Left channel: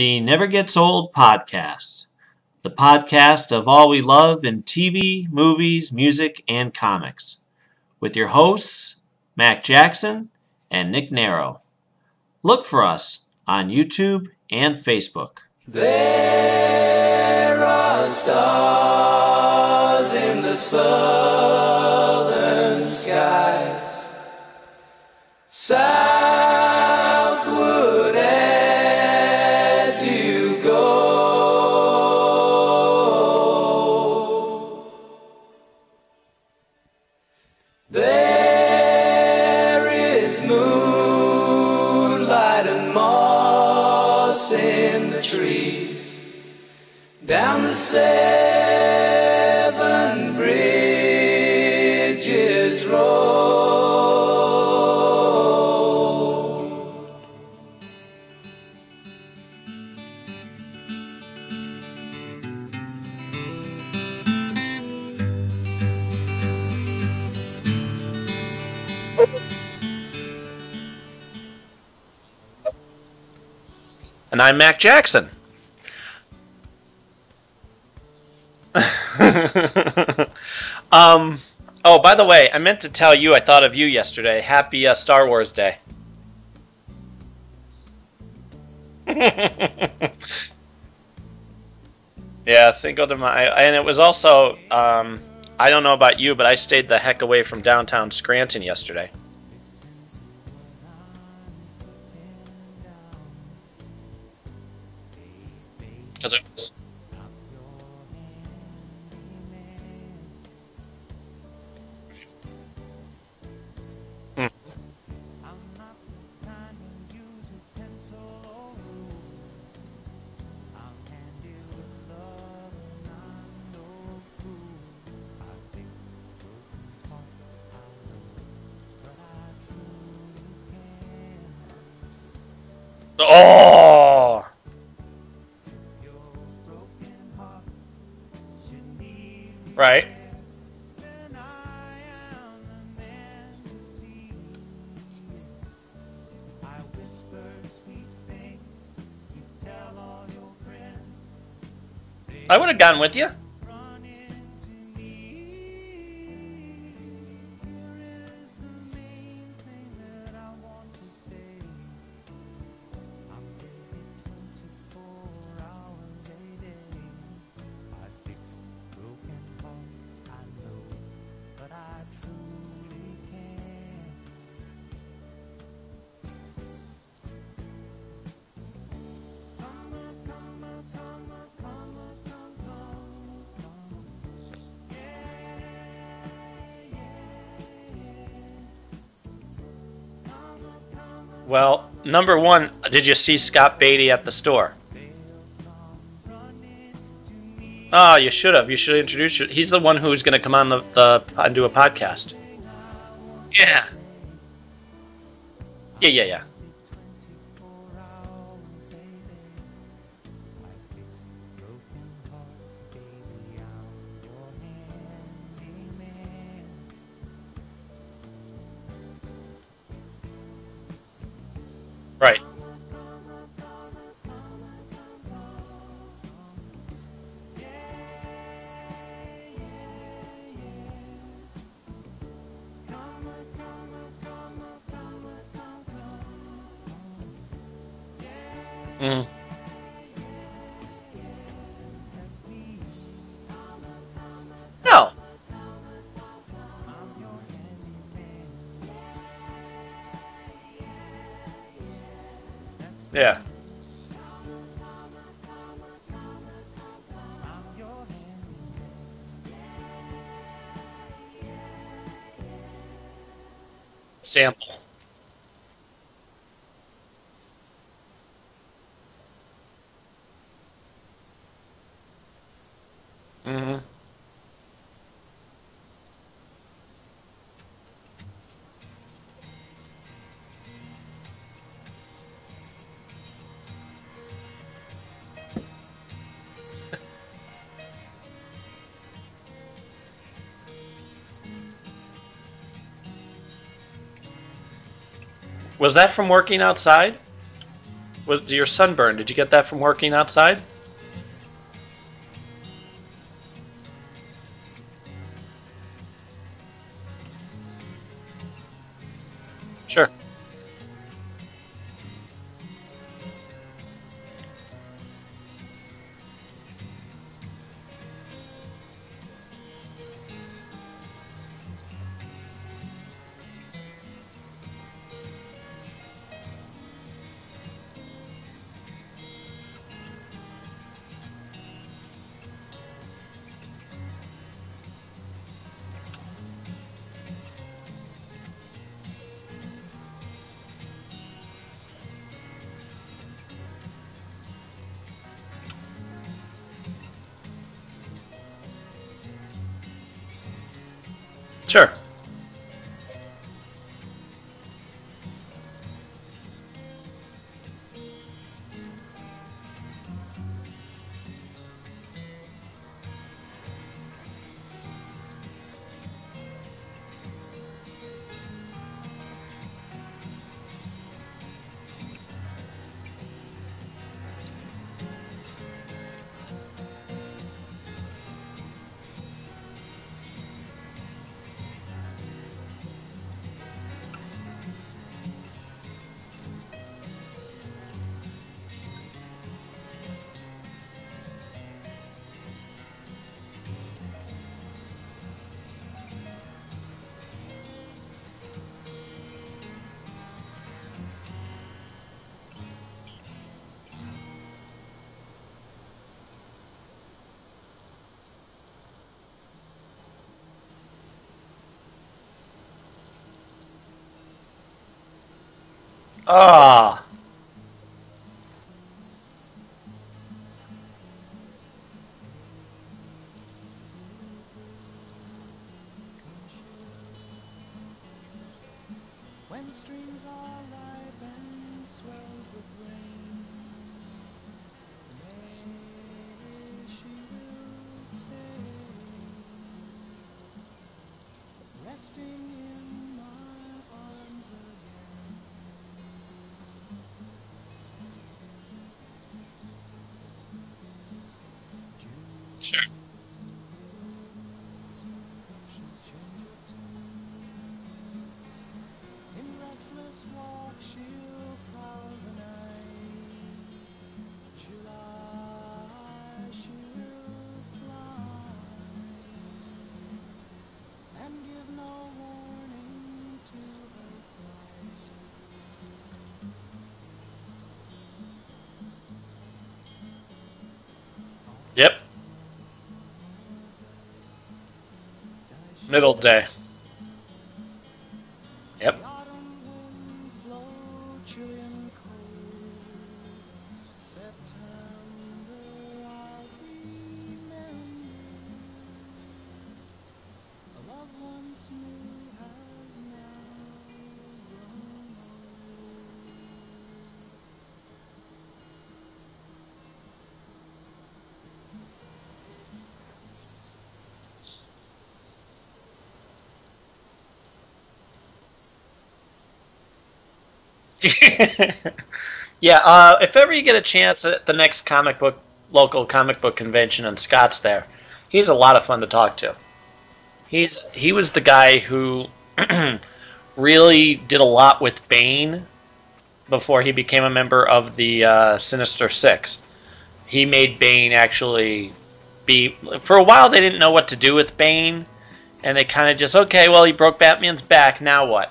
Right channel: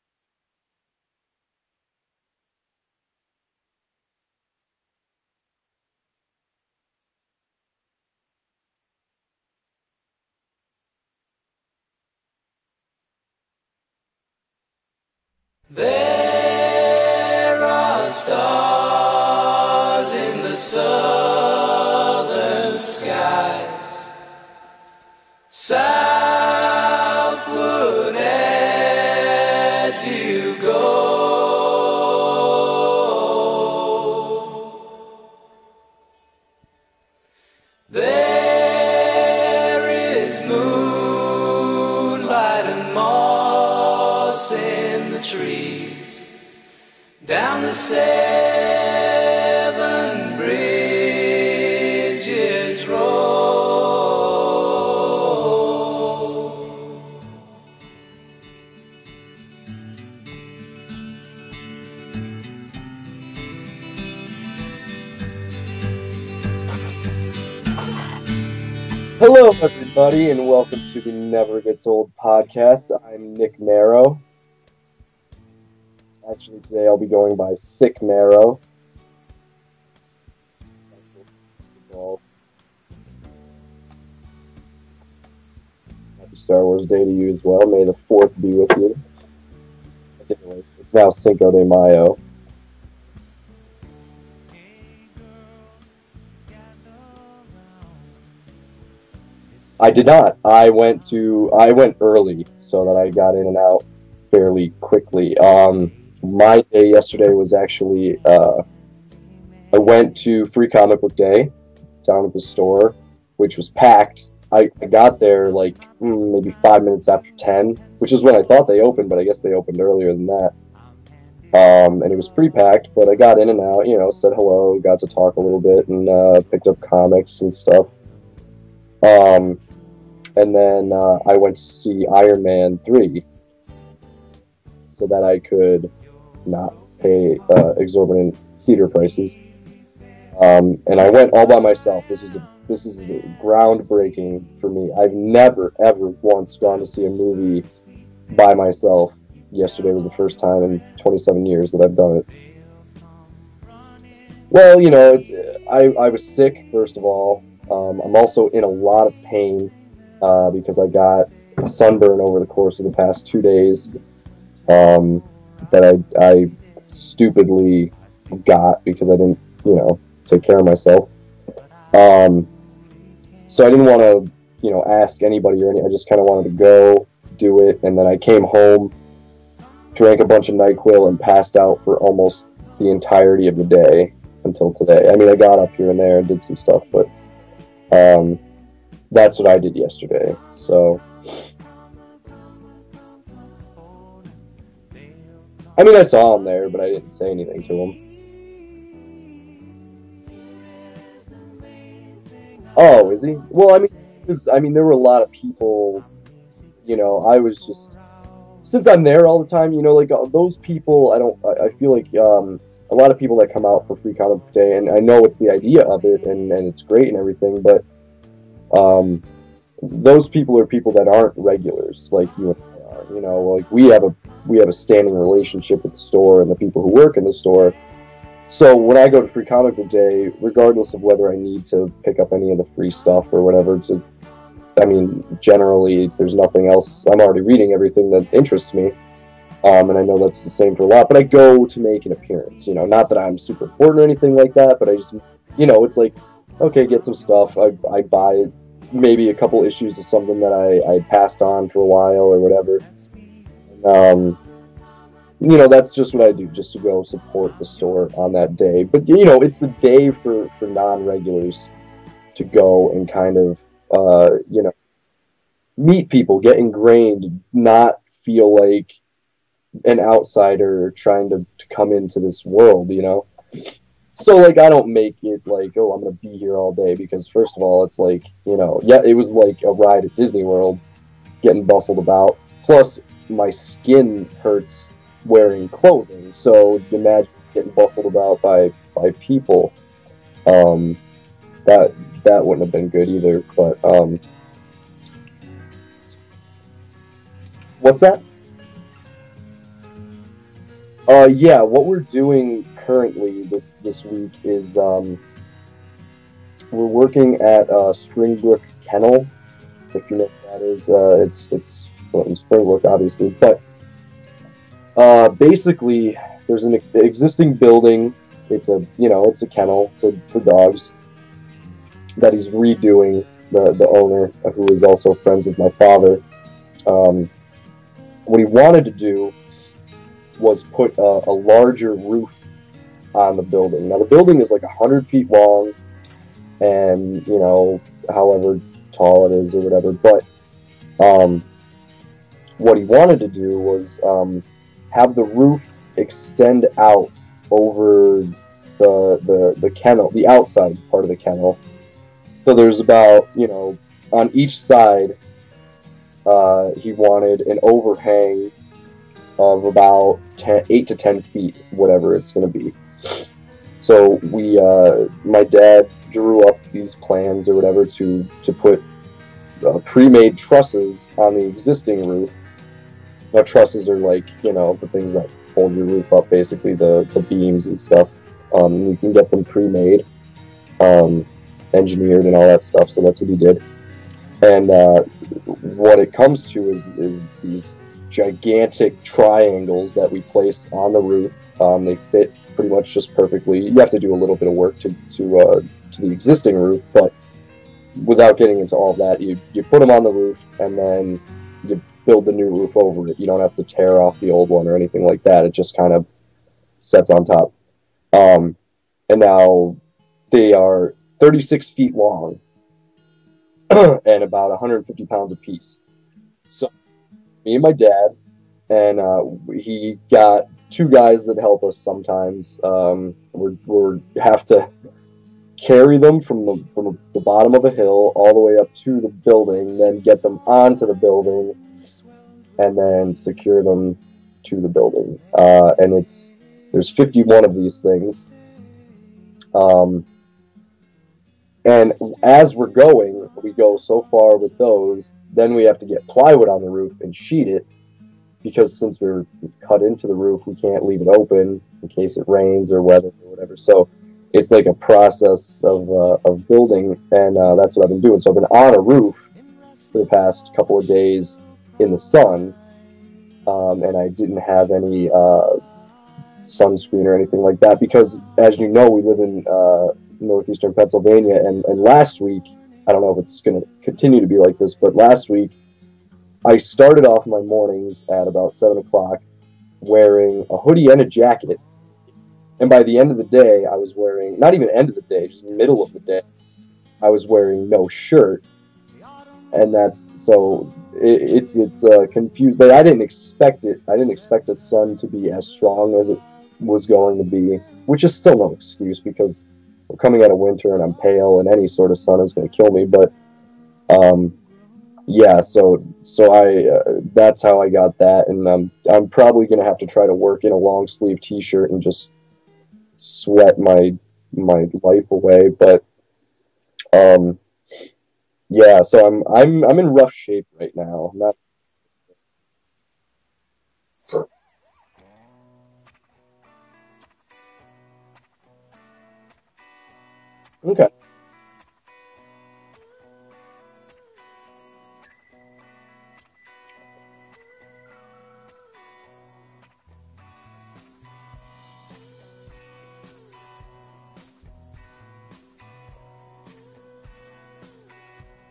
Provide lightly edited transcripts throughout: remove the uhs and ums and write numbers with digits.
The Never Gets Old podcast, the podcast of all we love in TV, movies, music, and comics, with your hosts, Mac Jackson and Nick Narrow. Look for us on YouTube and Facebook. There are stars in the southern skies, southward as you go. There is moonlight and moss in the trees, down the seven bridges road. Hello, everybody, and welcome to the Never Gets Old podcast. I'm Nick Narrow. And I'm Mac Jackson. Actually, today I'll be going by Sick Narrow. Oh, by the way, I meant to tell you I thought of you yesterday. Happy Star Wars Day. Happy Star Wars Day to you as well. May the 4th be with you. It's now Cinco de Mayo. Yeah, Cinco de Mayo. And it was also, I don't know about you, but I stayed the heck away from downtown Scranton yesterday. I did not. I went early so that I got in and out fairly quickly. My day yesterday was actually, I went to Free Comic Book Day down at the store, which was packed. I got there like maybe 5 minutes after 10, which is when I thought they opened, but I guess they opened earlier than that. And it was pretty packed, but I got in and out, said hello, got to talk a little bit, and picked up comics and stuff. And then I went to see Iron Man 3. Oh! So that I could not pay exorbitant theater prices. Right. And I went all by myself. This is groundbreaking for me. I've never, ever once gone to see a movie by myself. Yesterday was the first time in 27 years that I've done it. I would have gone with you. Well, I was sick, first of all. I'm also in a lot of pain because I got a sunburn over the course of the past 2 days that I stupidly got because I didn't, take care of myself. So I didn't want to, ask anybody or anything. I just kind of wanted to go do it, and then I came home, drank a bunch of NyQuil, and passed out for almost the entirety of the day until today. I mean, I got up here and there and did some stuff, but that's what I did yesterday. So, well, number one, did you see Scott Beatty at the store? I mean, I saw him there, but I didn't say anything to him. Oh, you should have. You should introduce you. He's the one who's going to come on and do a podcast. Oh, is he? Yeah. Well, I mean, there were a lot of people. Yeah. I was just, since I'm there all the time, like those people, I feel like a lot of people that come out for Free Comic Book Day, and I know it's the idea of it, and it's great and everything, but those people are people that aren't regulars, like right. you are. Like we have a standing relationship with the store and the people who work in the store. So when I go to Free Comic Book Day, regardless of whether I need to pick up any of the free stuff or whatever, generally there's nothing else. I'm already reading everything that interests me, and I know that's the same for a lot. But I go to make an appearance. Not that I'm super important or anything like that, but no. It's like, okay, get some stuff. I buy maybe a couple issues of something that I passed on for a while or whatever. Yeah. That's just what I do, just to go support the store on that day. But, it's the day for non-regulars to go and kind of, meet people, get ingrained, not feel like an outsider trying to come into this world, Mm-hmm. So, like, I don't make it like, oh, I'm going to be here all day, because first of all, it's like, it was like a ride at Disney World, getting bustled about. Plus, my skin hurts wearing clothing, so imagine getting bustled about by people. That wouldn't have been good either, but Was that from working outside? What's that? Was your sunburn? Did you get that from working outside? Yeah. What we're doing currently this week is we're working at Springbrook Kennel. Sure. If you know what that is. It's well, in Springbrook, obviously, but basically, there's an existing building. It's a kennel for dogs that he's redoing. The owner, who is also friends with my father, what he wanted to do was put a larger roof on the building. Now the building is like 100 feet long, and however tall it is or whatever. But what he wanted to do was have the roof extend out over the kennel, the outside part of the kennel. Sure. So there's about, on each side, he wanted an overhang of about 8 to 10 feet, whatever it's going to be. So my dad drew up these plans or whatever to put pre-made trusses on the existing roof. Now trusses are like, the things that hold your roof up, basically the beams and stuff. You can get them pre-made, engineered and all that stuff, so that's what he did. And what it comes to is these gigantic triangles that we place on the roof. They fit pretty much just perfectly. You have to do a little bit of work to the existing roof, but without getting into all of that, you put them on the roof and then you build the new roof over it. You don't have to tear off the old one or anything like that. It just kind of sets on top. And now they are 36 feet long and about 150 pounds apiece. Ah. So, me and my dad, and he got 2 guys that help us sometimes. We have to carry them from the bottom of a hill all the way up to the building, then get them onto the building, and then secure them to the building. And there's 51 of these things. And as we're going, we go so far with those, then we have to get plywood on the roof and sheet it, because since we're cut into the roof, we can't leave it open in case it rains or weather or whatever. So it's like a process of building, and that's what I've been doing. So I've been on a roof for the past couple of days in the sun, and I didn't have any sunscreen or anything like that because, as you know, we live in northeastern Pennsylvania, and last week, I don't know if it's going to continue to be like this, but last week I started off my mornings at about 7 o'clock wearing a hoodie and a jacket. Yep. And by the end of the day, I was wearing, not even end of the day, just middle of the day, I was wearing no shirt. Yep. And that's, so it's confused, but I didn't expect it. I didn't expect the sun to be as strong as it was going to be, which is still no excuse because we're coming out of winter and I'm pale and any sort of sun is going to kill me. But yeah, so I that's how I got that, and I'm probably going to have to try to work in a long sleeve T-shirt and just sweat my life away. But yeah, so I'm in rough shape right now. Yeah, if ever you get a chance at the next local comic book convention and Scott's there, he's a lot of fun to talk to. He was the guy who really did a lot with Bane before he became a member of the Sinister Six. He made Bane actually be... For a while, they didn't know what to do with Bane, and they kind of just, okay, well, he broke Batman's back, now what?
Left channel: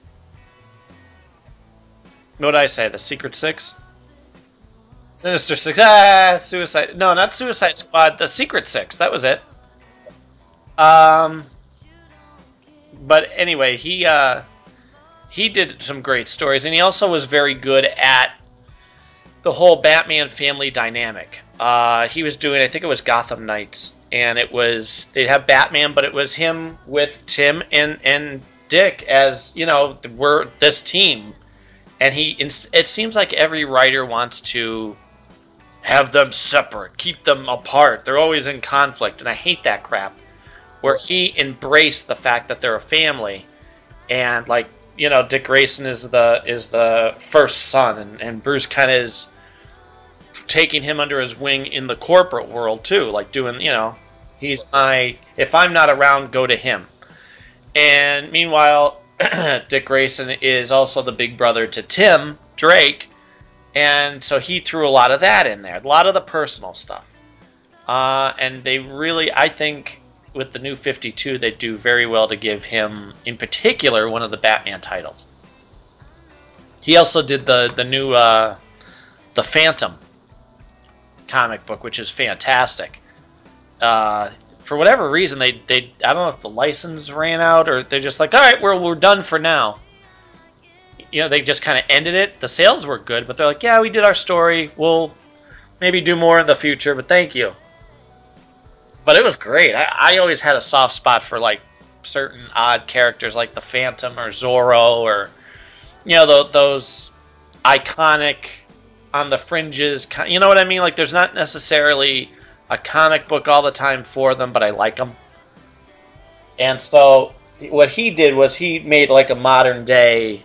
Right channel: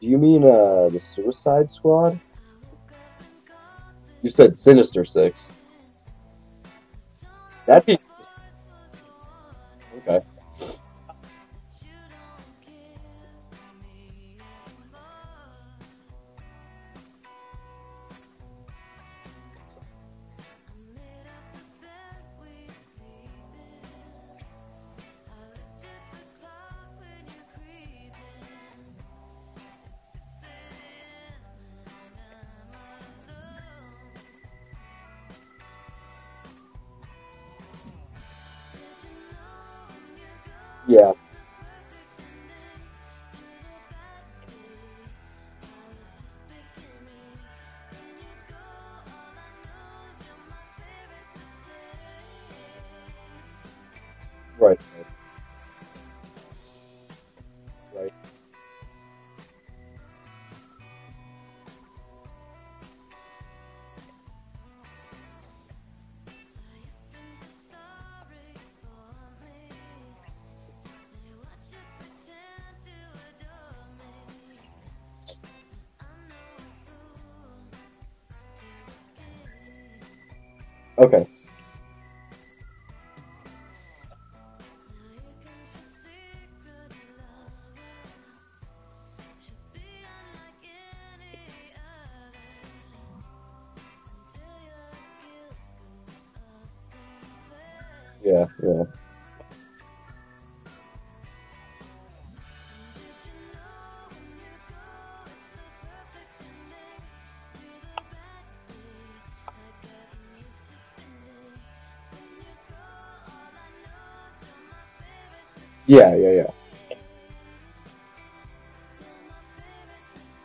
Do you mean the Suicide Squad? What did I say, the Secret Six? You said Sinister Six. Sinister Six. Suicide... No, not Suicide Squad, the Secret Six, that was it. Okay. But anyway, he did some great stories, and he also was very good at the whole Batman family dynamic. He was doing, I think it was Gotham Knights, and they'd have Batman, but it was him with Tim and Dick as, we're this team. And it seems like every writer wants to have them separate, keep them apart. They're always in conflict, and I hate that crap. Where he embraced the fact that they're a family, and Dick Grayson is the first son, and Bruce kind of is taking him under his wing in the corporate world too, like doing, he's right. If I'm not around, go to him. And meanwhile, Dick Grayson is also the big brother to Tim Drake, and so he threw a lot of that in there, a lot of the personal stuff. And they really, I think, with the new 52, they do very well to give him, in particular, one of the Batman titles. He also did the new the Phantom comic book, which is fantastic. For whatever reason, they I don't know if the license ran out or they're just like, all right, we're done for now. They just kind of ended it. The sales were good, but they're like, yeah, we did our story. We'll maybe do more in the future, but thank you. Yeah. But it was great. I always had a soft spot for like certain odd characters like the Phantom or Zorro or those iconic on the fringes. You know what I mean? Like there's not necessarily a comic book all the time for them, but I like them. Yeah. And so what he did was he made like a modern day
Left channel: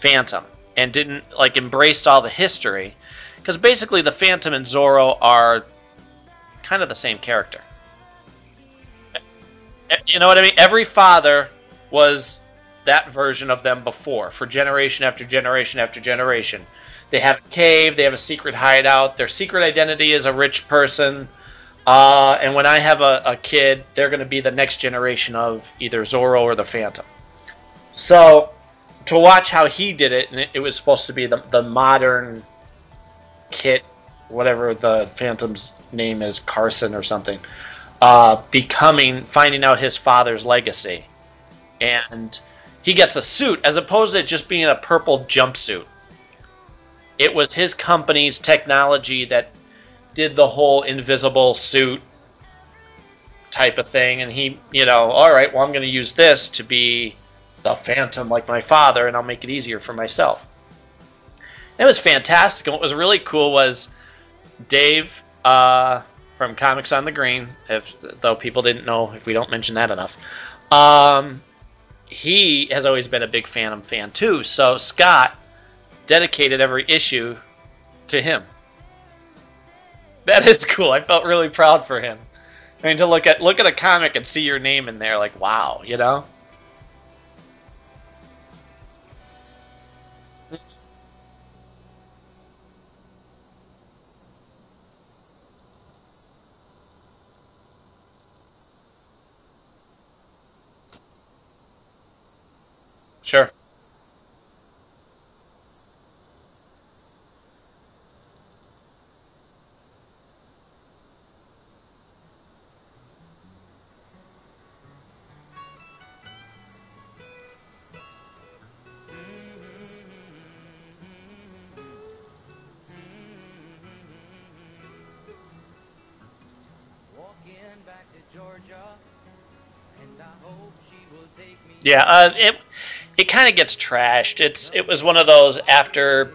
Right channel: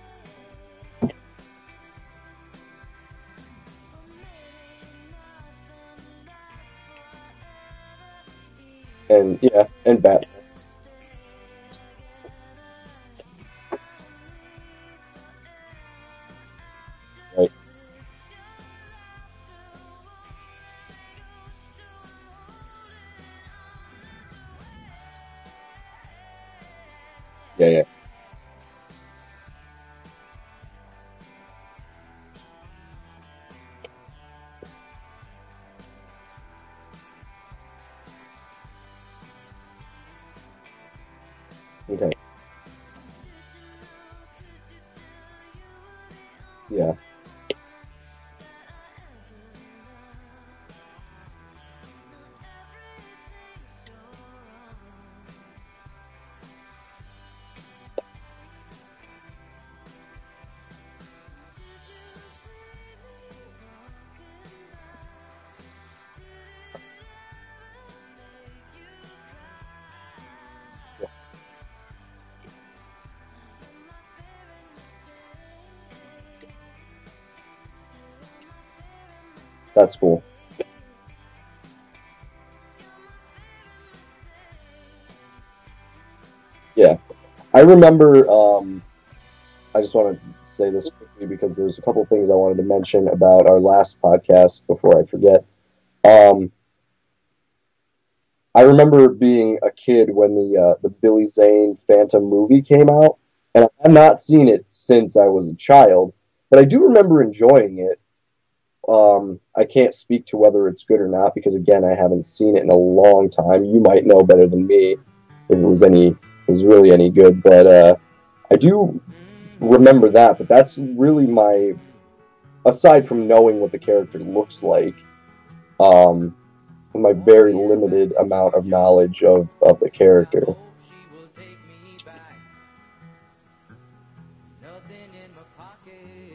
Phantom and didn't like embraced all the history, because basically the Phantom and Zorro are kind of the same character. And you know what I mean? Every father was that version of them before, for generation after generation after generation. They have a cave, they have a secret hideout, their secret identity is a rich person, and when I have a kid, they're going to be the next generation of either Zorro or the Phantom. Yeah. So, to watch how he did it, and it was supposed to be the modern Kit, whatever the Phantom's name is, Carson or something, finding out his father's legacy. And he gets a suit, as opposed to it just being a purple jumpsuit. Yeah. It was his company's technology that did the whole invisible suit type of thing, and he, all right, well, I'm going to use this to be the Phantom like my father, and I'll make it easier for myself. It was fantastic, and what was really cool was Dave from Comics on the Green, though people didn't know if we don't mention that enough, he has always been a big Phantom fan too, so Scott dedicated every issue to him. That's cool. That is cool. I felt really proud for him. I mean, to look at a comic and see your name in there, like, wow, Yeah. I remember, I just want to say this quickly because there's a couple of things I wanted to mention about our last podcast before I forget. I remember being a kid when the Billy Zane Phantom movie came out. Sure. And I've not seen it since I was a child, but I do remember enjoying it. I can't speak to whether it's good or not because, again, I haven't seen it in a long time. You might know better than me if it was really any good, but I do remember that. But that's really aside from knowing what the character looks like, my very limited amount of knowledge of the character. Yeah, it kind of gets trashed. It was one of those after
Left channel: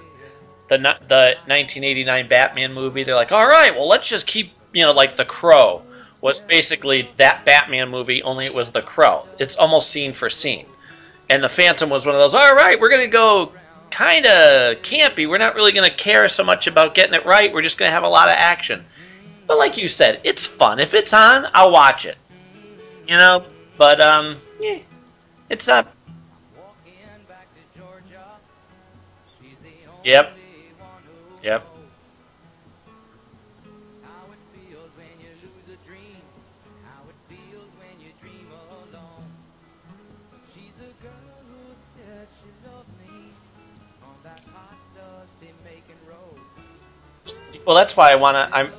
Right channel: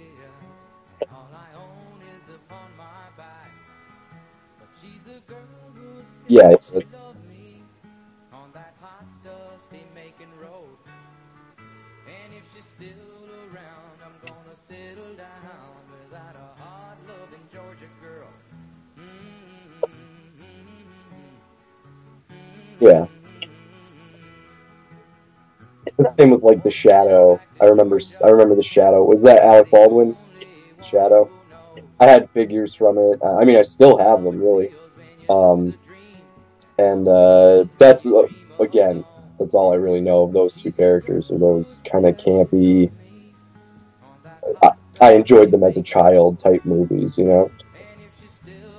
the 1989 Batman movie. They're like, all right, well, let's just keep, like The Crow was basically that Batman movie, only it was The Crow. It's almost scene for scene. And the Phantom was one of those, all right, we're going to go kind of campy. We're not really going to care so much about getting it right. We're just going to have a lot of action. But like you said, it's fun. If it's on, I'll watch it. Yeah. But it's not. The same with like The Shadow. I remember The Shadow. Was that Alec Baldwin? Yep. Shadow. Yep. I had figures from it. I mean, I still have them, really. And that's again, that's all I really know of those two characters. Are those kind of campy. I enjoyed them as a child type movies, Well, that's why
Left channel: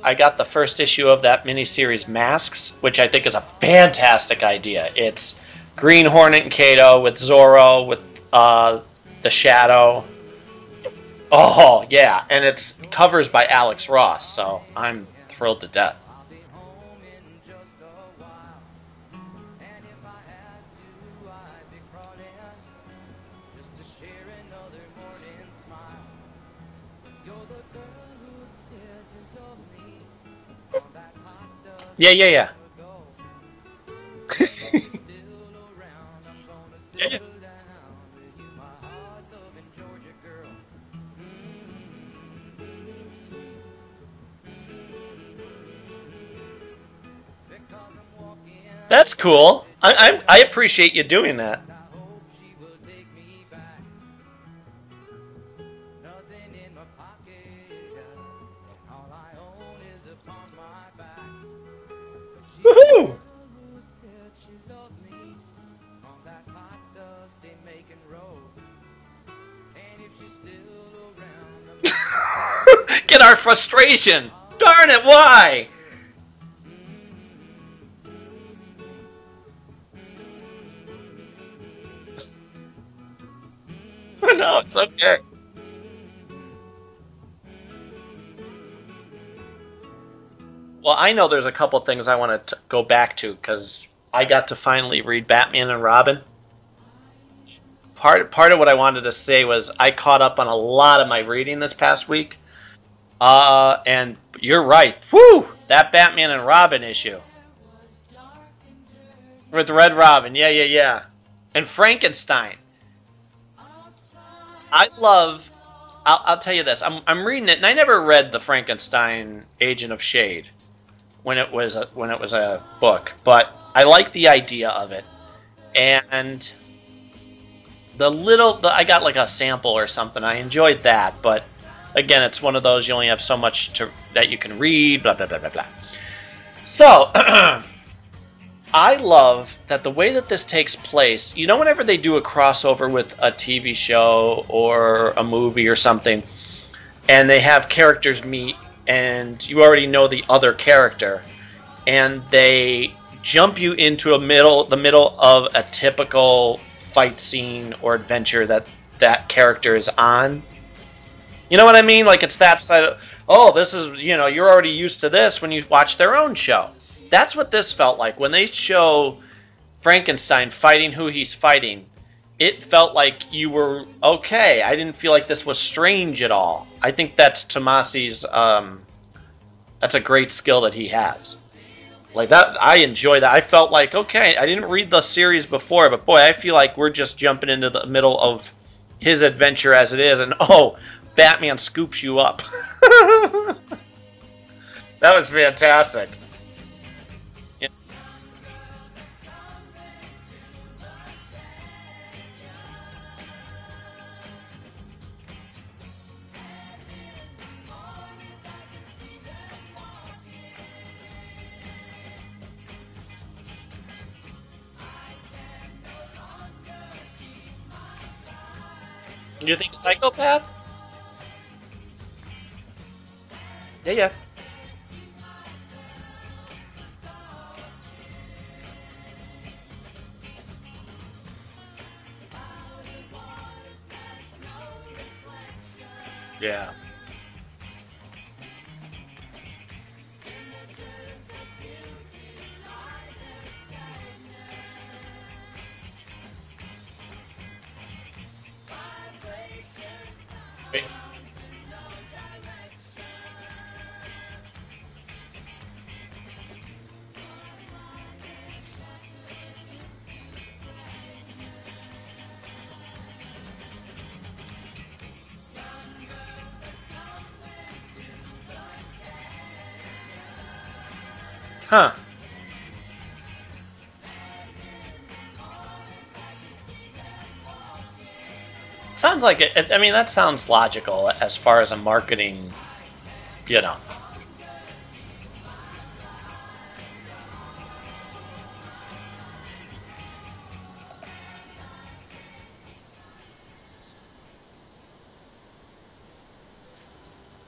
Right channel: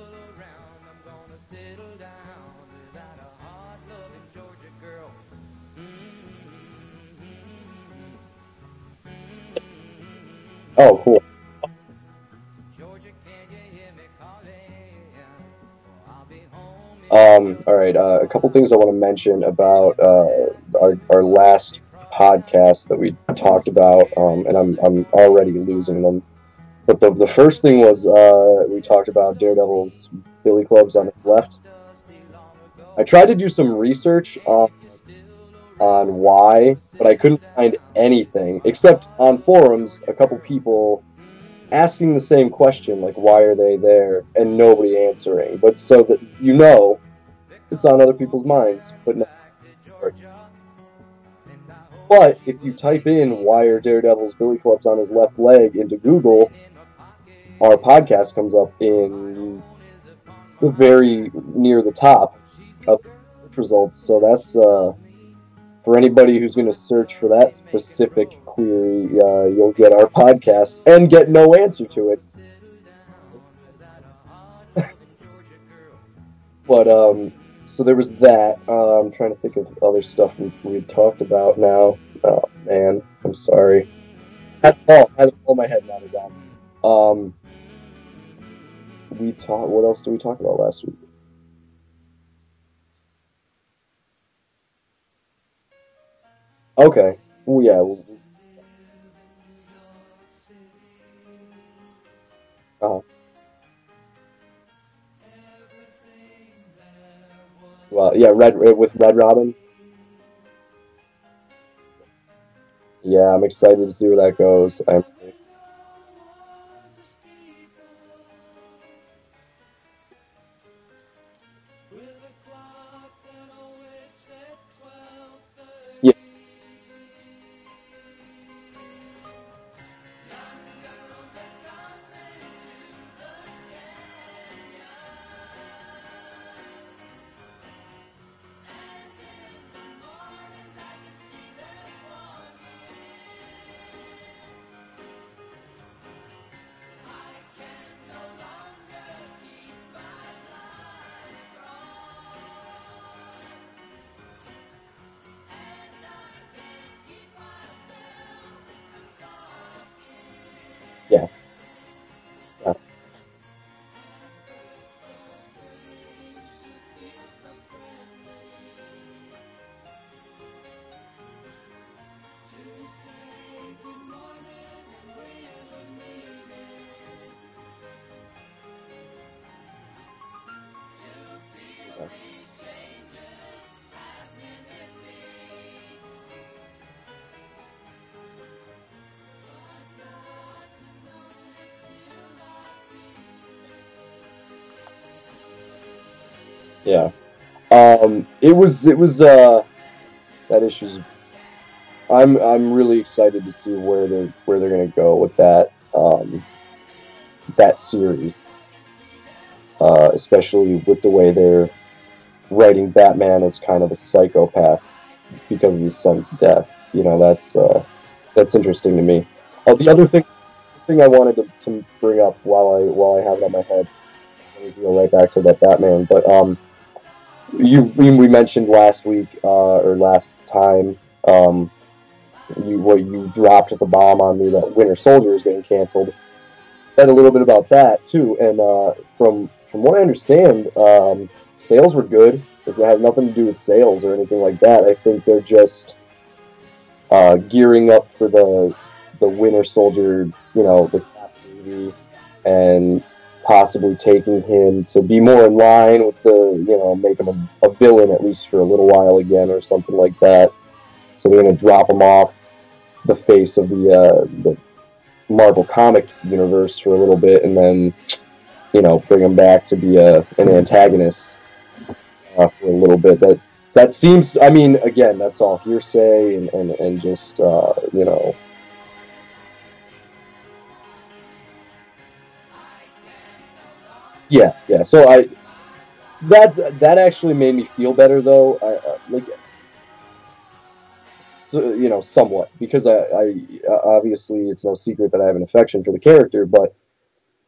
I got the first issue of that miniseries Masks, which I think is a fantastic idea. It's Green Hornet and Kato with Zorro, with the Shadow. Oh, cool. Oh, yeah, and it's covers by Alex Ross, so I'm thrilled to death. All right, a couple things I want to mention about our last podcast that we talked about, and I'm already losing them. But the first thing was we talked about Daredevil's billy clubs on his left. Yeah. I tried to do some research. on why, but I couldn't find anything except on forums a couple people asking the same question, like why are they there, and nobody answering. But so that it's on other people's minds. That's cool. I appreciate you doing that. But if you type in why are Daredevil's Billy Clubs on his left leg into Google, our podcast comes up in the very near the top of results. So that's for anybody who's going to search for that specific query, you'll get our podcast and get no answer to it. Get our frustration. Darn it, why? But so there was that. I'm trying to think of other stuff we talked about now. Oh man, I'm sorry. No, it's okay. I had all my head nodded down. What else did we talk about last week? Well, I know there's a couple things I want to go back to because I got to finally read Batman and Robin. Okay. Well, yeah. Part of what I wanted to say was I caught up on a lot of my reading this past week. Uh-huh. And you're right. Woo! That Batman and Robin issue. Well, yeah, with Red Robin. With Red Robin, yeah. And Frankenstein. Yeah, I'm excited to see where that goes. I'll tell you this. I'm reading it, and I never read the Frankenstein Agent of Shade when it was a book, but I like the idea of it. And I got like a sample or something. I enjoyed that, but again, it's one of those you only have so much that you can read. Blah blah blah blah blah. So. I love that the way that this takes place, whenever they do a crossover with a TV show or a movie or something, and they have characters meet, and you already know the other character, and they jump you into the middle of a typical fight scene or adventure that character is on. Yeah. You know what I mean? Like it's that side of, this is, you're already used to this when you watch their own show. That's what this felt like. When they show Frankenstein fighting who he's fighting, it felt like you were okay. I didn't feel like this was strange at all. I think that's Tomasi's, that's a great skill that he has. Like that, I enjoy that. I felt like, okay, I didn't read the series before, but boy, I feel like we're just jumping into the middle of his adventure as it is, and Batman scoops you up. That was fantastic. Yeah. It was that issue's. I'm really excited to see where they're gonna go with that series, especially with the way they're writing Batman as kind of a psychopath because of his son's death. That's interesting to me. You think psychopath? The other thing I wanted to bring up while I have it on my head. Yeah. We go right back to that Batman, but we mentioned last week or last time you dropped the bomb on me that Winter Soldier is getting canceled. Yeah. Said a little bit about that too, and from what I understand, sales were good. It had nothing to do with sales or anything like that. I think they're just gearing up for the Winter Soldier, the movie, and possibly taking him to be more in line with make him a villain at least for a little while again or something like that. So they're going to drop him off the face of the Marvel comic universe for a little bit, and then bring him back to be an antagonist for a little bit. That seems. I mean, again, that's all hearsay and just Sounds like it. I mean, that sounds logical as far as a marketing. Yeah. So that actually made me feel better though. Somewhat, because I obviously it's no secret that I have an affection for the character, but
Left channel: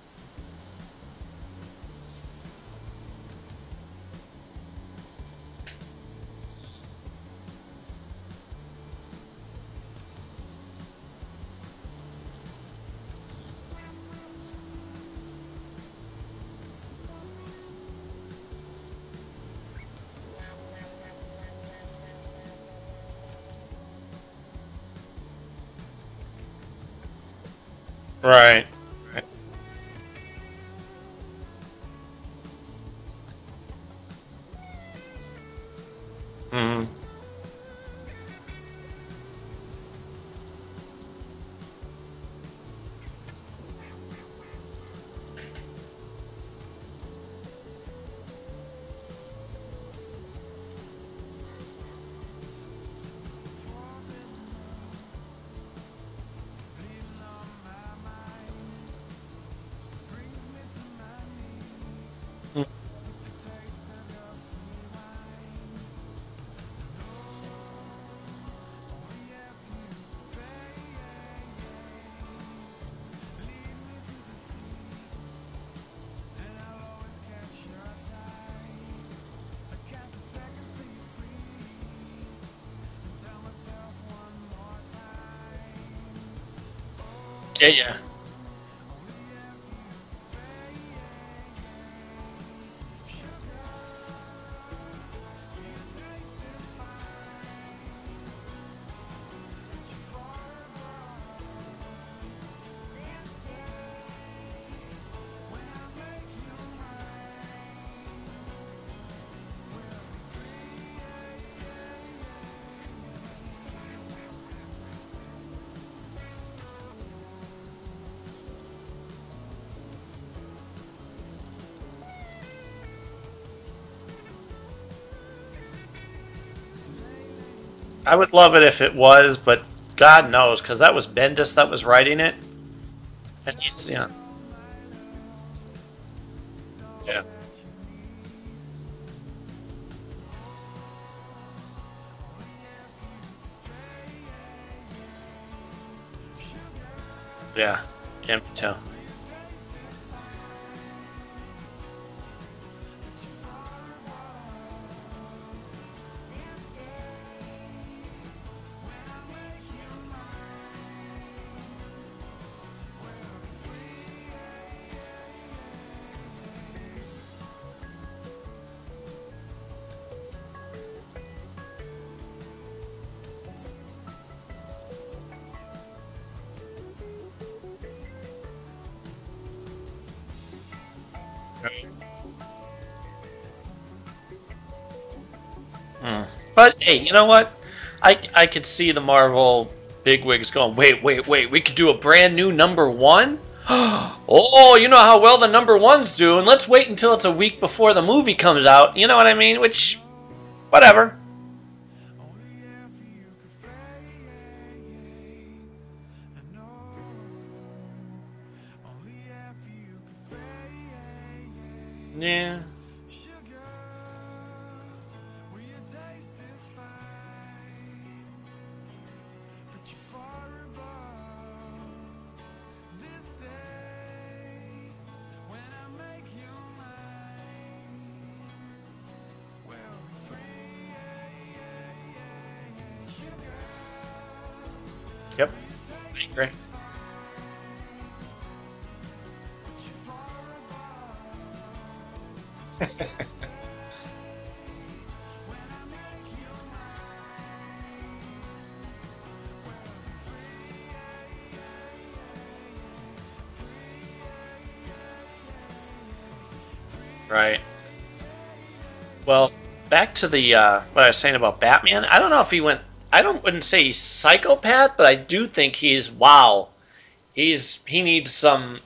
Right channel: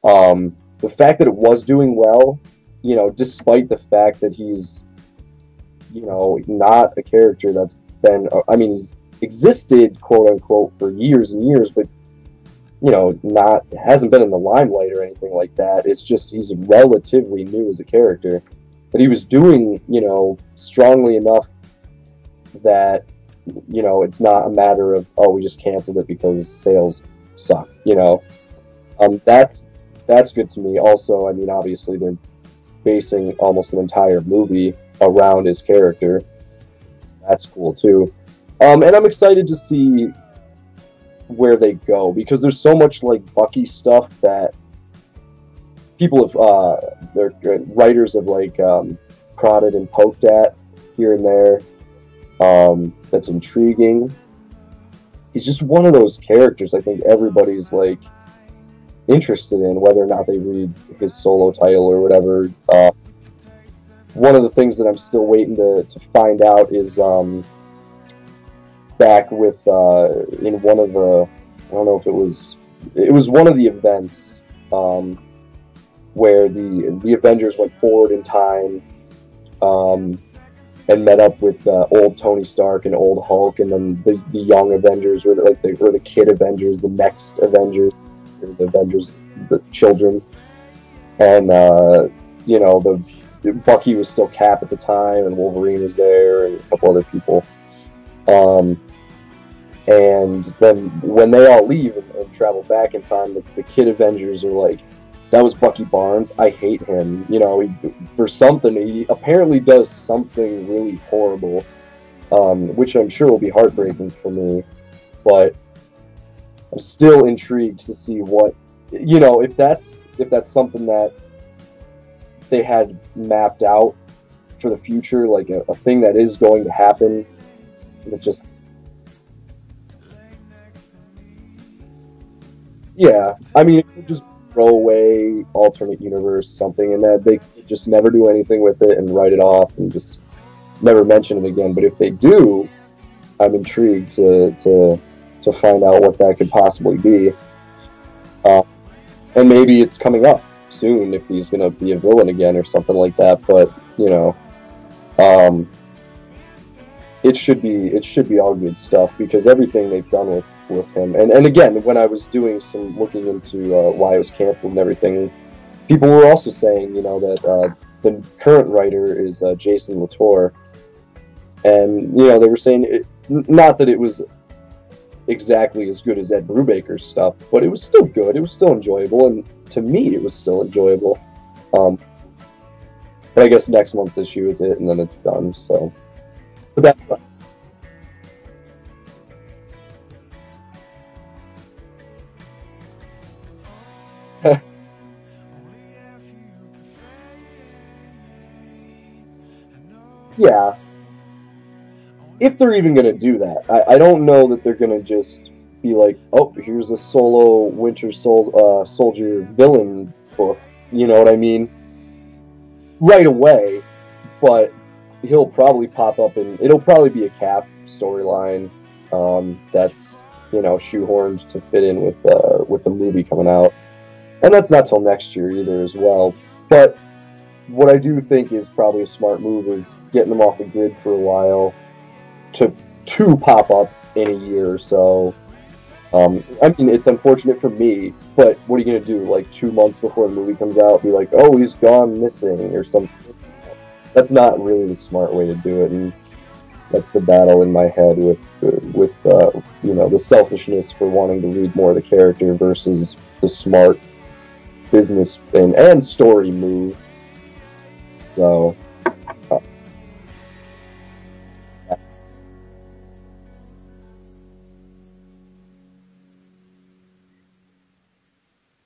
the fact that it was doing well, despite the fact that he's not a character that's been, he's existed quote unquote for years and years, but hasn't been in the limelight or anything like that. It's just he's relatively new as a character, but he was doing strongly enough that it's not a matter of we just canceled it because sales suck. Right. That's good to me. Also, obviously they're basing almost an entire movie around his character. Mm-hmm. That's cool too. And I'm excited to see where they go, because there's so much like Bucky stuff that people have, their writers have like prodded and poked at here and there. That's intriguing. He's just one of those characters I think everybody's like interested in, whether or not they read his solo title or whatever. One of the things that I'm still waiting to find out is back with in one of the, I don't know if it was one of the events where the Avengers went forward in time and met up with old Tony Stark and old Hulk, and then the young Avengers were the kid Avengers, the next Avengers, the Avengers, the children, and you know, the Bucky was still Cap at the time, and Wolverine was there, and a couple other people. And then when they all leave and travel back in time, the kid Avengers are like, that was Bucky Barnes. I hate him. You know, he apparently does something really horrible, which I'm sure will be heartbreaking for me. But I'm still intrigued to see what, you know, if that's something that they had mapped out for the future, like a thing that is going to happen. I would love it if it was, but God knows, because that was Bendis that was writing it. Yeah, and I mean, just throw away alternate universe something, and that they just never do anything with it and write it off and just never mention it again. But if they do, I'm intrigued to find out what that could possibly be. Yeah, and maybe it's coming up soon if he's going to be a villain again or something like that. But you know, it should be all good stuff, because everything they've done with him, and again, when I was doing some looking into why it was canceled and everything, people were also saying, you know, that the current writer is Jason Latour, and you know, they were saying not that it was exactly as good as Ed Brubaker's stuff, but it was still good. It was still enjoyable, and to me, it was still enjoyable. But I guess next month's issue is it, and then it's done. So. But hey, you know what? I could see the Marvel bigwigs going, wait, we could do a brand new #1? Oh, you know how well the #1's do, and let's wait until it's a week before the movie comes out. You know what I mean? Which, yeah, whatever. If they're even going to do that. I don't know that they're going to just be like, oh, here's a solo Winter Soldier villain book. You know what I mean? Yeah. Right away, but he'll probably pop up and it'll probably be a Cap storyline that's, you know, shoehorned to fit in with the movie coming out, and that's not till next year either as well. But what I do think is probably a smart move is getting them off the grid for a while to pop up in a year or so. Yep. I mean, it's unfortunate for me, but what are you gonna do? Like 2 months before the movie comes out, be like, oh, he's gone missing or something. That's not really the smart way to do it, and that's the battle in my head with you know, the selfishness for wanting to read more of the character versus the smart business and story move. Right. So. Well, back to the what I was saying about Batman. I don't know if he went. Wouldn't say he's psychopath, but I do think he needs some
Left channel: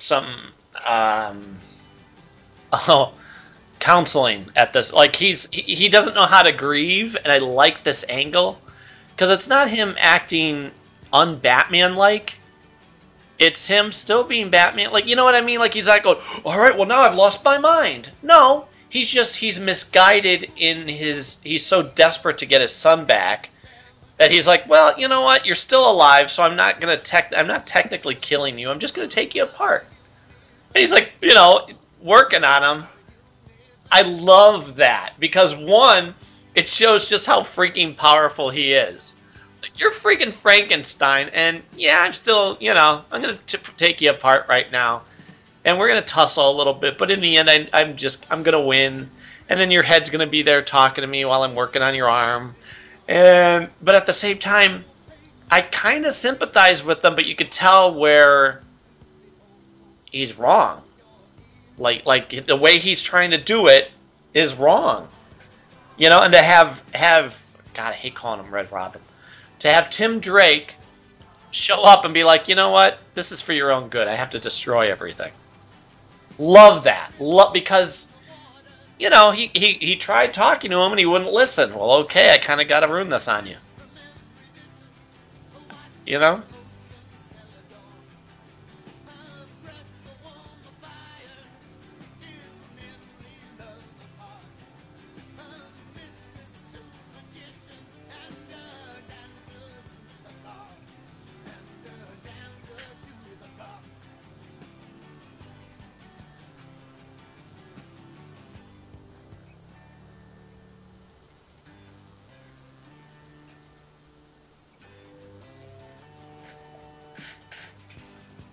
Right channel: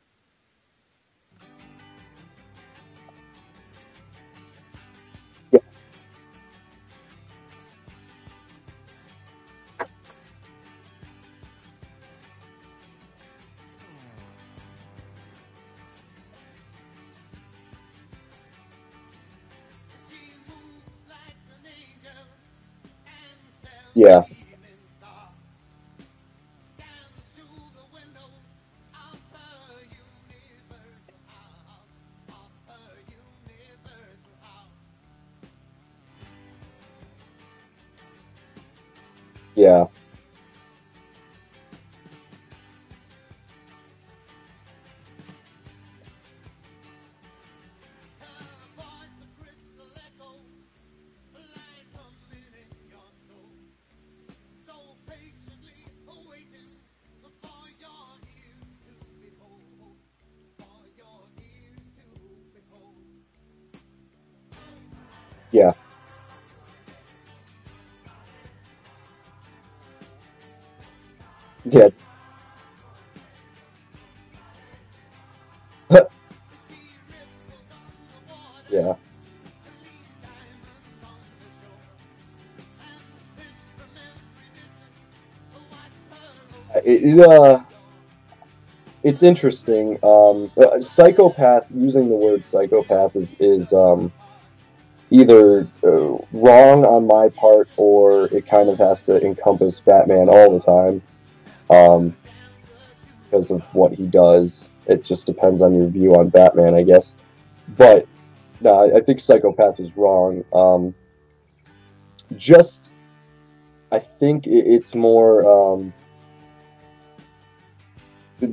counseling at this. Like he doesn't know how to grieve, and I like this angle because it's not him acting un-Batman-like. It's him still being Batman. Like, you know what I mean? Like, he's not going, all right, well, now I've lost my mind. No, he's misguided in he's so desperate to get his son back. Yeah. That he's like, well, you know what? You're still alive, so I'm not technically killing you. I'm just gonna take you apart. And he's like, you know, working on him. I love that because one, it shows just how freaking powerful he is. Yeah. Like, you're freaking Frankenstein, and yeah, I'm still, you know, I'm gonna take you apart right now, and we're gonna tussle a little bit. But in the end, I'm gonna win, and then your head's gonna be there talking to me while I'm working on your arm. But at the same time, I kind of sympathize with them, but you could tell where he's wrong. Like the way he's trying to do it is wrong. Yeah. You know, and to have God, I hate calling him Red Robin, to have Tim Drake show up and be like, you know what? This is for your own good. I have to destroy everything. Love that. Because, you know, he tried talking to him and he wouldn't listen. Well, okay, I kind of got to ruin this on you. You know? It's interesting. Psychopath, using the word psychopath is either wrong on my part, or it kind of has to encompass Batman all the time because of what he does. It just depends on your view on Batman, I guess. But no, I think psychopath is wrong. I think it's more.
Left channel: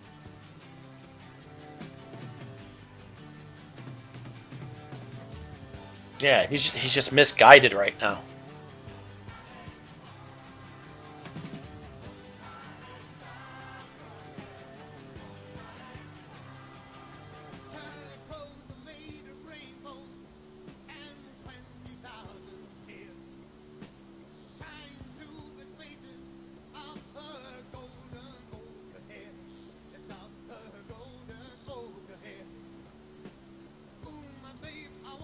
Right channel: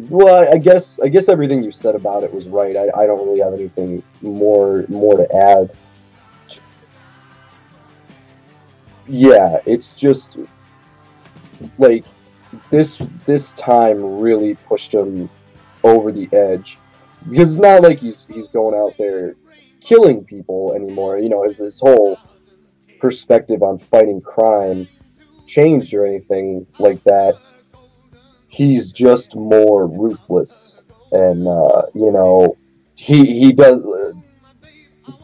Well, I guess everything you said about it was right. I don't really have anything more to add. Yeah, he's just misguided right now. Yeah, it's just like this time really pushed him over the edge, because it's not like he's going out there killing people anymore. You know, his whole perspective on fighting crime changed or anything like that. He's just more ruthless, and you know, he does.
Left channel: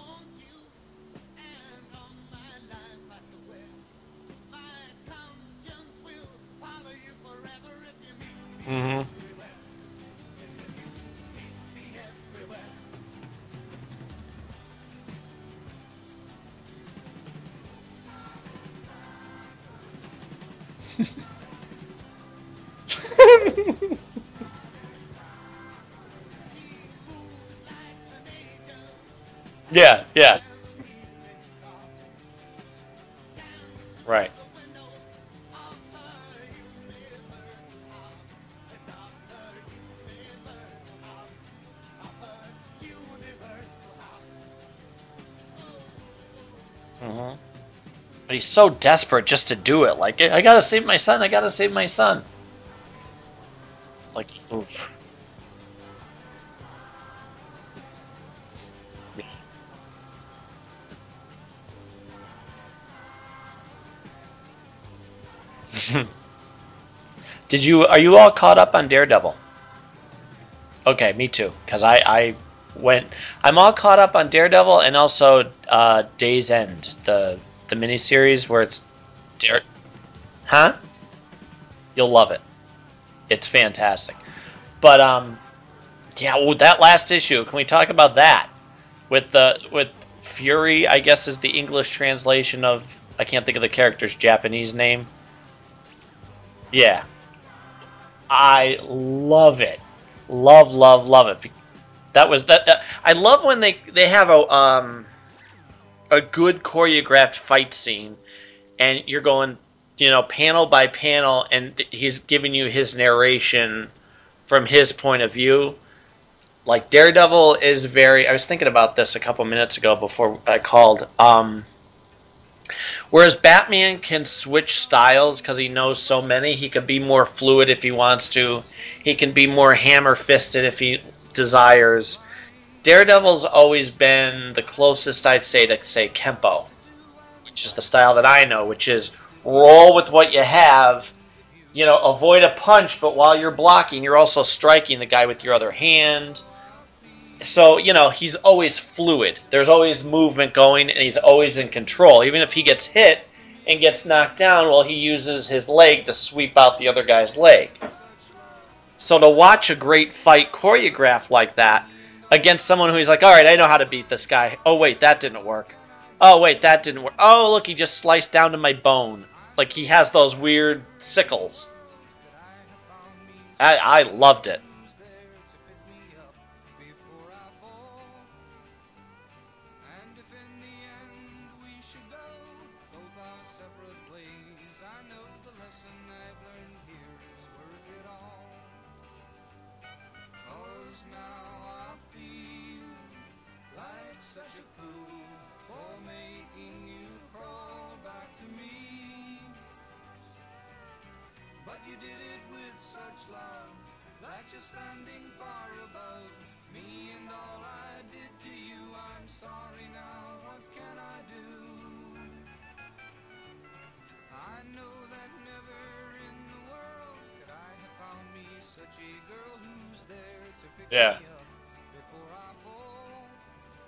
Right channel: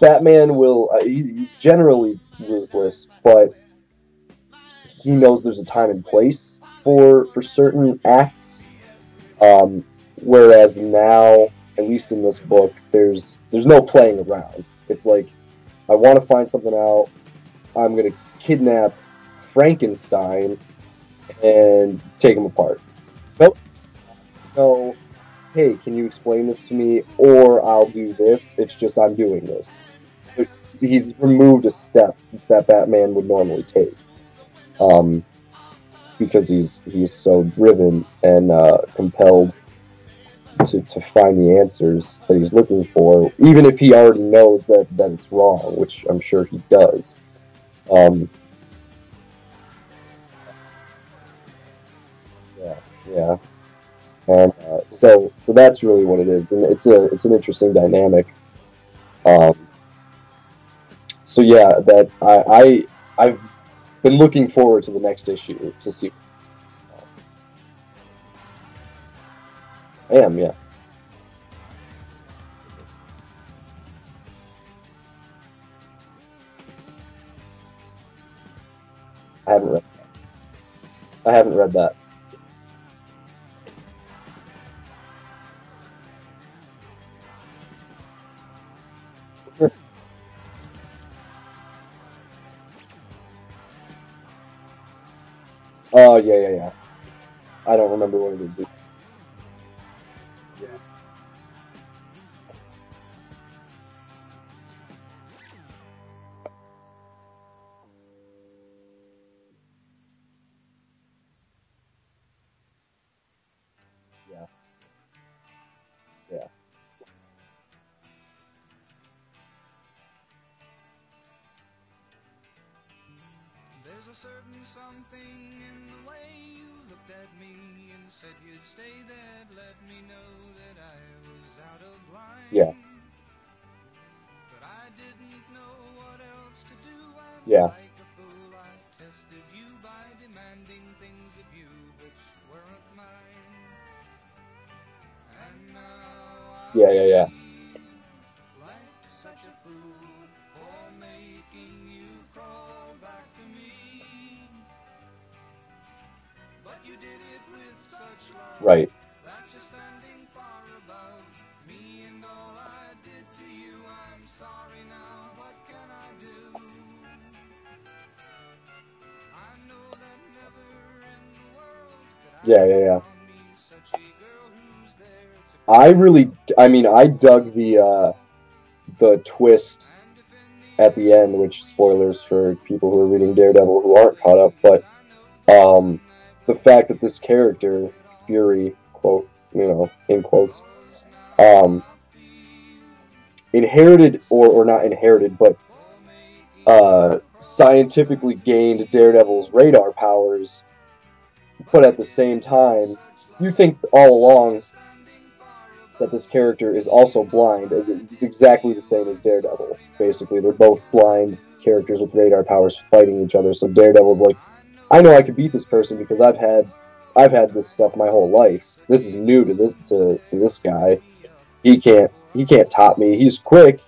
Batman will. He's generally ruthless, but he knows there's a time and place for certain acts. Mm-hmm. Whereas now, at least in this book, there's no playing around. It's like, I want to find something out. I'm gonna kidnap Frankenstein and take him apart. So, hey, can you explain this to me, or I'll do this? It's just I'm doing this. Yeah. He's removed a step that Batman would normally take. Right. Because he's so driven and compelled to find the answers that he's looking for, even if he already knows that it's wrong, which I'm sure he does. Mm-hmm. But he's so desperate just to do it. Like, I gotta save my son. Yeah. Like, and so that's really what it is, and it's an interesting dynamic. So yeah, that I've been looking forward to the next issue. Are you all caught up on Daredevil? I am, yeah. Okay, me too. Because I'm all caught up on Daredevil, and also Day's End, the miniseries where it's Daredevil. Huh? I haven't read that. You'll love it. It's fantastic. But yeah, well, that last issue. Can we talk about that? With Fury, I guess is the English translation of, I can't think of the character's Japanese name. Oh yeah. Yeah. I don't remember what it is. I love it. Love it. That was that. I love when they have a good choreographed fight scene, and you're going, you know, panel by panel, and he's giving you his narration from his point of view. Yeah. Like, Daredevil is very... I was thinking about this a couple minutes ago before I called. Whereas Batman can switch styles because he knows so many. He can be more fluid if he wants to. He can be more hammer-fisted if he desires. Yeah. Daredevil's always been the closest, I'd say, to, Kempo. Which is the style that I know, which is roll with what you have, you know, avoid a punch, but while you're blocking, you're also striking the guy with your other hand. Yeah. So, you know, he's always fluid. There's always movement going, and he's always in control. Even if he gets hit and gets knocked down, well, he uses his leg to sweep out the other guy's leg. Right. So to watch a great fight choreographed like that against someone who's like, all right, I know how to beat this guy. Oh, wait, that didn't work. Oh, wait, that didn't work. Oh, look, he just sliced down to my bone. Like, he has those weird sickles. Yeah. I loved it. I dug the twist at the end, which, spoilers for people who are reading Daredevil who aren't caught up, but the fact that this character, Fury, quote, you know, in quotes, inherited, or not inherited, but scientifically gained Daredevil's radar powers, but at the same time, you think all along that this character is also blind. It's exactly the same as Daredevil, basically. They're both blind characters with radar powers fighting each other, so Daredevil's like I know I can beat this person because I've had this stuff my whole life. This is new to this guy. Yeah. He can't top me. He's quick,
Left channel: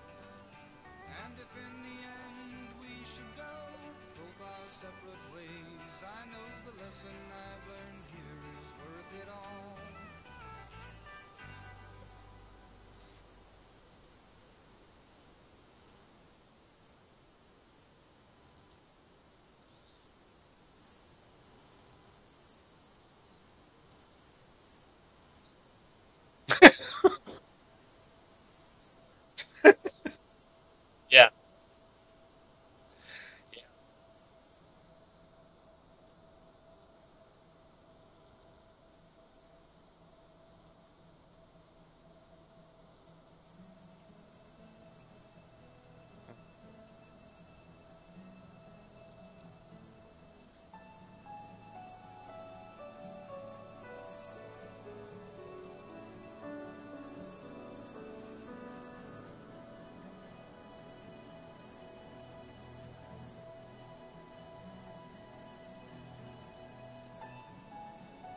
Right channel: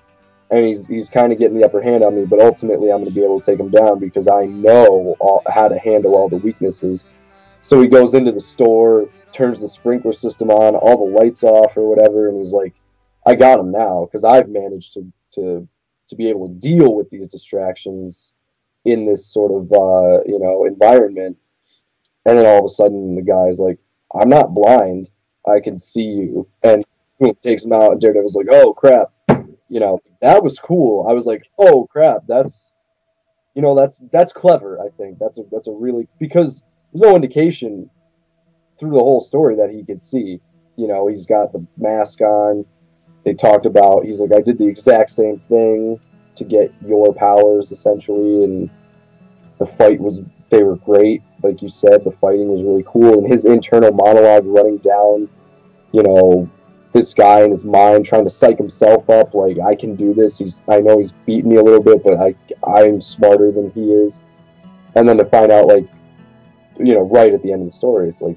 and he's kind of getting the upper hand on me. But ultimately, I'm going to be able to take him down because I know how to handle all the weaknesses. So he goes into the store, turns the sprinkler system on, all the lights off or whatever, and he's like, "I got him now," because I've managed to be able to deal with these distractions in this sort of environment. And then all of a sudden, the guy's like, "I'm not blind. I can see you." And boom, takes him out, and Daredevil's like, "Oh crap!" That was cool. I was like, "Oh crap, that's clever." I think that's a really, because there's no indication through the whole story that he could see. He's got the mask on. They talked about, he's like, "I did the exact same thing to get your powers, essentially," and they were great. Like you said, the fighting was really cool, and his internal monologue running down, this guy in his mind trying to psych himself up, like, "I can do this. I know he's beaten me a little bit, but I'm smarter than he is." And then to find out, like, right at the end of the story, it's like,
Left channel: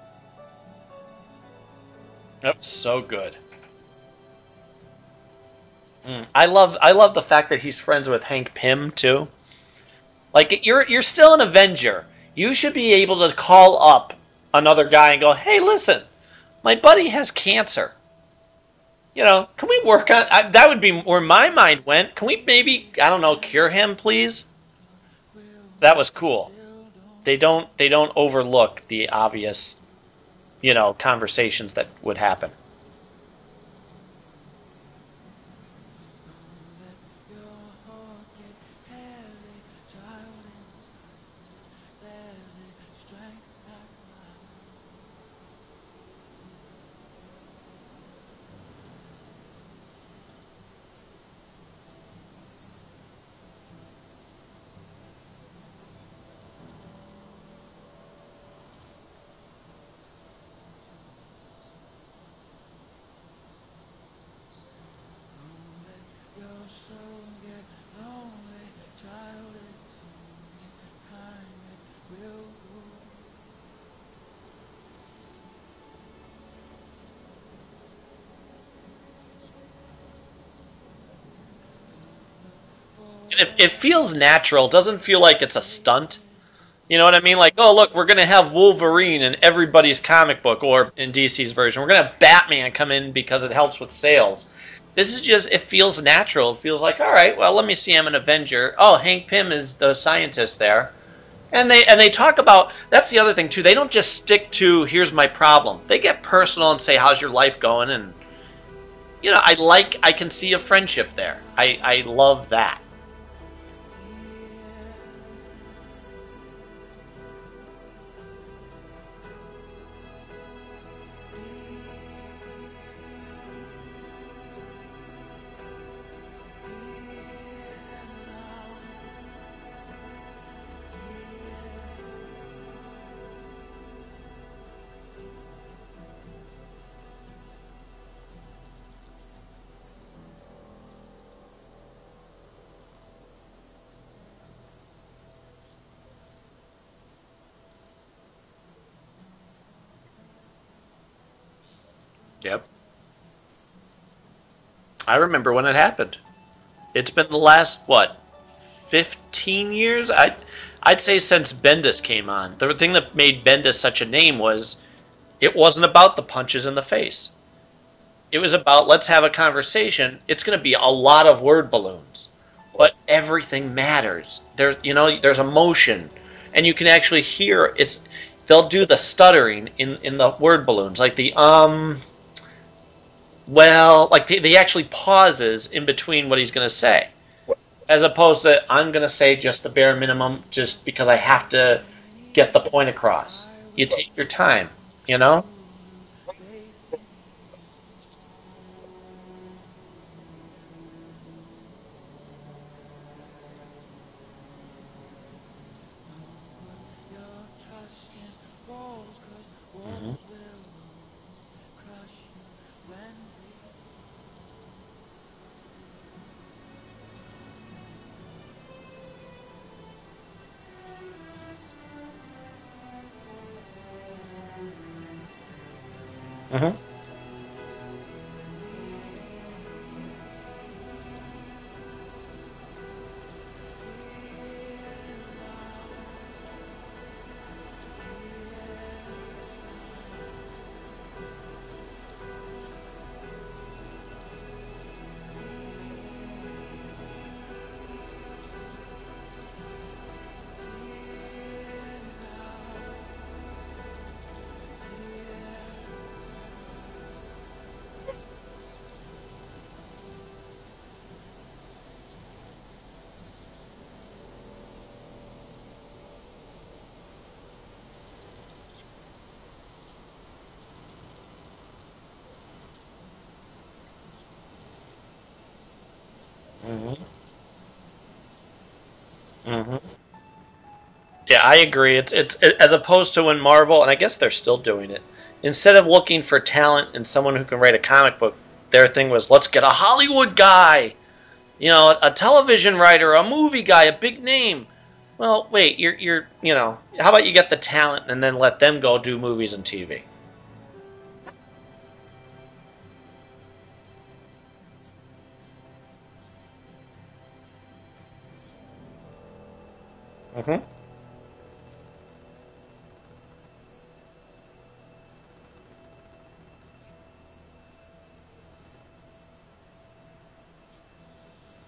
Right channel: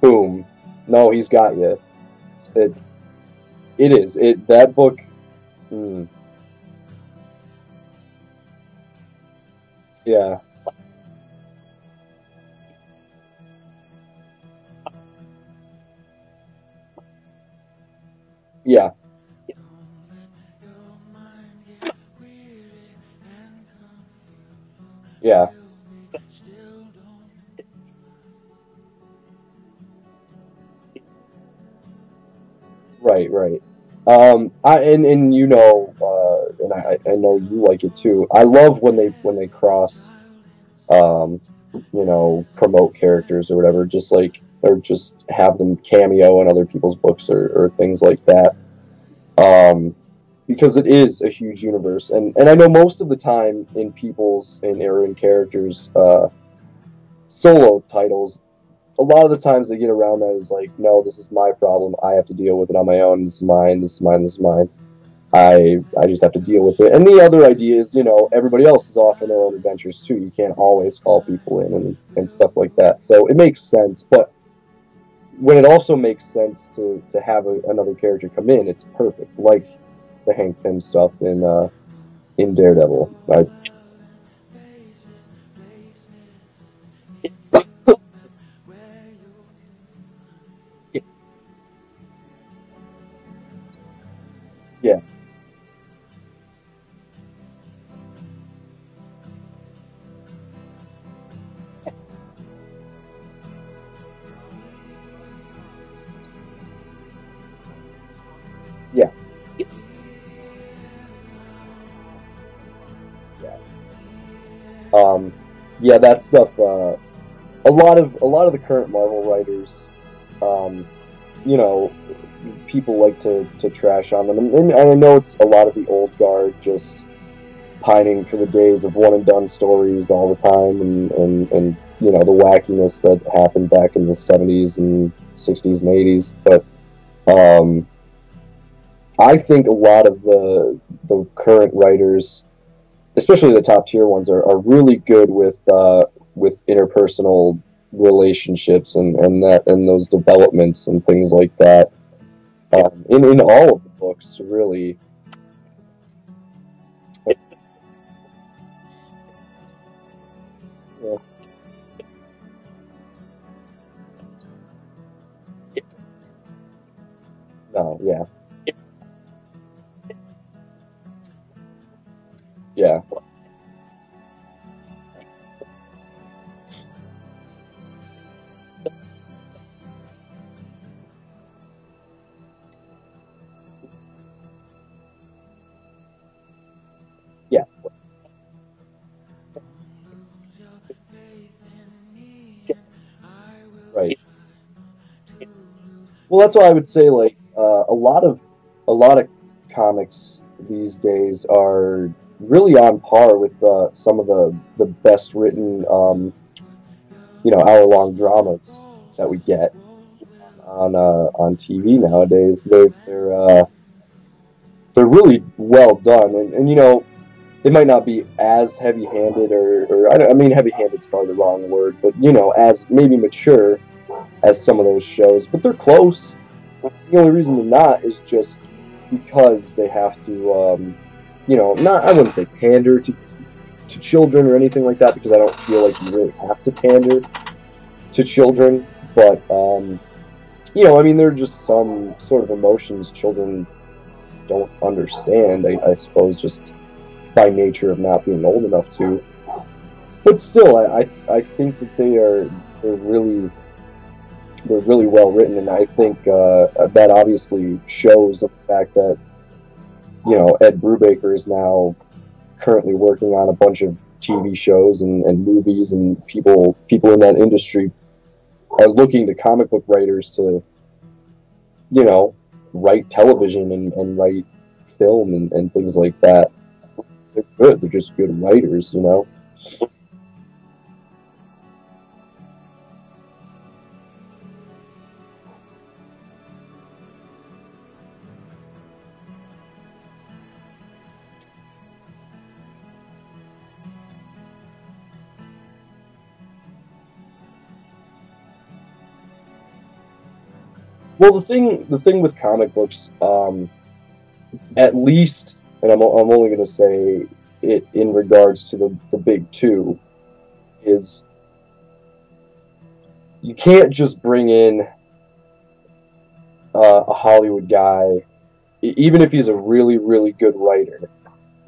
boom, no, he's got you. That's so good. It is. That book. I love the fact that he's friends with Hank Pym too. Yeah. Like, you're still an Avenger. You should be able to call up another guy and go, "Hey, listen, my buddy has cancer. Yeah. Can we work on that?" Would be where my mind went. Can we maybe, I don't know, cure him, please? Yeah. That was cool. They don't overlook the obvious, conversations that would happen. Right. And I know you like it too. I love when they cross, promote characters or whatever, or just have them cameo in other people's books or things like that. Because it is a huge universe, and I know most of the time in characters' solo titles, a lot of the times they get around that is like, "No, this is my problem. I have to deal with it on my own. This is mine. This is mine. This is mine. I just have to deal with it." And the other idea is, everybody else is off on their own adventures too. You can't always call people in and stuff like that. So it makes sense. But when it also makes sense to have another character come in, it's perfect. Like the Hank Pym stuff in Daredevil. Like, it feels natural. It doesn't feel like it's a stunt. You know what I mean? Like, oh, look, we're going to have Wolverine in everybody's comic book, or in DC's version. We're going to have Batman come in because it helps with sales. Yeah. This is just, it feels natural. It feels like, all right, well, let me see, I'm an Avenger. Oh, Hank Pym is the scientist there. And they talk about, that's the other thing, too. They don't just stick to, here's my problem. They get personal and say, how's your life going? And, yeah, I can see a friendship there. I love that. Yeah, that stuff. A lot of the current Marvel writers, people like to trash on them, and I know it's a lot of the old guard just pining for the days of one and done stories all the time, and the wackiness that happened back in the 70s and 60s and 80s. But I think a lot of the current writers, especially the top tier ones, are really good with interpersonal relationships and those developments and things like that. Yep. In all of the books, really. I remember when it happened. It's been the last 15 years. I'd say since Bendis came on. The thing that made Bendis such a name was it wasn't about the punches in the face. No, yeah. It was about, let's have a conversation. It's going to be a lot of word balloons. But everything matters. There's emotion, and you can actually hear it's. They'll do the stuttering in the word balloons, like the they actually pauses in between what he's going to say. Yeah. As opposed to, I'm going to say just the bare minimum, just because I have to get the point across. You take your time, Well, that's why I would say a lot of comics these days are really on par with some of the best written hour-long dramas that we get on TV nowadays. They're really well done, and it might not be as heavy-handed, or I mean, heavy-handed's probably the wrong word, but as maybe mature as some of those shows, but they're close. The only reason they're not is just because they have to, not, I wouldn't say pander to children or anything like that, because I don't feel like you really have to pander to children, but, I mean, there are just some sort of emotions children don't understand, I suppose, just by nature of not being old enough to. But still, I think that they're really well written, and I think that obviously shows the fact that Ed Brubaker is now currently working on a bunch of TV shows and movies, and people in that industry are looking to comic book writers to write television and write film and things like that. They're good. They're just good writers, Yeah, I agree. It's as opposed to when Marvel, and I guess they're still doing it. Instead of looking for talent and someone who can write a comic book, their thing was, let's get a Hollywood guy, a television writer, a movie guy, a big name. Well, wait, you're how about you get the talent and then let them go do movies and TV? Well, the thing with comic books, at least, and I'm only going to say it in regards to the big two, is you can't just bring in a Hollywood guy, even if he's a really, really good writer.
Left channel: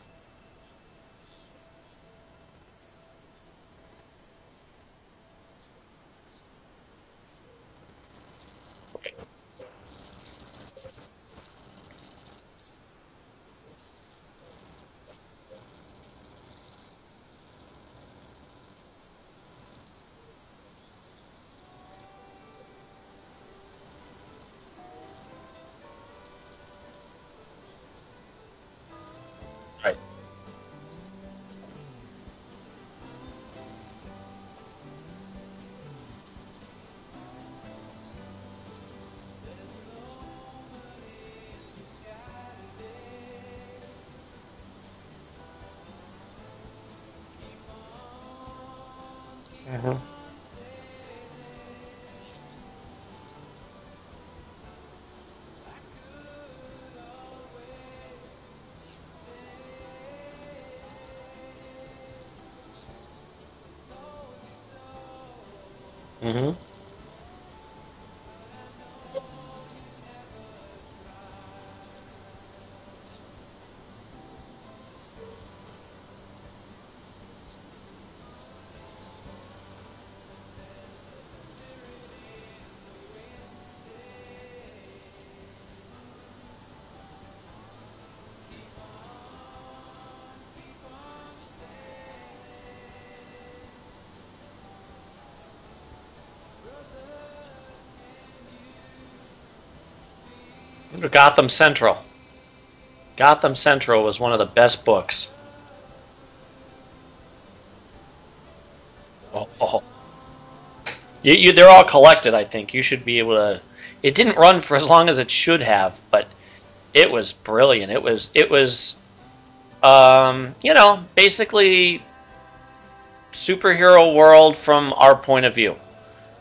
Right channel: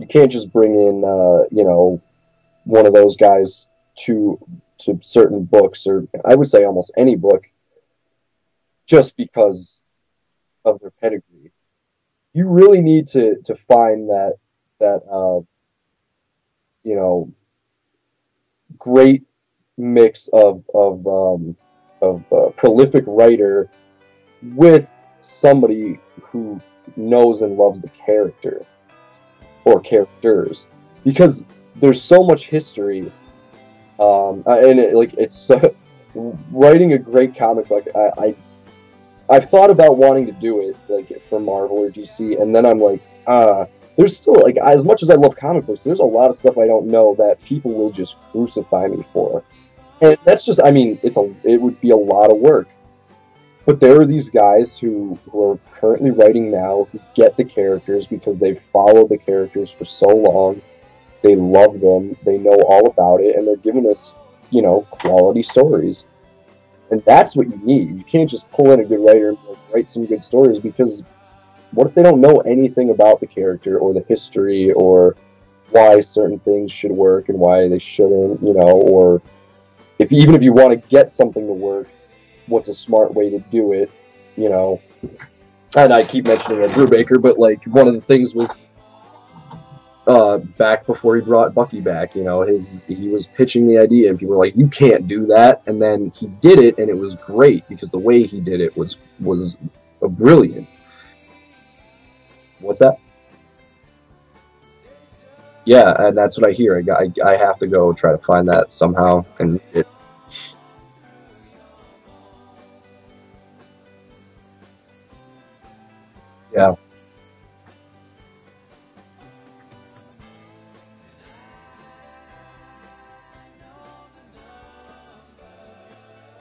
You can't just bring in, one of those guys to certain books, or I would say almost any book, just because of their pedigree. You really need to find that great mix of prolific writer with somebody who knows and loves the character or characters, because there's so much history, and it's writing a great comic book. I've thought about wanting to do it for Marvel or DC, and then I'm like, there's still, as much as I love comic books, there's a lot of stuff I don't know that people will just crucify me for. And that's just, I mean, it would be a lot of work. But there are these guys who are currently writing now, who get the characters because they've followed the characters for so long. They love them, they know all about it, and they're giving us, quality stories. And that's what you need. You can't just pull in a good writer and write some good stories, because what if they don't know anything about the character or the history or why certain things should work and why they shouldn't, or even if you want to get something to work, what's a smart way to do it, And I keep mentioning Ed Brubaker, but one of the things was back before he brought Bucky back, he was pitching the idea and people were like, you can't do that, and then he did it and it was great because the way he did it was brilliant. Gotham Central. What's that? Gotham Central was one of the best books. Yeah, and that's what I hear. I have to go try to find that somehow. They're all collected, I think. You should be able to. It didn't run for as long as it should have, but yeah, it was brilliant. It was basically superhero world from our point of view.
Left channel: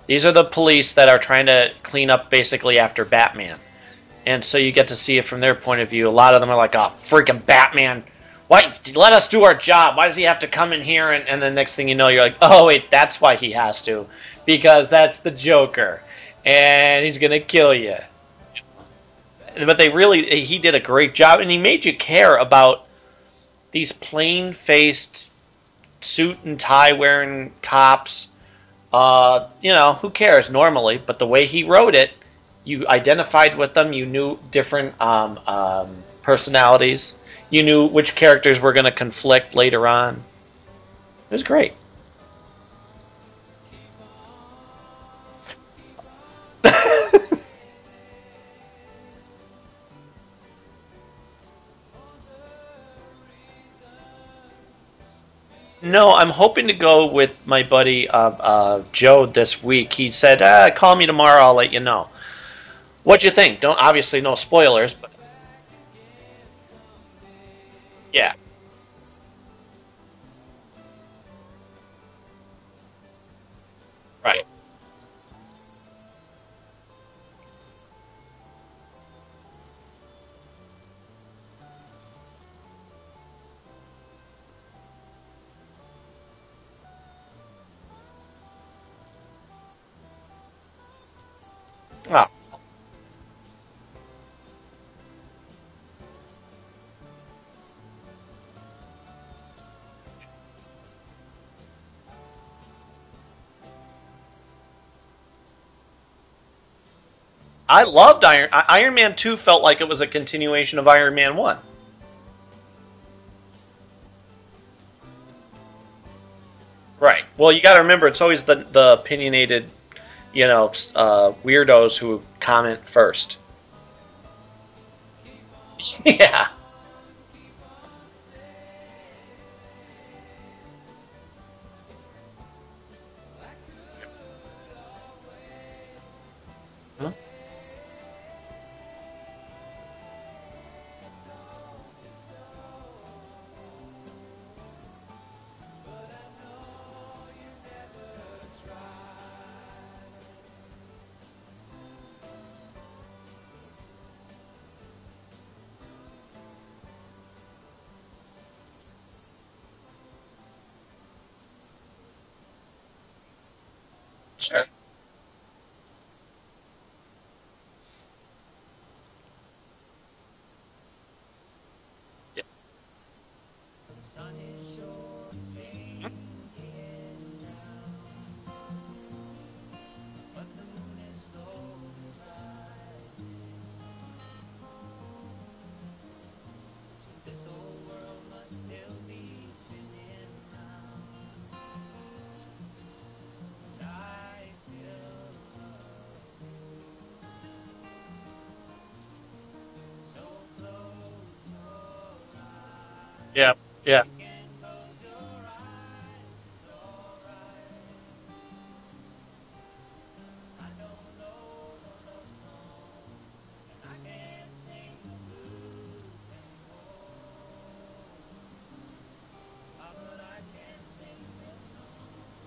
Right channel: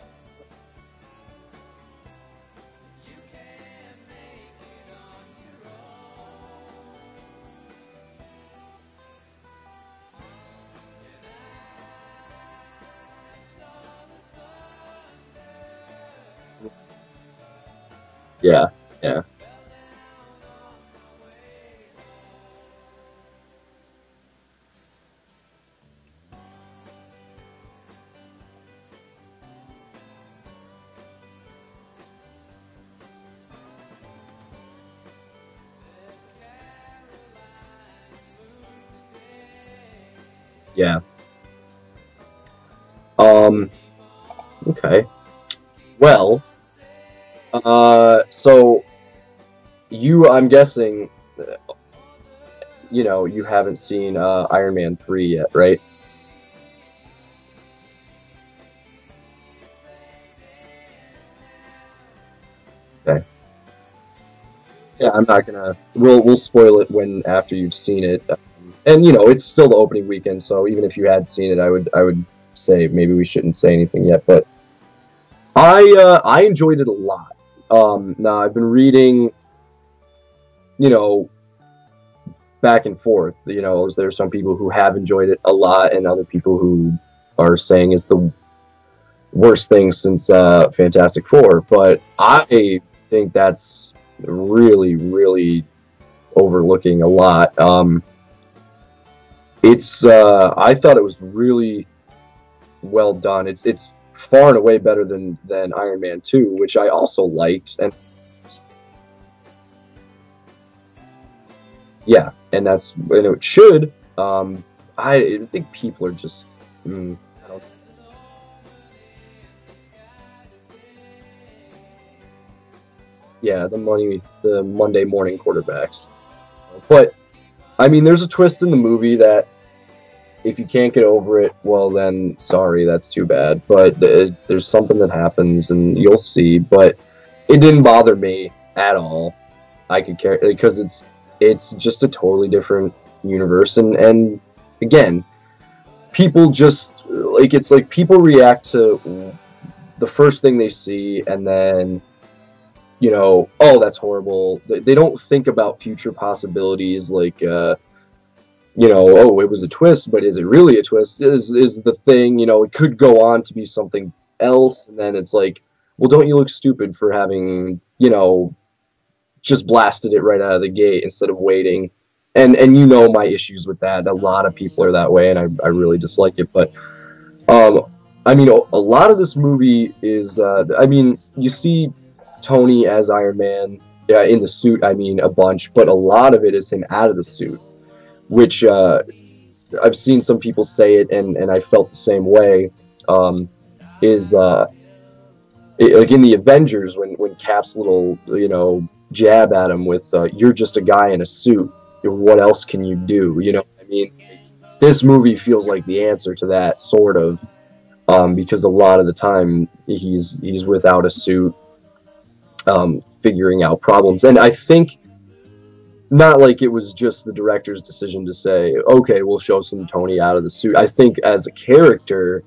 These are the police that are trying to clean up basically after Batman. And so you get to see it from their point of view. A lot of them are like, oh, freaking Batman. Why? Let us do our job. Why does he have to come in here? And the next thing you know, you're like, oh, wait, that's why he has to. Because that's the Joker. And he's going to kill you. Yeah. But he did a great job. And he made you care about these plain-faced, suit and tie wearing cops. Who cares normally? But the way he wrote it, you identified with them. You knew different personalities. You knew which characters were going to conflict later on. Yeah. It was great. Okay. Well, so I'm guessing, you haven't seen Iron Man 3 yet, right? No, I'm hoping to go with my buddy Joe this week. He said, call me tomorrow, I'll let you know. What'd you think? Obviously no spoilers. But... Yeah, I'm not gonna. We'll spoil it after you've seen it. Yeah. And it's still the opening weekend, so even if you had seen it, I would say maybe we shouldn't say anything yet. Right. But I enjoyed it a lot. Now I've been reading, back and forth. There's some people who have enjoyed it a lot, and other people who are saying it's the worst thing since Fantastic Four. But I think that's really, really overlooking a lot. I thought it was really well done. It's far and away better than Iron Man 2, which I also liked. I loved Iron Man 2. Felt like it was a continuation of Iron Man 1. Yeah, and it should. I think people are just right. Well, you got to remember, it's always the opinionated, weirdos who comment first. Yeah, the Monday morning quarterbacks. Yeah. But I mean, there's a twist in the movie that if you can't get over it, well then, sorry, that's too bad. But there's something that happens, and you'll see. But it didn't bother me at all. I could care because it's just a totally different universe, and again, people just it's like people react to the first thing they see, and then oh, that's horrible. They don't think about future possibilities, like oh, it was a twist, but is it really a twist? Is the thing, it could go on to be something else, and then it's like, well, don't you look stupid for having just blasted it right out of the gate instead of waiting. And my issues with that. A lot of people are that way, and I really dislike it. But I mean, a lot of this movie is you see Tony as Iron Man in the suit, a bunch, but a lot of it is him out of the suit, which I've seen some people say it, and I felt the same way. Like in the Avengers, when Cap's little jab at him with "You're just a guy in a suit. What else can you do?" Yeah. This movie feels like the answer to that, sort of, because a lot of the time he's without a suit, figuring out problems. And I think not like it was just the director's decision to say, okay, we'll show some Tony out of the suit. I think as a character,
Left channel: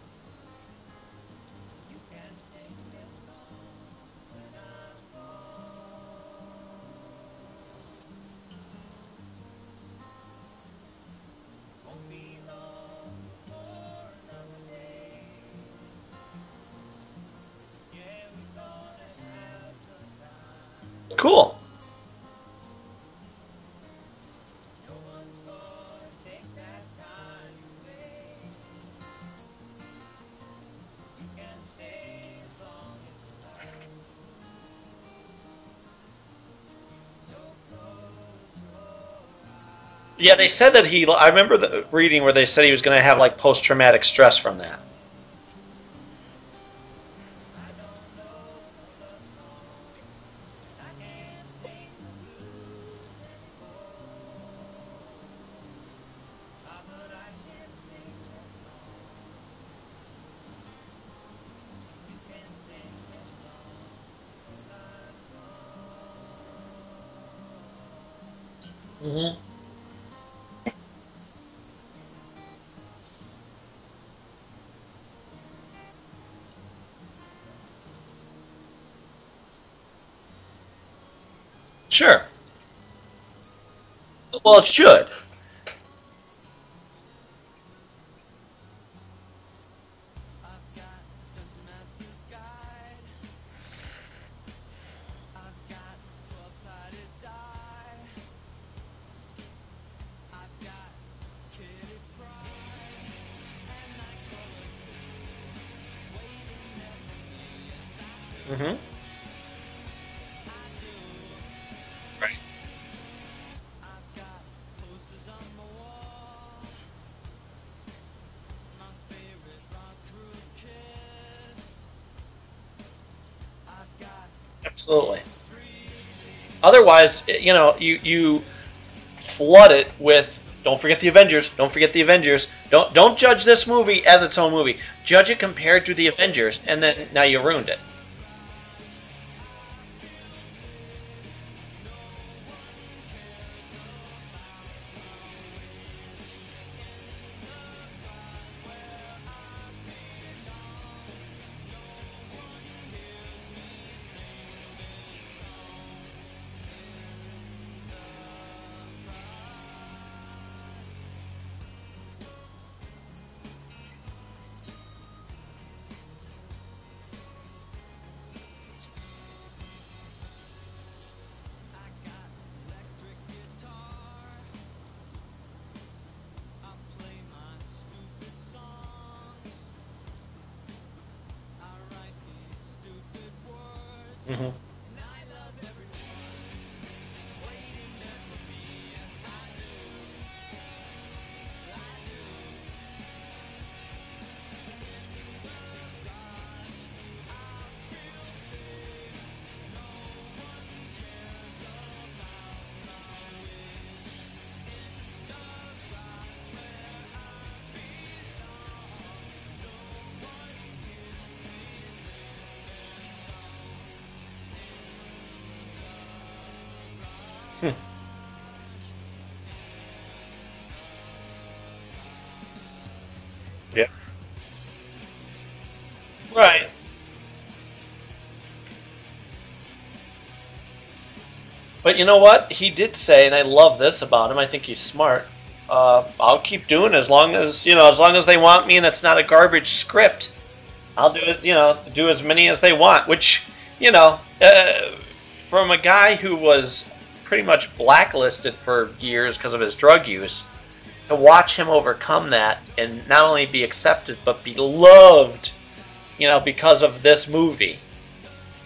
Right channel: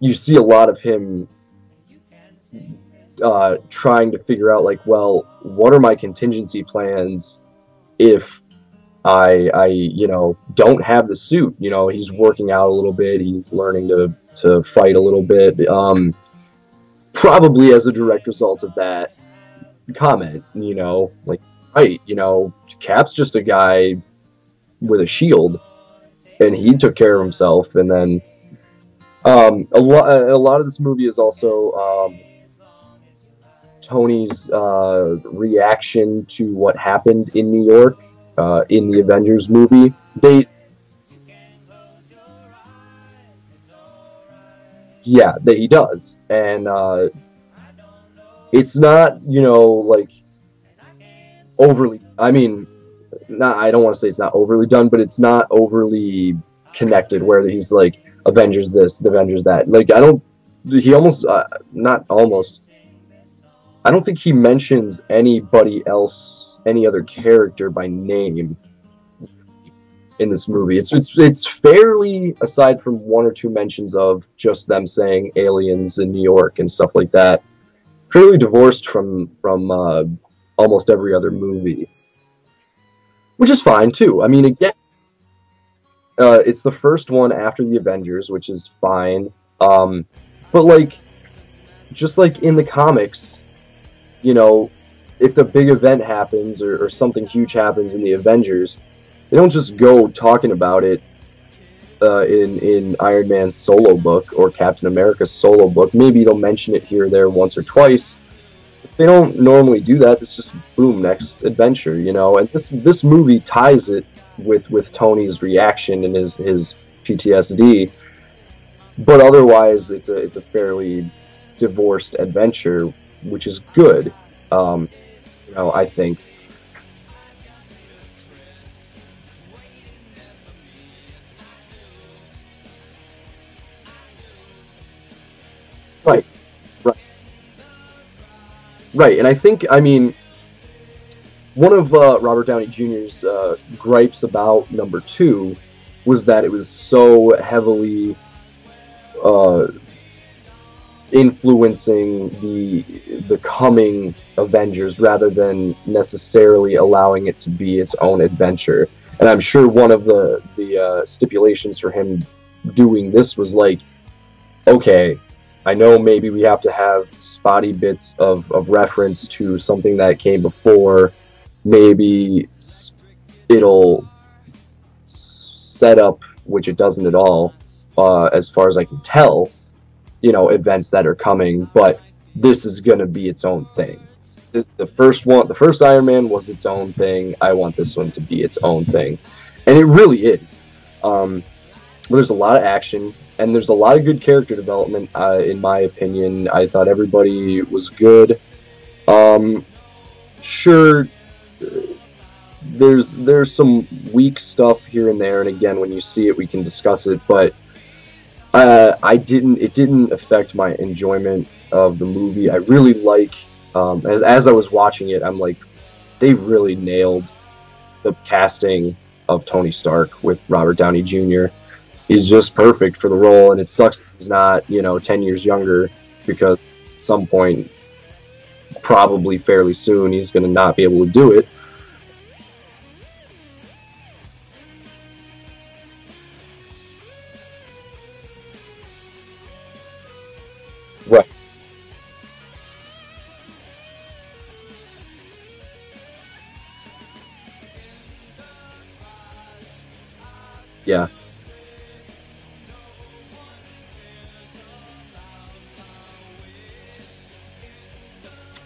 you see a lot of him trying to figure out, like, well, what are my contingency plans if I don't have the suit? He's working out a little bit, he's learning to fight a little bit, probably as a direct result of that comment, Cool. Right, Cap's just a guy with a shield, and he took care of himself. And then a lot of this movie is also Tony's reaction to what happened in New York in the Avengers movie. Yeah, they said that I remember reading where they said he was going to have like post-traumatic stress from that. Yeah, that he does. And it's not, like overly, I don't want to say it's not overly done, but it's not overly connected where he's like, Avengers this, Avengers that. Like, I don't think he mentions anybody else, any other character by name in this movie. It's fairly, aside from one or two mentions of just them saying aliens in New York and stuff like that, fairly divorced from almost every other movie. Sure. Which is fine, too. Well, it should. It's the first one after the Avengers, which is fine. But, like, just like in the comics, if the big event happens or something huge happens in the Avengers, they don't just go talking about it in Iron Man's solo book or Captain America's solo book. Maybe they'll mention it here or there once or twice. They don't normally do that. It's just boom, next adventure, And this movie ties it with Tony's reaction and his PTSD. But otherwise, it's a fairly divorced adventure, which is good. Absolutely. I think. Otherwise, you flood it with, don't forget the Avengers, don't forget the Avengers. Don't judge this movie as its own movie. Judge it compared to the Avengers, and then now you ruined it. Right, and I think, one of Robert Downey Jr.'s gripes about number 2 was that it was so heavily influencing the coming Avengers rather than necessarily allowing it to be its own adventure. And I'm sure one of the stipulations for him doing this was like, okay, I know maybe we have to have spotty bits of reference to something that came before. Maybe it'll set up, which it doesn't at all, as far as I can tell, events that are coming, but this is going to be its own thing. Mm-hmm. The first Iron Man was its own thing. I want this one to be its own thing. And it really is. There's a lot of action, and there's a lot of good character development, in my opinion. I thought everybody was good. Sure, there's some weak stuff here and there, and again, when you see it, we can discuss it, but it didn't affect my enjoyment of the movie. I really like, as I was watching it, I'm like, they really nailed the casting of Tony Stark with Robert Downey Jr. He's just perfect for the role, and it sucks that he's not, 10 years younger, because at some point, probably fairly soon, he's going to not be able to do it. But you know what? He did say, and I love this about him, I think he's smart, I'll keep doing as long as they want me and it's not a garbage script. I'll do it, do as many as they want, which, from a guy who was pretty much blacklisted for years because of his drug use, to watch him overcome that and not only be accepted but be loved, because of this movie.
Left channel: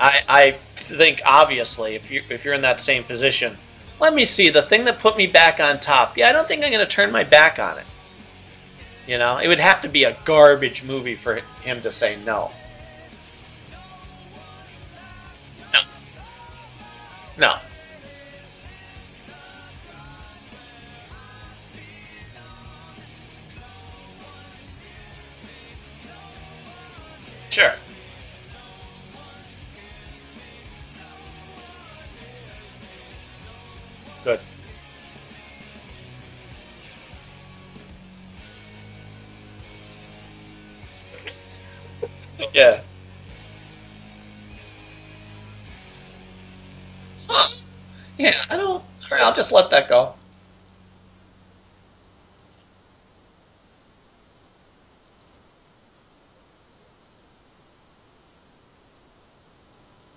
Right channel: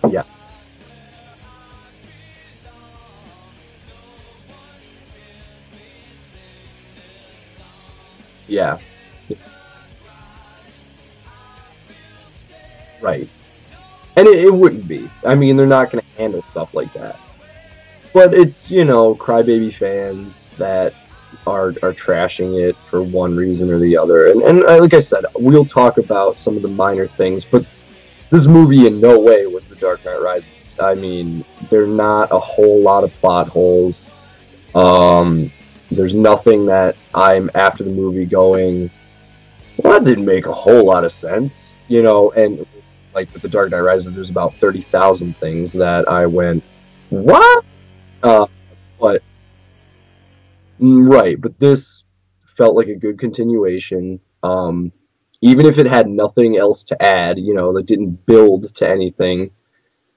I think, obviously, if you're in that same position, let me see, the thing that put me back on top, I don't think I'm going to turn my back on it. Yeah. It would have to be a garbage movie for him to say no. Right. And it wouldn't be. I mean, they're not going to handle stuff like that. No. But it's, crybaby fans that are trashing it for one reason or the other. And like I said, we'll talk about some of the minor things, but this movie in no way was The Dark Knight Rises. I mean, there are not a whole lot of plot holes. Good. There's nothing that I'm after the movie going, well, that didn't make a whole lot of sense, and like with The Dark Knight Rises, there's about 30,000 things that I went, what? Yeah, I'll just let that go. Right, but this felt like a good continuation. Even if it had nothing else to add, that didn't build to anything,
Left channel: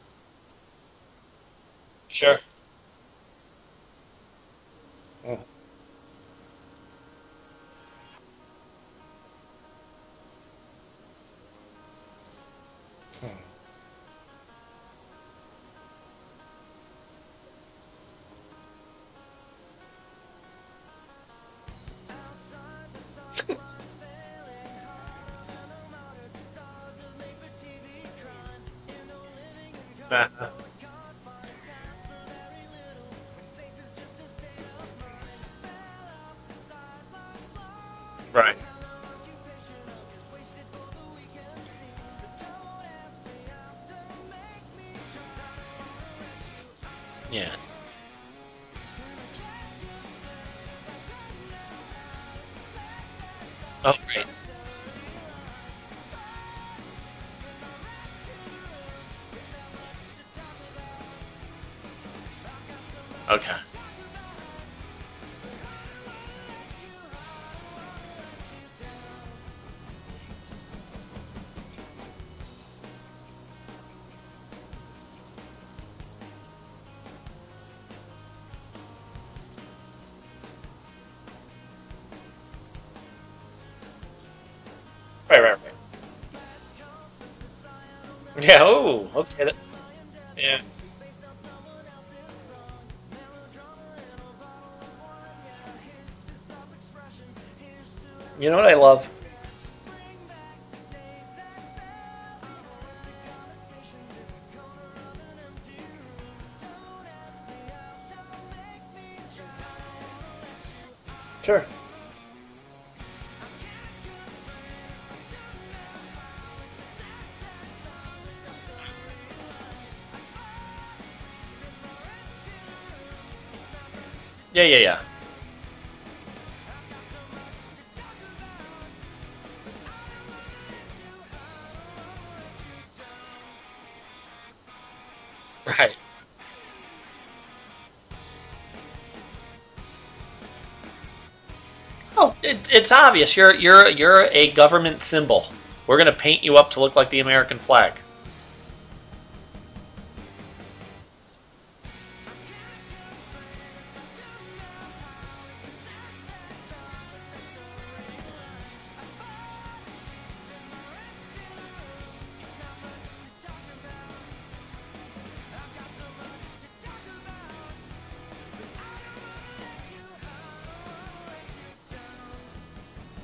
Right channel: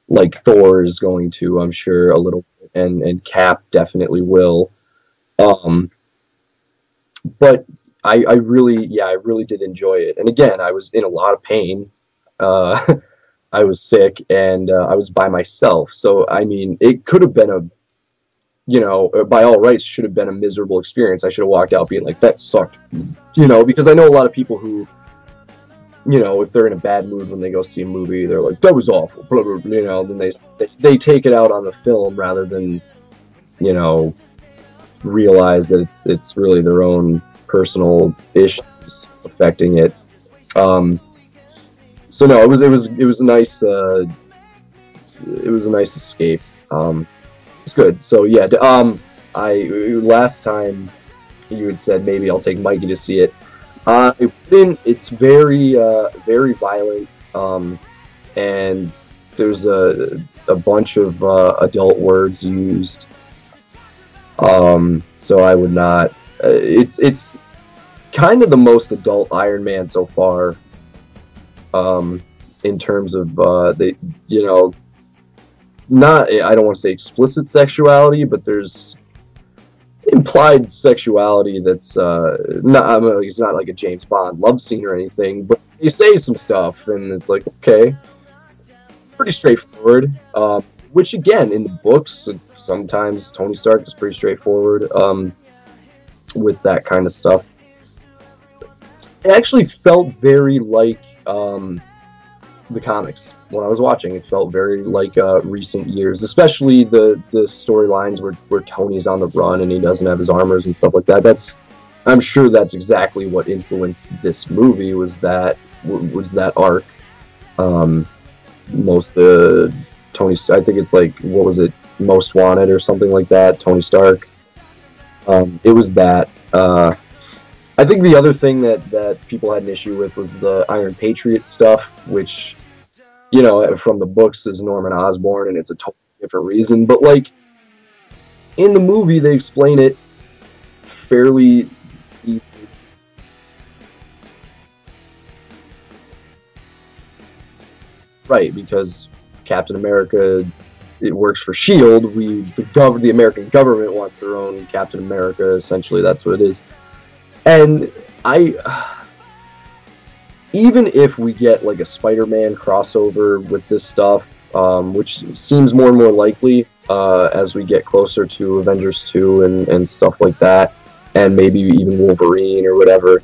like Thor is going to, I'm sure. A little, and Cap definitely will. But I really did enjoy it. And again, I was in a lot of pain. I was sick, and I was by myself. So, I mean, it could have been by all rights, should have been a miserable experience. I should have walked out being like, that sucked. Because I know a lot of people who, if they're in a bad mood when they go see a movie, they're like, that was awful, blah, blah, blah, then they take it out on the film rather than, realize that it's really their own personal issues affecting it. So no, it was a nice escape. It's good. So yeah, last time you had said maybe I'll take Mikey to see it. It's very very violent, and there's a bunch of adult words used. Okay. So I would not. It's kind of the most adult Iron Man so far. In terms of not, I don't want to say explicit sexuality, but there's implied sexuality that's not. It's not like a James Bond love scene or anything. Right. But you say some stuff, and it's like, okay, pretty straightforward. Which again, in the books, sometimes Tony Stark is pretty straightforward with that kind of stuff. You know what I love? It actually felt very like the comics when I was watching. It felt very like recent years, especially the storylines where Tony's on the run and he doesn't have his armors and stuff like that. I'm sure that's exactly what influenced this movie, was that arc. Most Tony, I think it's like, what was it, Most Wanted or something like that, Tony Stark. Yeah. It was that. I think the other thing that people had an issue with was the Iron Patriot stuff, which, you know, from the books is Norman Osborn, and it's a totally different reason. But, like, in the movie, they explain it fairly... Oh, it's obvious. You're a government symbol. We're going to paint you up to look like the American flag. Right, because Captain America, it works for S.H.I.E.L.D. The American government wants their own Captain America. Essentially, that's what it is. And even if we get like a Spider-Man crossover with this stuff, which seems more and more likely as we get closer to Avengers 2 and stuff like that, and maybe even Wolverine or whatever,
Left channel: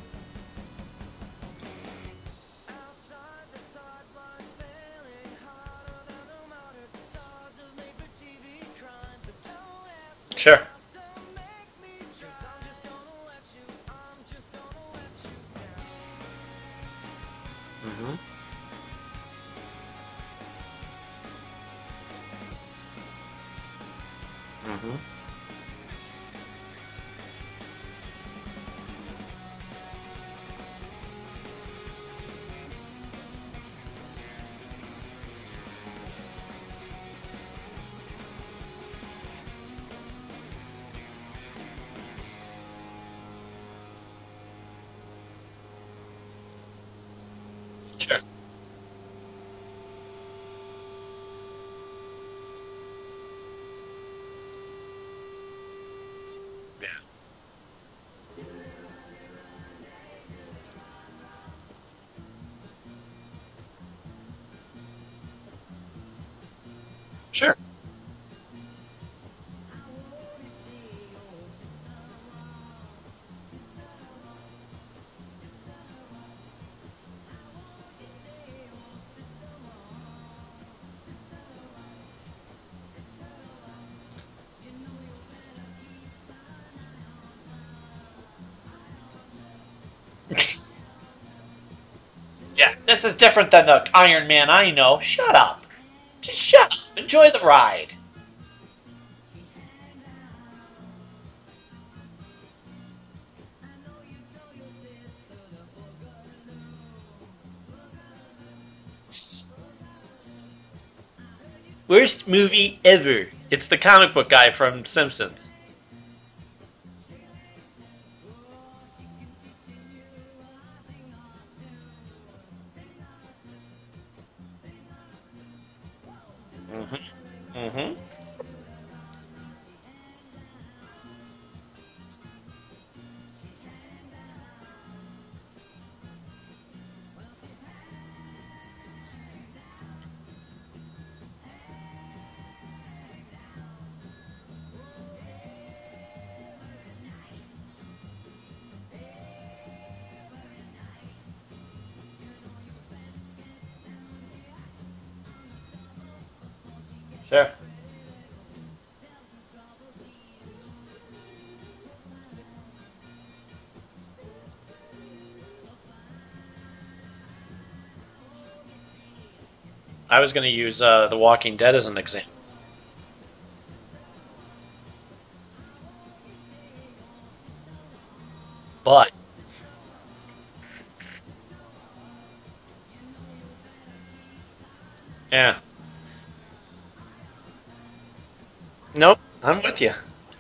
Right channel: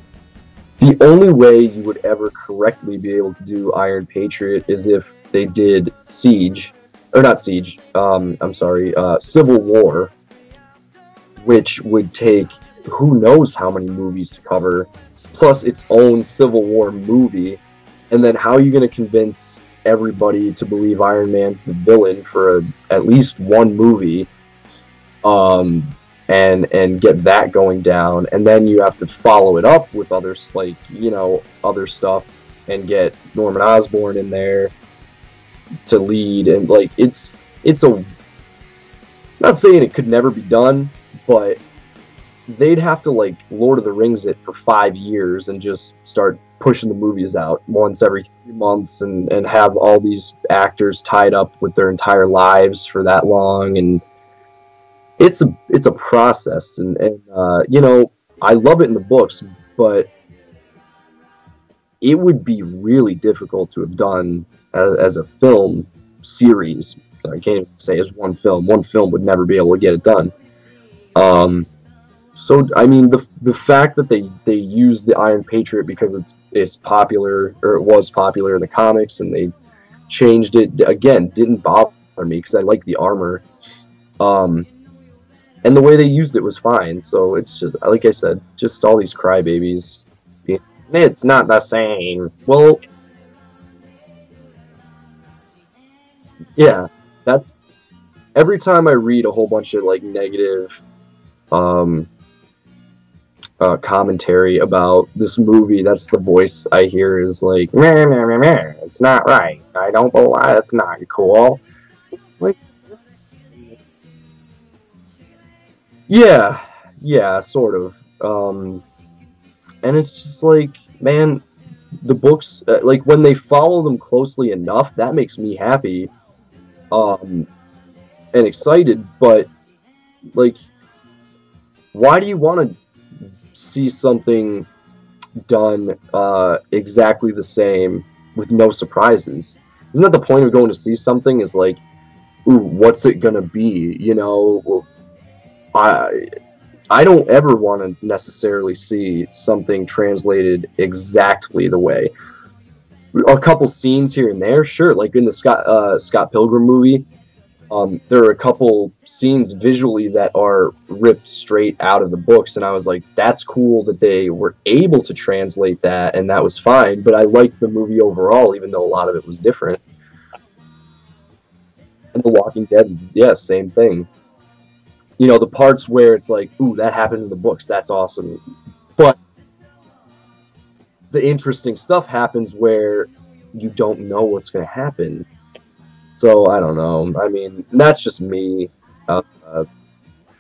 the only way you would ever correctly be able to do Iron Patriot is if they did Civil War. Sure. Which would take who knows how many movies to cover, plus its own Civil War movie, and then how are you going to convince everybody to believe Iron Man's the villain for at least one movie, and get that going down, and then you have to follow it up with other stuff, and get Norman Osborn in there to lead, and like it's a, not saying it could never be done, but they'd have to like Lord of the Rings it for 5 years and just start pushing the movies out once every few months and have all these actors tied up with their entire lives for that long, and it's a process, and you know, I love it in the books, but it would be really difficult to have done as a film series. I can't even say as one film. One film would never be able to get it done. So I mean, the fact that they used the Iron Patriot because it's popular, or it was popular in the comics, and they changed it again didn't bother me because I like the armor, and the way they used it was fine. So it's just like I said, just all these crybabies. It's not the same. Well, yeah, this is different than the Iron Man I know. Shut up. Just shut up. Enjoy the ride. Every time I read a whole bunch of like negative commentary about this movie, that's the voice I hear is like, meh, meh, meh, meh. It's not right. I don't know why. That's not cool. Worst movie ever. It's the comic book guy from Simpsons. Yeah, sort of. And it's just like, man, the books, like when they follow them closely enough, that makes me happy, and excited. But like, why do you want to see something done exactly the same with no surprises? Isn't that the point of going to see something? Is like, ooh, what's it gonna be? You know, I don't ever want to necessarily see something translated exactly the way. A couple scenes here and there, sure, like in the Scott Pilgrim movie. Sure. There are a couple scenes visually that are ripped straight out of the books, and I was like, that's cool that they were able to translate that, and that was fine, but I liked the movie overall, even though a lot of it was different. I was going to use The Walking Dead as an example. The Walking Dead is, yeah, same thing. You know, the parts where it's like, ooh, that happened in the books, that's awesome. But the interesting stuff happens where you don't know what's going to happen. Yeah. So, I don't know. I mean, that's just me. Nope, I'm with you.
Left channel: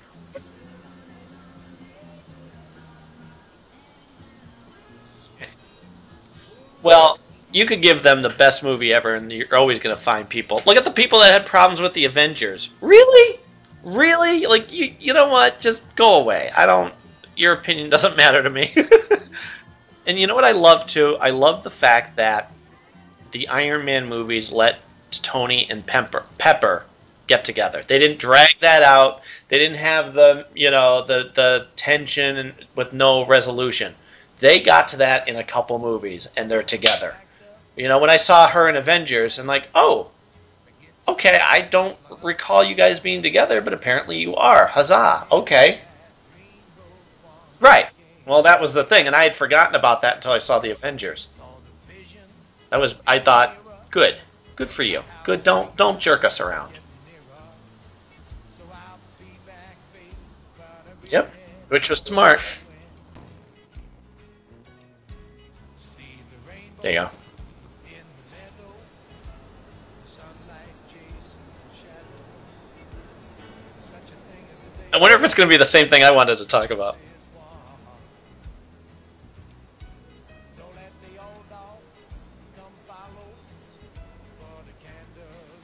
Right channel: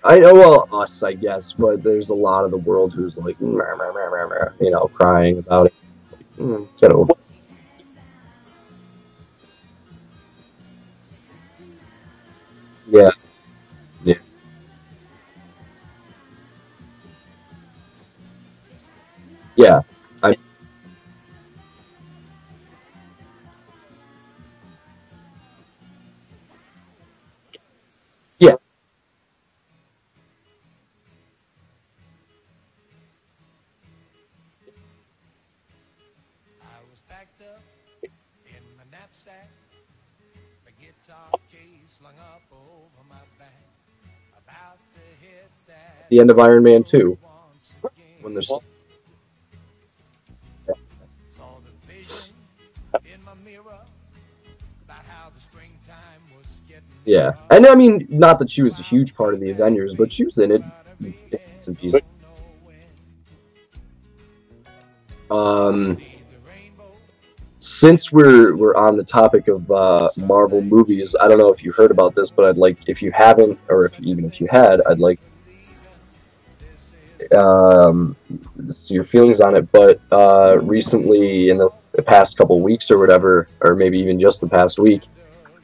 I know, well, us, I guess, but there's a lot of the world who's like, you know, crying about it. Well, you could give them the best movie ever, and you're always going to find people. Look at the people that had problems with the Avengers. Really? Yeah. Really? Like, you know what? Just go away. Your opinion doesn't matter to me. Yeah. And you know what I love, too? I love the fact that the Iron Man movies let Tony and Pepper get together. They didn't drag that out. They didn't have the tension with no resolution. They got to that in a couple movies, and they're together. You know, when I saw her in Avengers, I'm like, oh, okay, I don't recall you guys being together, but apparently you are. Huzzah. Okay. The end of Iron Man 2. Right. Well, that was the thing, and I had forgotten about that until I saw the Avengers. I thought, good. Good for you. Good. Don't jerk us around. Yeah, and I mean, not that she was a huge part of the Avengers, but she was in it. Yep, which was smart. Um, There you go. Since we're on the topic of Marvel movies, I don't know if you heard about this, but I'd like, if you haven't, or even if you had, I wonder if it's going to be the same thing I wanted to talk about. See your feelings on it. But recently, in the past couple weeks or whatever, or maybe even just the past week,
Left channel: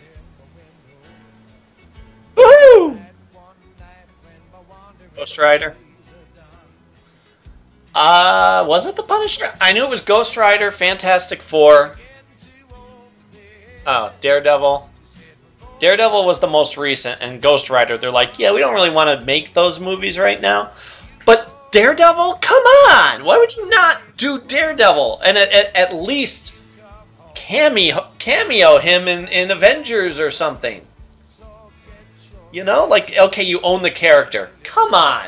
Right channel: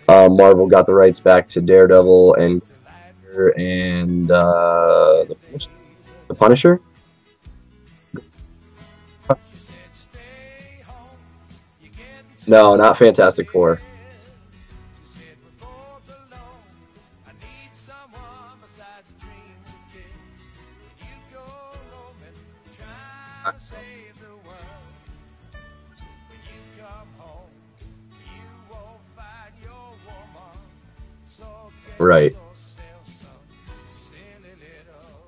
Marvel got the rights back to Daredevil and Ghost Rider. The Punisher. Was it the Punisher? I knew it was Ghost Rider, Fantastic Four. No, not Fantastic Four. Oh, Daredevil. Daredevil was the most recent, and Ghost Rider, they're like, yeah, we don't really want to make those movies right now. But Daredevil? Come on! Why would you not do Daredevil? And at least cameo him in Avengers or something. Right. You know? Like, okay, you own the character. Come on!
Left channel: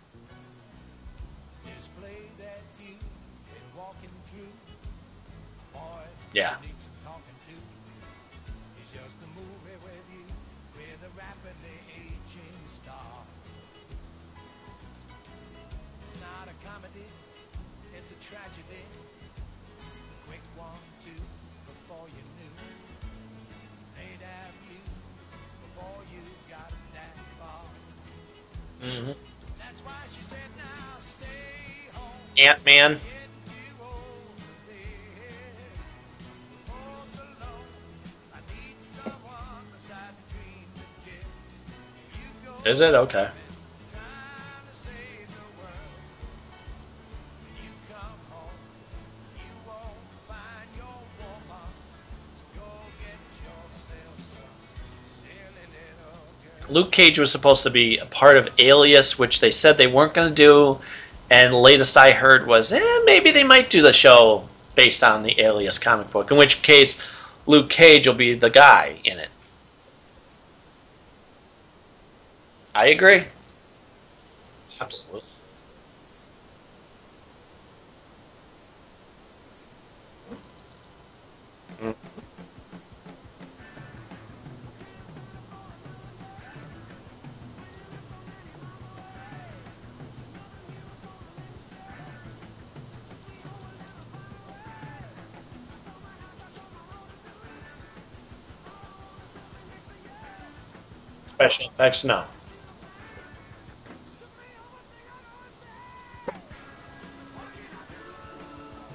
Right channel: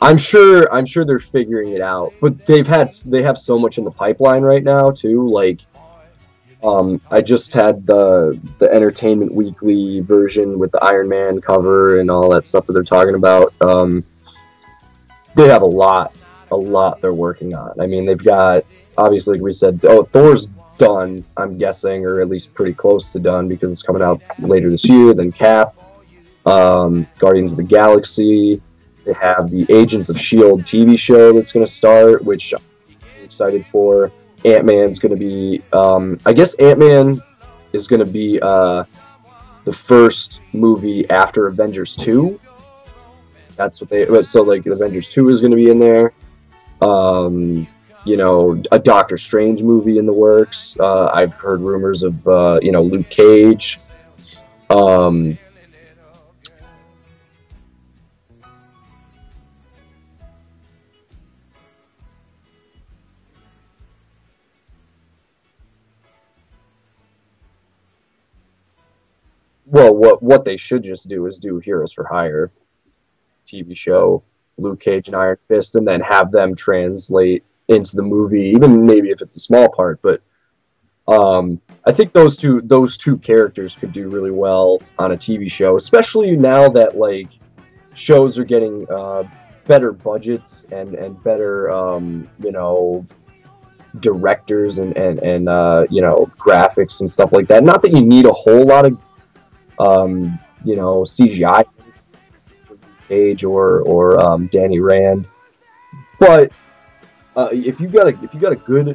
I'm sure they're figuring it out, but they have so much in the pipeline right now too. Like, yeah. I just had the Entertainment Weekly version with the Iron Man cover and all that stuff that they're talking about. They have a lot they're working on. I mean, they've got, obviously, like we said, Thor's done, I'm guessing, or at least pretty close to done because it's coming out later this year. Then Cap, Guardians of the Galaxy. They have the Agents of S.H.I.E.L.D. TV show that's going to start, which Ant-Man. I'm excited for. Ant-Man's going to be, I guess Ant-Man is going to be the first movie after Avengers 2. Is it? Okay. That's what so like Avengers 2 is going to be in there. You know, a Doctor Strange movie in the works. I've heard rumors of, Luke Cage. Luke Cage was supposed to be a part of Alias, which they said they weren't going to do, and the latest I heard was, maybe they might do the show based on the Alias comic book, in which case Luke Cage will be the guy in it. Well, what they should just do is do Heroes for Hire. I agree. TV show, Luke Cage and Iron Fist, and then have them translate into the movie, even maybe if it's a small part, but I think those two characters could do really well on a TV show, especially now that like shows are getting better budgets and better directors and graphics and stuff like that. Not that you need a whole lot of CGI effects, no. Cage or Danny Rand, but if you got a good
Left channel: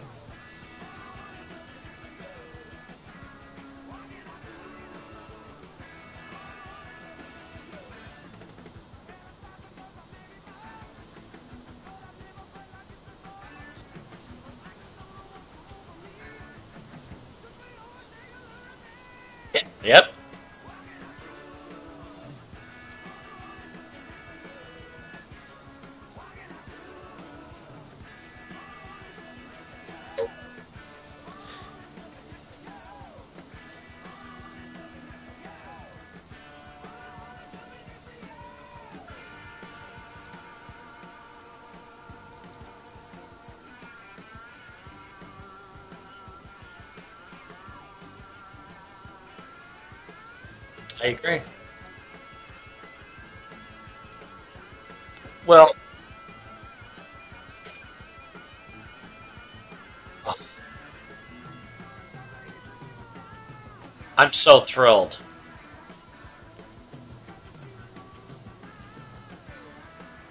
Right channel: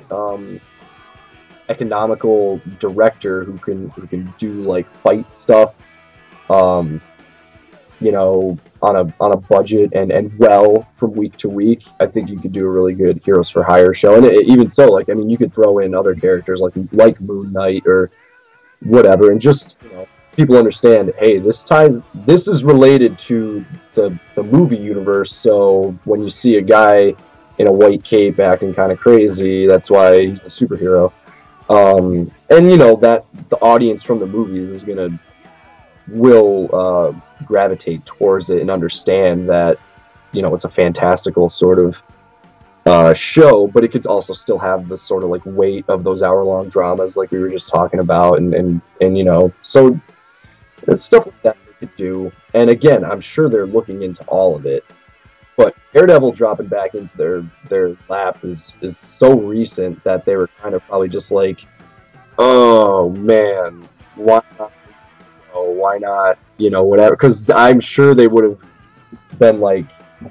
economical director who can do like fight stuff, on a budget and well from week to week, I think you could do a really good Heroes for Hire show. And even so, like, I mean, you could throw in other characters like Moon Knight or whatever, and just people understand, hey, this is related to the movie universe. So when you see a guy in a white cape acting kind of crazy, that's why he's a superhero. And that the audience from the movies will gravitate towards it and understand that it's a fantastical sort of show, but it could also still have the sort of like weight of those hour-long dramas like we were just talking about, and so it's stuff like that they could do. And again, I'm sure they're looking into all of it. Well, but Daredevil dropping back into their lap is so recent that they were kind of probably just like, oh man, I'm so thrilled. Oh, why not? Whatever. Because I'm sure they would have been like,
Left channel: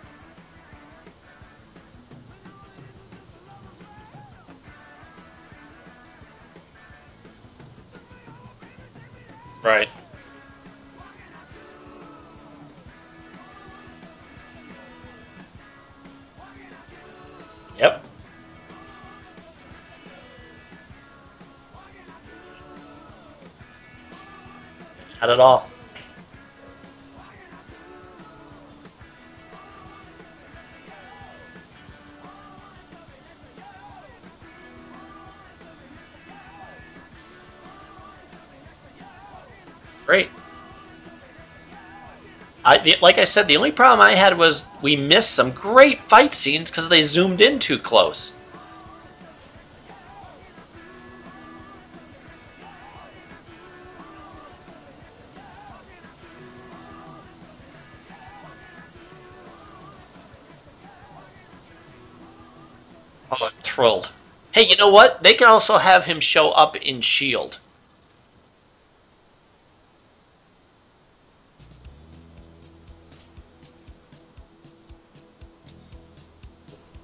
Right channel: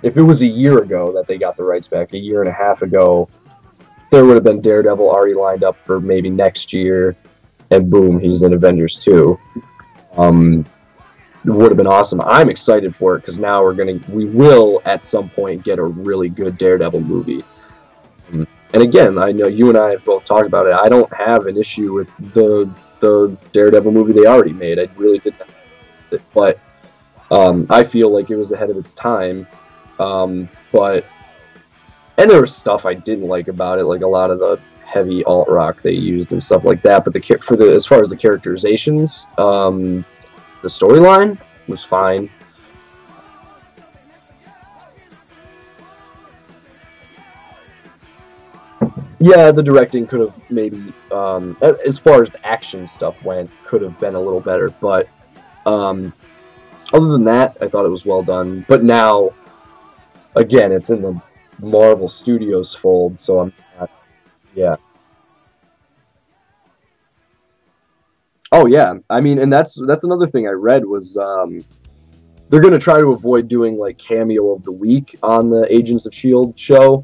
if it was a year ago that they got the rights back, a year and a half ago, there would have been Daredevil already lined up for maybe next year, and boom, he's in Avengers 2. Right. It would have been awesome. I'm excited for it because now we will at some point get a really good Daredevil movie. Yep. And again, I know you and I have both talked about it. I don't have an issue with the Daredevil movie they already made. I really not at all. But I feel like it was ahead of its time. And there was stuff I didn't like about it, like a lot of the heavy alt rock they used and stuff like that. But as far as the characterizations, great. The storyline was fine. Like I said, the only problem I had was we missed some great fight scenes because they zoomed in too close. Yeah, the directing could have maybe, as far as the action stuff went, could have been a little better. But other than that, I thought it was well done. But now, again, it's in the Marvel Studios fold, so I'm thrilled. Hey, yeah. you know what? They can also have him show up in S.H.I.E.L.D. Oh yeah, I mean, and that's another thing I read was they're gonna try to avoid doing like cameo of the week on the Agents of Shield show,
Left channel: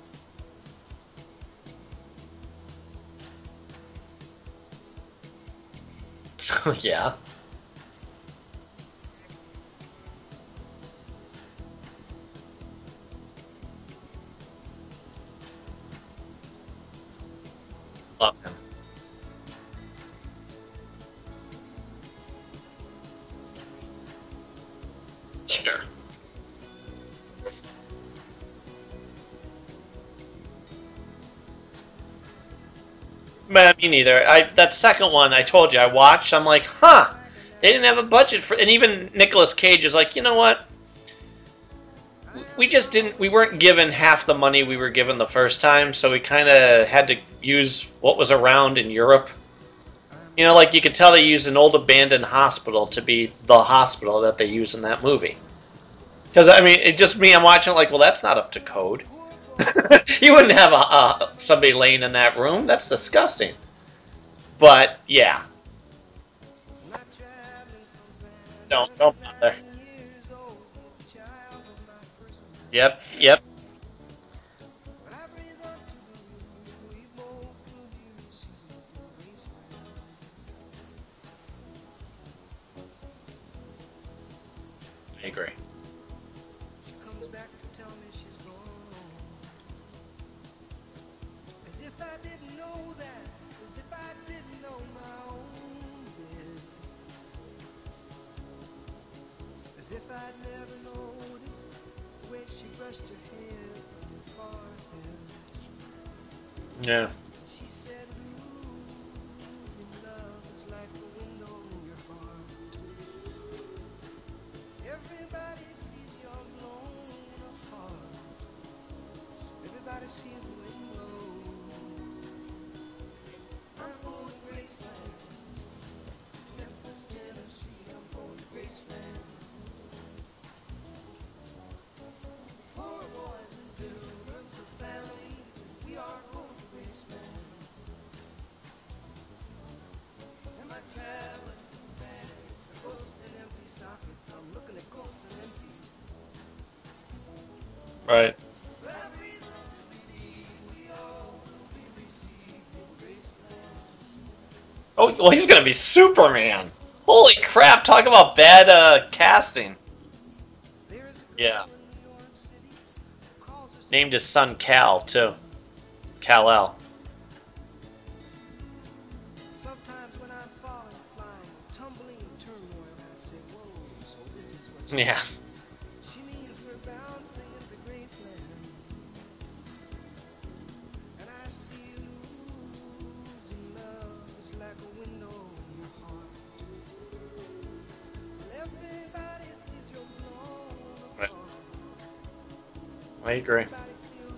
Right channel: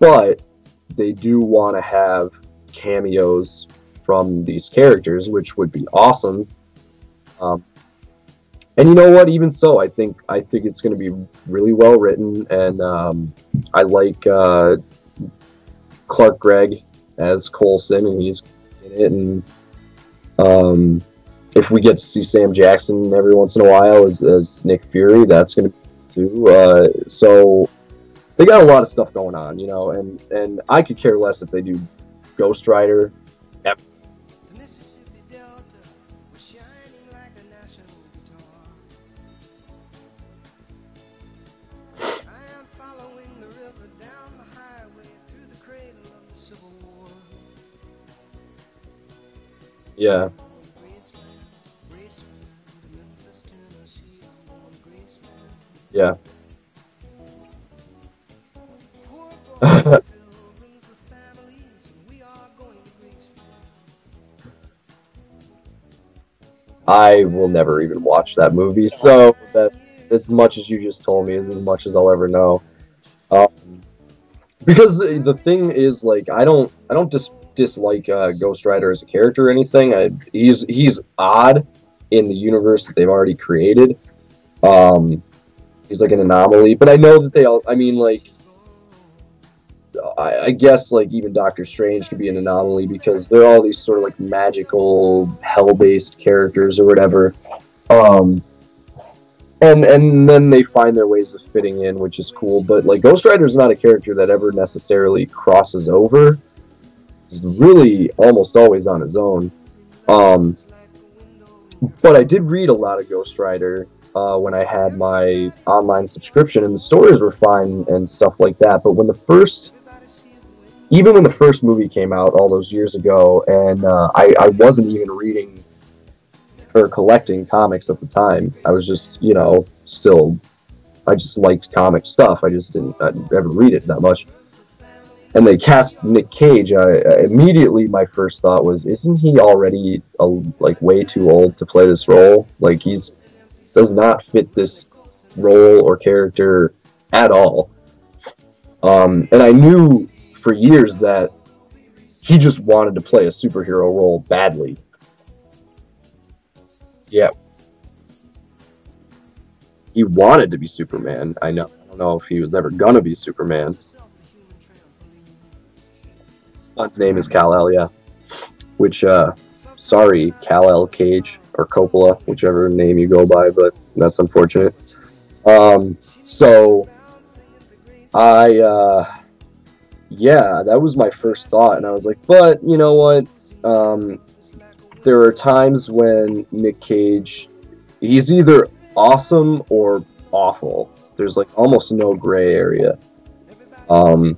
but they do want to have cameos from these characters, which would be awesome. Yeah. And you know what? Even so, I think it's going to be really well written, and I like Clark Gregg as Coulson, and he's in it. And if we get to see Sam Jackson every once in a while as Nick Fury, that's going to be too. So they got a lot of stuff going on, you know, and I could care less if they do Ghost Rider. Man, me neither. That second one I told you I watched. I'm like, huh. They didn't have a budget for, and even Nicolas Cage is like, you know what? We weren't given half the money we were given the first time, so we kind of had to use what was around in Europe. Yeah. You know, like you could tell they used an old abandoned hospital to be the hospital that they use in that movie. Yeah. Because, I mean, it just me, I'm watching like, well, that's not up to code. You wouldn't have somebody laying in that room. That's disgusting. But, yeah. I will never even watch that movie, Don't so that, as much as you just told me is as much as I'll ever know. Yep. Because the thing is, like, I don't dislike Ghost Rider as a character or anything. He's odd in the universe that they've already created. I agree. He's like an anomaly, but I know that they all. I mean, like, I guess like even Doctor Strange could be an anomaly because they're all these sort of like magical hell-based characters or whatever, and then they find their ways of fitting in, which is cool. But like Ghost Rider is not a character that ever necessarily crosses over. Yeah, he's really almost always on his own. But I did read a lot of Ghost Rider when I had my online subscription, and the stories were fine and stuff like that. But when even when the first movie came out all those years ago, and I wasn't even reading or collecting comics at the time. I was just, you know, I just liked comic stuff. I just didn't ever read it that much. And they cast Nick Cage. Immediately, my first thought was, isn't he already like way too old to play this role? Like does not fit this role or character at all. right. And I knew for years that he just wanted to play a superhero role badly. Oh, well, he's gonna be Superman. Holy crap! Talk about bad casting. He wanted to be Superman. Yeah. I don't know if he was ever gonna be Superman. Named his son Cal too. Kal-El. His son's name is Kal-El, yeah. Which, sorry, Kal-El Cage or Coppola, whichever name you go by, but that's unfortunate. Yeah. So yeah, that was my first thought, and I was like, but you know what? There are times when Nick Cage, he's either awesome or awful. There's like almost no gray area. I agree. So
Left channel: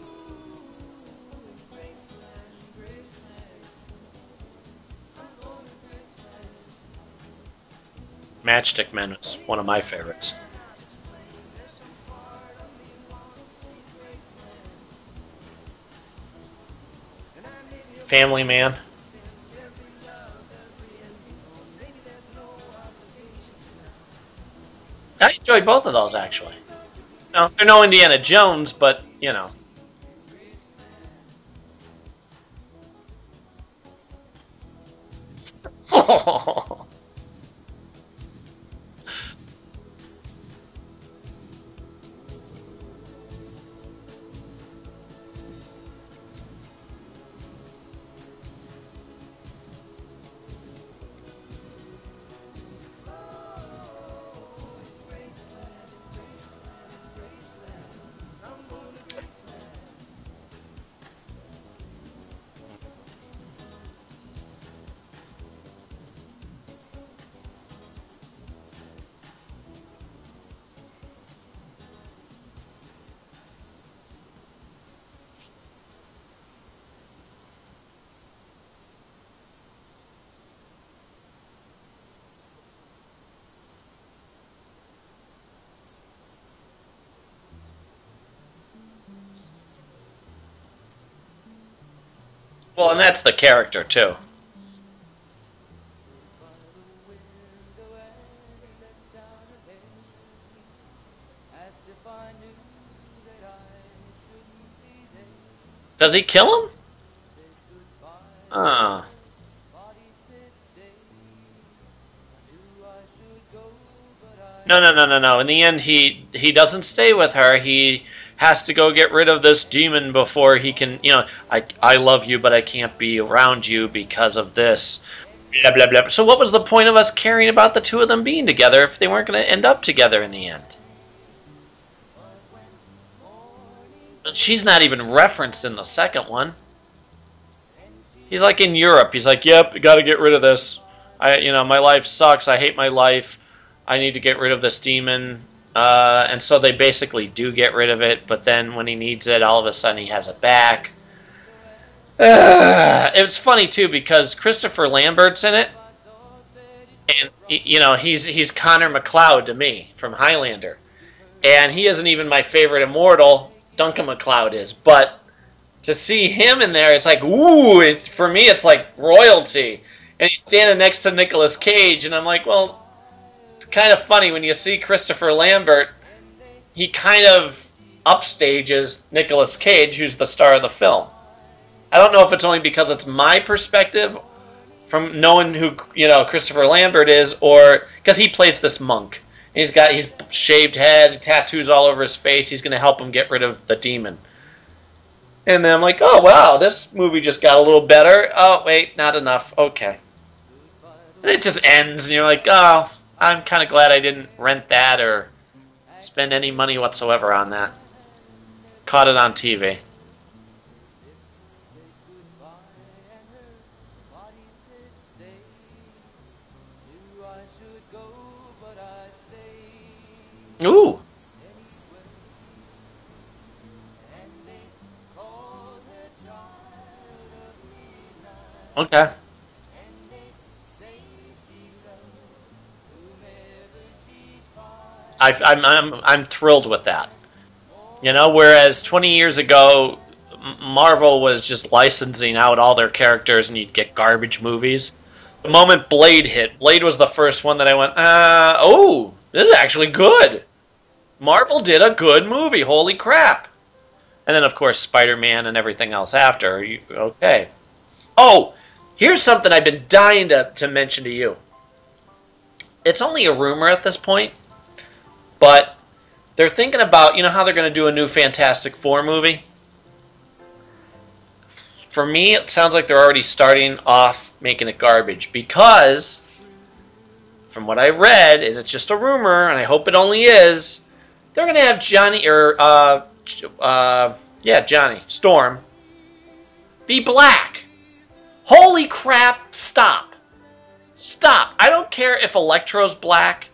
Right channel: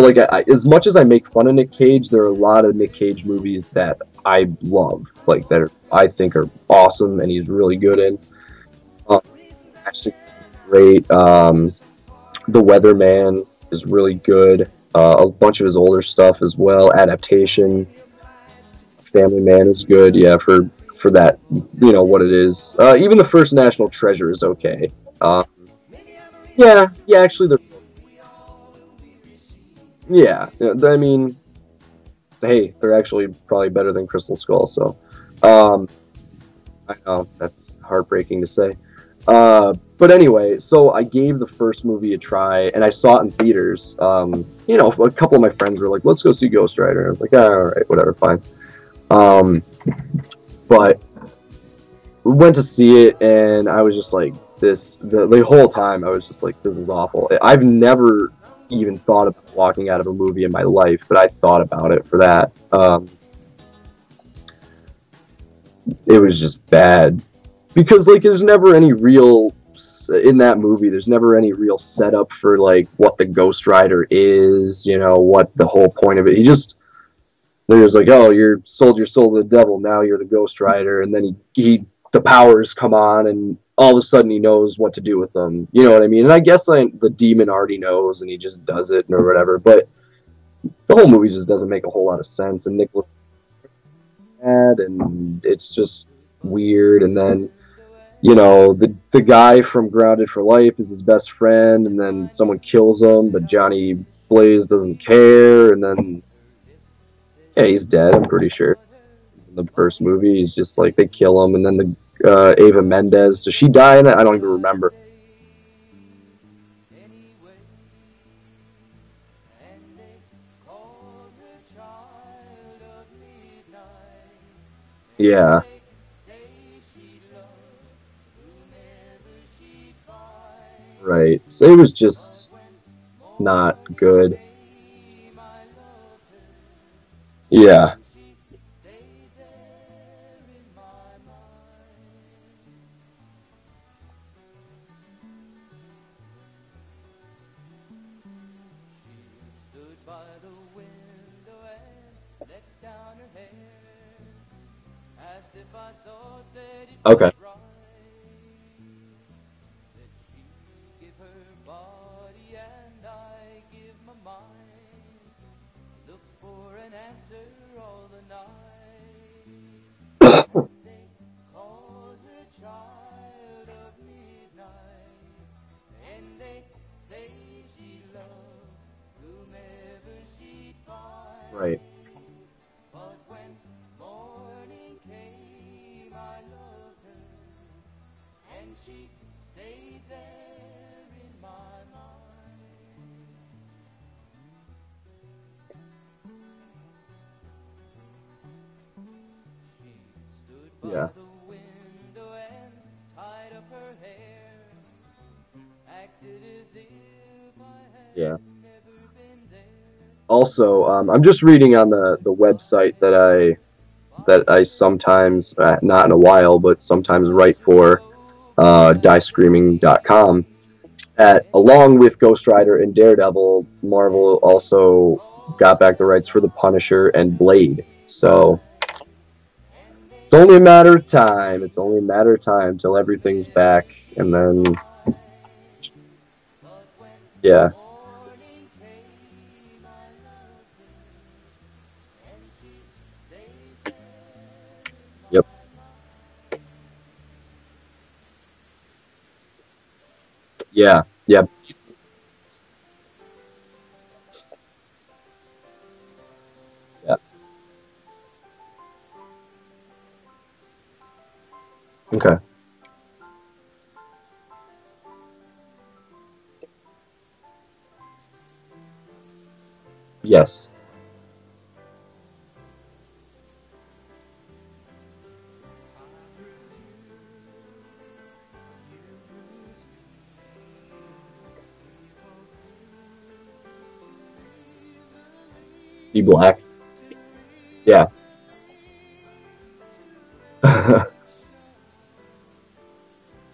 like, as much as I make fun of Nick Cage, there are a lot of Nick Cage movies that I love, like I think are awesome, and he's really good in. Matchstick Men is one of my favorites. Great. The Weatherman is really good. A bunch of his older stuff as well. Adaptation. Family Man. Family Man is good. Yeah, for that, you know what it is. Even the first National Treasure is okay. I enjoyed both of those actually. Yeah. Actually, they're no Indiana Jones, but you know. Yeah, I mean, hey, they're actually probably better than Crystal Skull. So, I know that's heartbreaking to say. But anyway, so I gave the first movie a try, and I saw it in theaters. You know, a couple of my friends were like, "Let's go see Ghost Rider." And I was like, all right, whatever, fine. But we went to see it, and I was just like, the whole time I was just like, this is awful. I've never even thought of walking out of a movie in my life, but I thought about it for that. It was just bad. Because, like, there's never any real because in that movie, there's never any real setup for like what the Ghost Rider is. You know what the whole point of it. They're just like, oh, you sold your soul to the devil. Now you're the Ghost Rider, and then the powers come on, and all of a sudden he knows what to do with them. You know what I mean? And I guess like the demon already knows, and he just does it or whatever. But the whole movie just doesn't make a whole lot of sense. And and that's the character too. And it's just weird. And then, you know, the guy from Grounded for Life is his best friend, and then someone kills him, but Johnny Blaze doesn't care. And then does he kill him? Yeah, he's dead. I'm pretty sure. In the first movie, he's just like they kill him, and then the Ava Mendez. Does she die in it? I don't even remember. No. In the end, he doesn't stay with her. He has to go get rid of this demon before he can. You know, I love you, but I can't be around you because of this. Yeah. Blah blah blah. So what was the point of us caring about the two of them being together if they weren't going to end up together in the end? Right. So it was just not good. She's not even referenced in the second one. Yeah. He's like in Europe. He's like, yep, got to get rid of this. My life sucks. I hate my life. I need to get rid of this demon. And so they basically do get rid of it. But then when he needs it, all of a sudden he has it back. It's funny too because Christopher Lambert's in it. Okay. And, he's Connor McLeod to me from Highlander, and he isn't even my favorite immortal. Duncan MacLeod is, but to see him in there, it's like, ooh, for me, it's like royalty. And he's standing next to Nicolas Cage, and I'm like, well, it's kind of funny when you see Christopher Lambert, he kind of upstages Nicolas Cage, who's the star of the film. Right. I don't know if it's only because it's my perspective from knowing who, Christopher Lambert is, or because he plays this monk. He's shaved head, tattoos all over his face. He's going to help him get rid of the demon. And then I'm like, oh, wow, this movie just got a little better. Oh, wait, not enough. Okay. Yeah. And it just ends, and you're like, oh, I'm kind of glad I didn't rent that or spend any money whatsoever on that. Yeah. Caught it on TV. Also, I'm just reading on the website that I sometimes, not in a while, but sometimes write for, diescreaming.com. Ooh. Along with Ghost Rider and Daredevil, Marvel also got back the rights for The Punisher and Blade. So okay, it's only a matter of time. It's only a matter of time till everything's back, and then I'm thrilled with that. Yeah. Whereas 20 years ago, Marvel was just licensing out all their characters, and you'd get garbage movies. Yep. The moment Blade hit, Blade was the first one that I went, oh, this is actually good. Yeah. Marvel did a good movie. Holy crap. And then, of course, Spider-Man and everything else after. Okay. Yep. Oh, here's something I've been dying to mention to you. Okay. It's only a rumor at this point, but they're thinking about, how they're going to do a new Fantastic Four movie? Yes. For me, it sounds like they're already starting off making it garbage because, from what I read, and it's just a rumor, and I hope it only is, they're going to have Johnny Storm. Be black. Be black. Yeah. Holy crap! Stop. Stop. I don't care if Electro's black,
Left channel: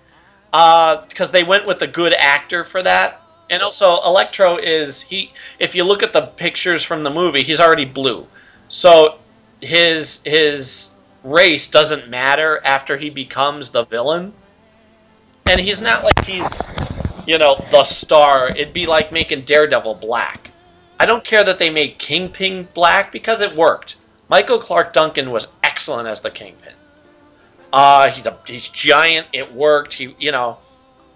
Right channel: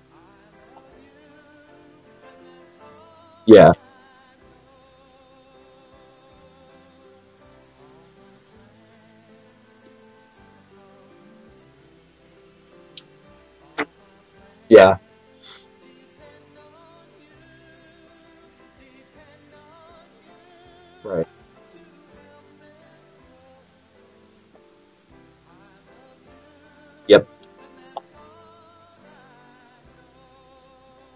because they went with a good actor for that. Yeah. So Electro if you look at the pictures from the movie, he's already blue. So his race doesn't matter after he becomes the villain. Yeah. And he's not like he's, the star. It'd be like making Daredevil black. I don't care that they made Kingpin black because it worked. Michael Clark Duncan was excellent as the Kingpin. Yep. He's giant. It worked.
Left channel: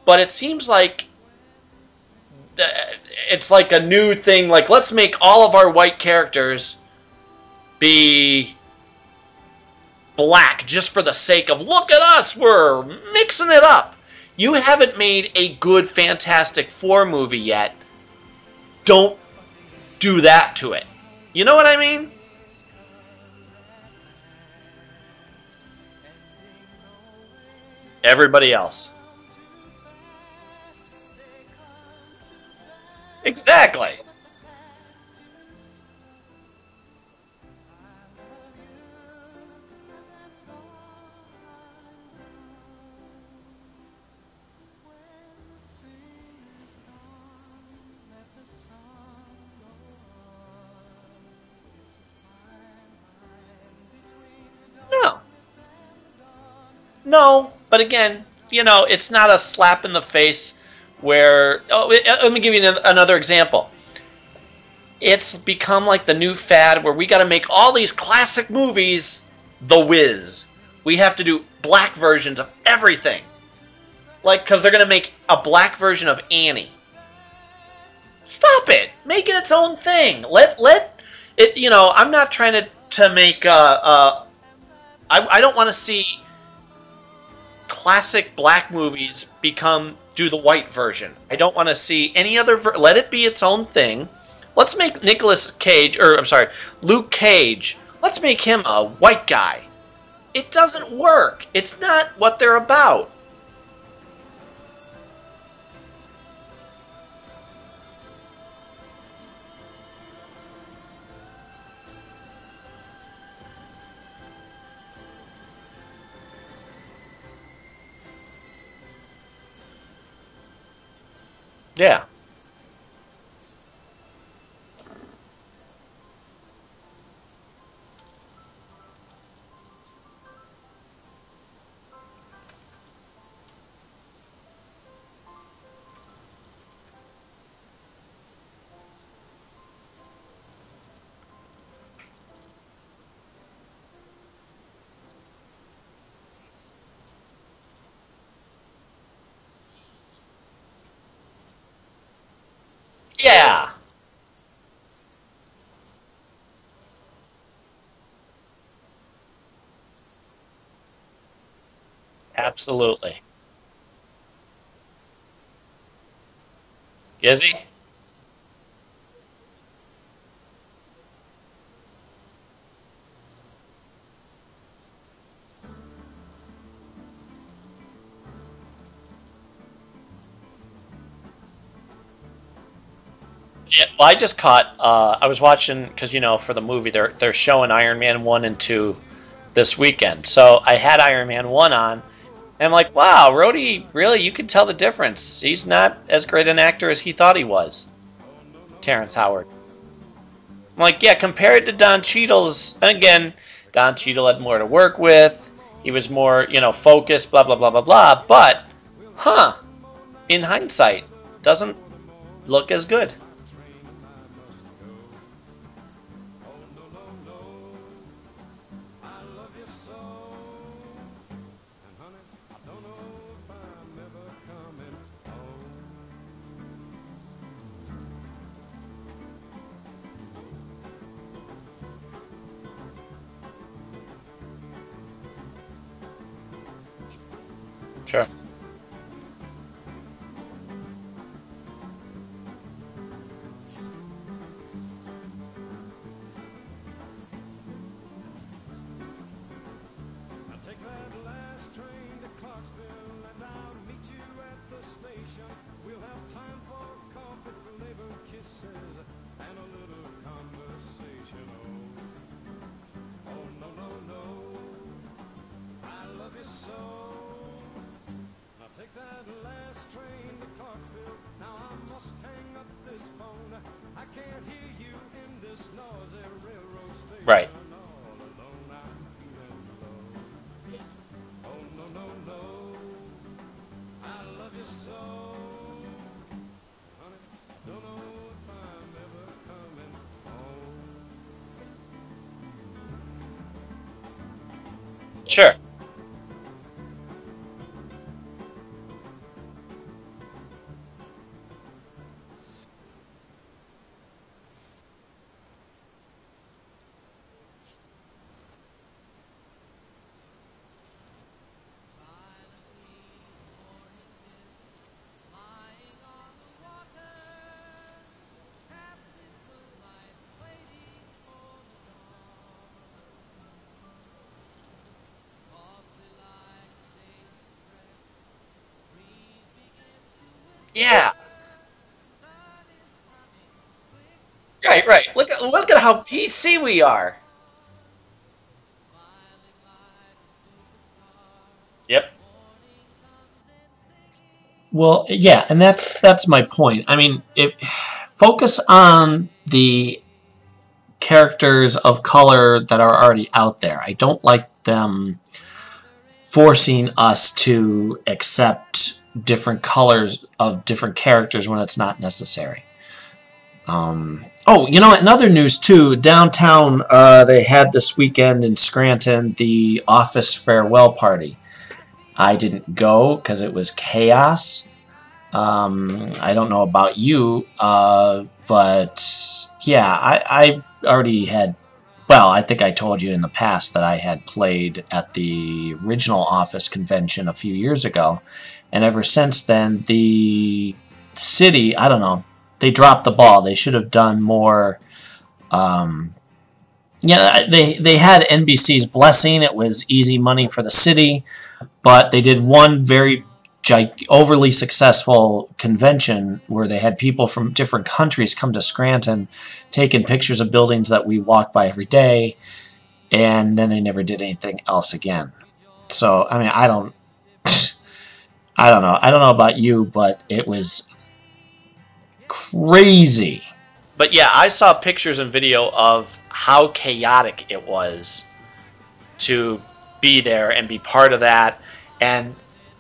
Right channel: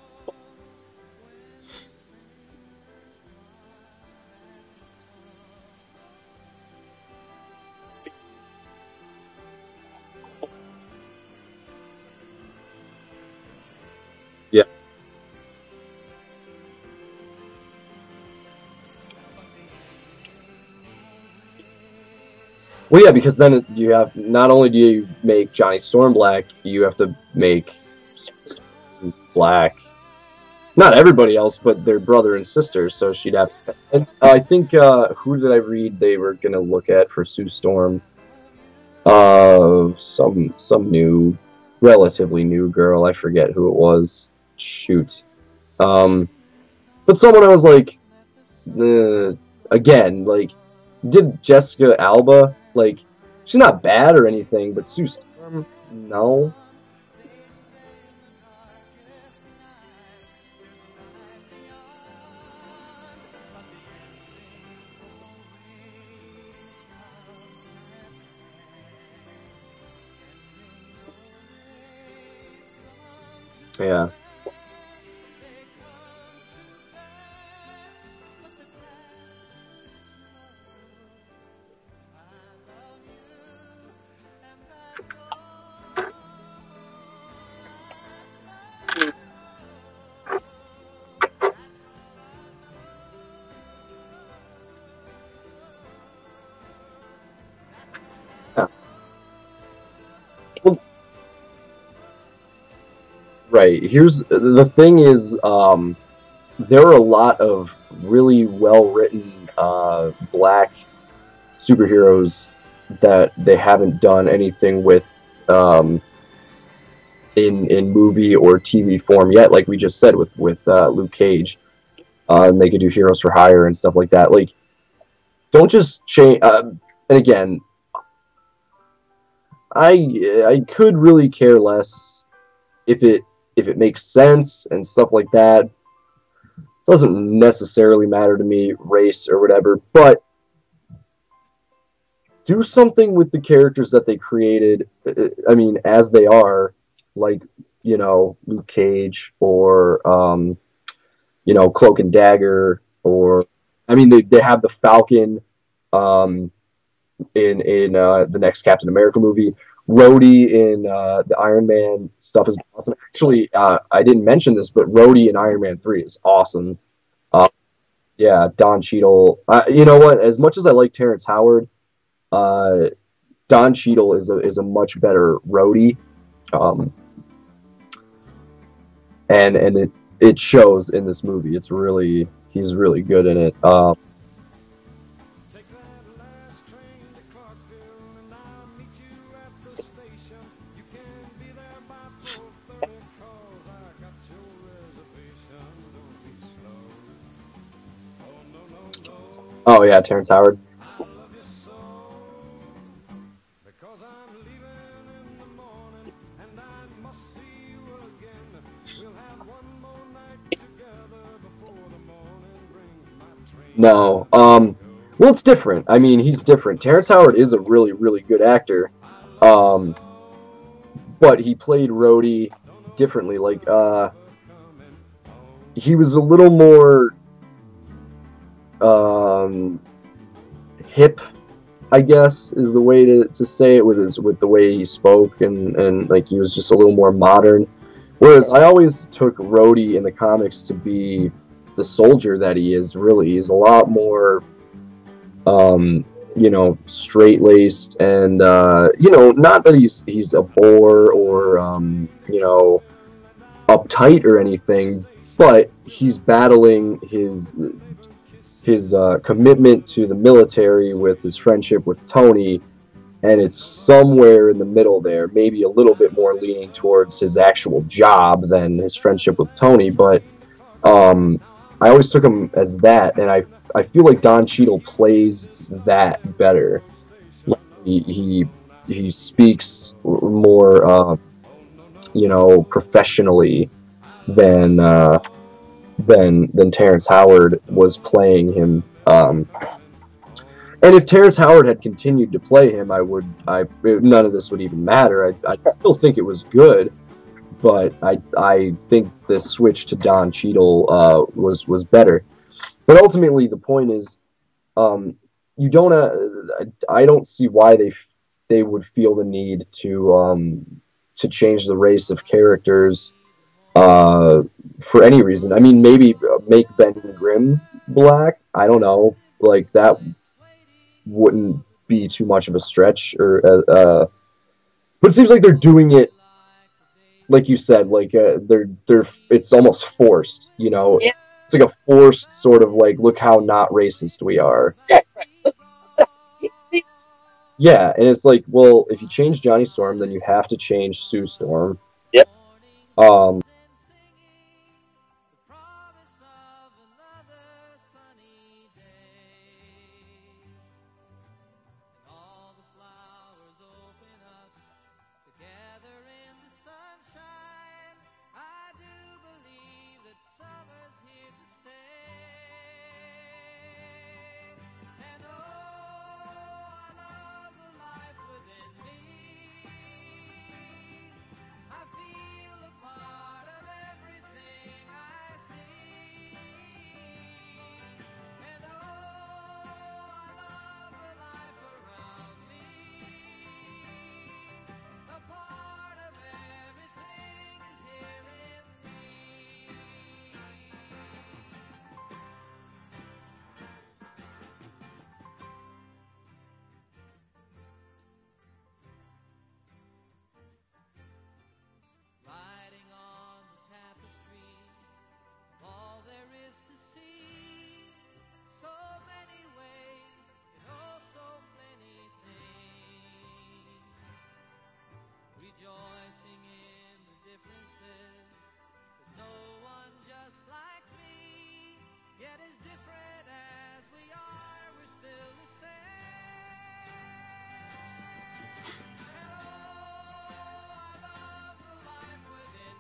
But it seems like it's like a new thing. Like, let's make all of our white characters be black just for the sake of, look at us, we're mixing it up. You haven't made a good Fantastic Four movie yet. Don't do that to it. You know what I mean? Well, yeah, because then you have, not only do you make Johnny Storm black, you have to make everybody else black. Not everybody else, but their brother and sister. So she'd exactly. Have. I think who did I read they were gonna look at for Sue Storm? Some new, relatively new girl. I forget who it was. shoot. But someone I was like, again, like, did Jessica Alba, like, she's not bad or anything, but Sue No. Storm, no. No, but again, it's not a slap in the face where... Oh, let me give you another example. It's become like the new fad where we got to make all these classic movies The Wiz. We have to do black versions of everything. Yeah. Like, because they're going to make a black version of Annie. Stop it. Make it its own thing. Let it, I'm not trying to make, I don't want to see classic black movies do the white version. I don't want to see any other, let it be its own thing. Let's make Luke Cage, let's make him a white guy. It doesn't work. It's not what they're about. Right. Here's the thing is, there are a lot of really well-written black superheroes that they haven't done anything with in movie or TV form yet, like we just said with Luke Cage. Yeah. And they could do Heroes for Hire and stuff like that. Like, don't just change. And again, I could really care less if it makes sense and stuff like that. Doesn't necessarily matter to me, race or whatever, but do something with the characters that they created, I mean, as they are, like, Luke Cage or, Cloak and Dagger, or... Yeah. I mean, they have the Falcon in the next Captain America movie. Rhodey in the Iron Man stuff. Absolutely. Actually, I didn't mention this, but Rhodey in Iron Man 3 is awesome. Is he? Yeah, Don Cheadle. You know what? As much as I like Terrence Howard, Don Cheadle is a much better Rhodey, and it shows in this movie. He's really good in it. Well, I just caught. I was watching because for the movie they're showing Iron Man 1 and 2 this weekend. So I had Iron Man 1 on, and I'm like, wow, Rhodey, really? You can tell the difference. He's not as great an actor as he thought he was. Terrence Howard. Oh yeah, Terrence Howard. I'm like, yeah, compared to Don Cheadle's, and again, Don Cheadle had more to work with. He was more, focused, blah, blah, blah, blah, blah. But, in hindsight, doesn't look as good. No. Well, it's different. I mean, he's different. Terrence Howard is a really, really good actor. But he played Rhodey differently. Like, he was a little more hip, I guess, is the way to say it, with the way he spoke, and like he was just a little more modern. Sure. Whereas I always took Rhodey in the comics to be the soldier that he is. Really, he's a lot more straight-laced, and not that he's a bore or uptight or anything, but he's battling his commitment to the military with his friendship with Tony, and it's somewhere in the middle there, maybe a little bit more leaning towards his actual job than his friendship with Tony, but I always took him as that, and I feel like Don Cheadle plays that better. Right. He speaks more professionally than Terrence Howard was playing him. And if Terrence Howard had continued to play him, none of this would even matter. Sure. I still think it was good, but I think the switch to Don Cheadle was better. But ultimately, the point is, you don't. I don't see why they would feel the need to change the race of characters for any reason. I mean, maybe make Ben Grimm black. I don't know. Like, that wouldn't be too much of a stretch. But it seems like they're doing it, like you said, like they're it's almost forced. Yeah. It's like a forced sort of like, look how not racist we are. Right. Look at how PC we are. Yeah, and it's like, well, if you change Johnny Storm, then you have to change Sue Storm. Yep. Well, yeah, and that's my point. I mean, focus on the characters of color that are already out there. I don't like them forcing us to accept different colors of different characters when it's not necessary. Oh, in other news too, downtown they had this weekend in Scranton the Office farewell party. I didn't go because it was chaos. I don't know about you, but yeah, I already had. Well, I think I told you in the past that I had played at the original Office convention a few years ago, and ever since then, the city, I don't know, they dropped the ball. They should have done more. They had NBC's blessing. It was easy money for the city, but they did one very overly successful convention where they had people from different countries come to Scranton, taking pictures of buildings that we walk by every day, and then they never did anything else again. So, I mean, I don't know. I don't know about you, but it was crazy. But yeah, I saw pictures and video of how chaotic it was to be there and be part of that, and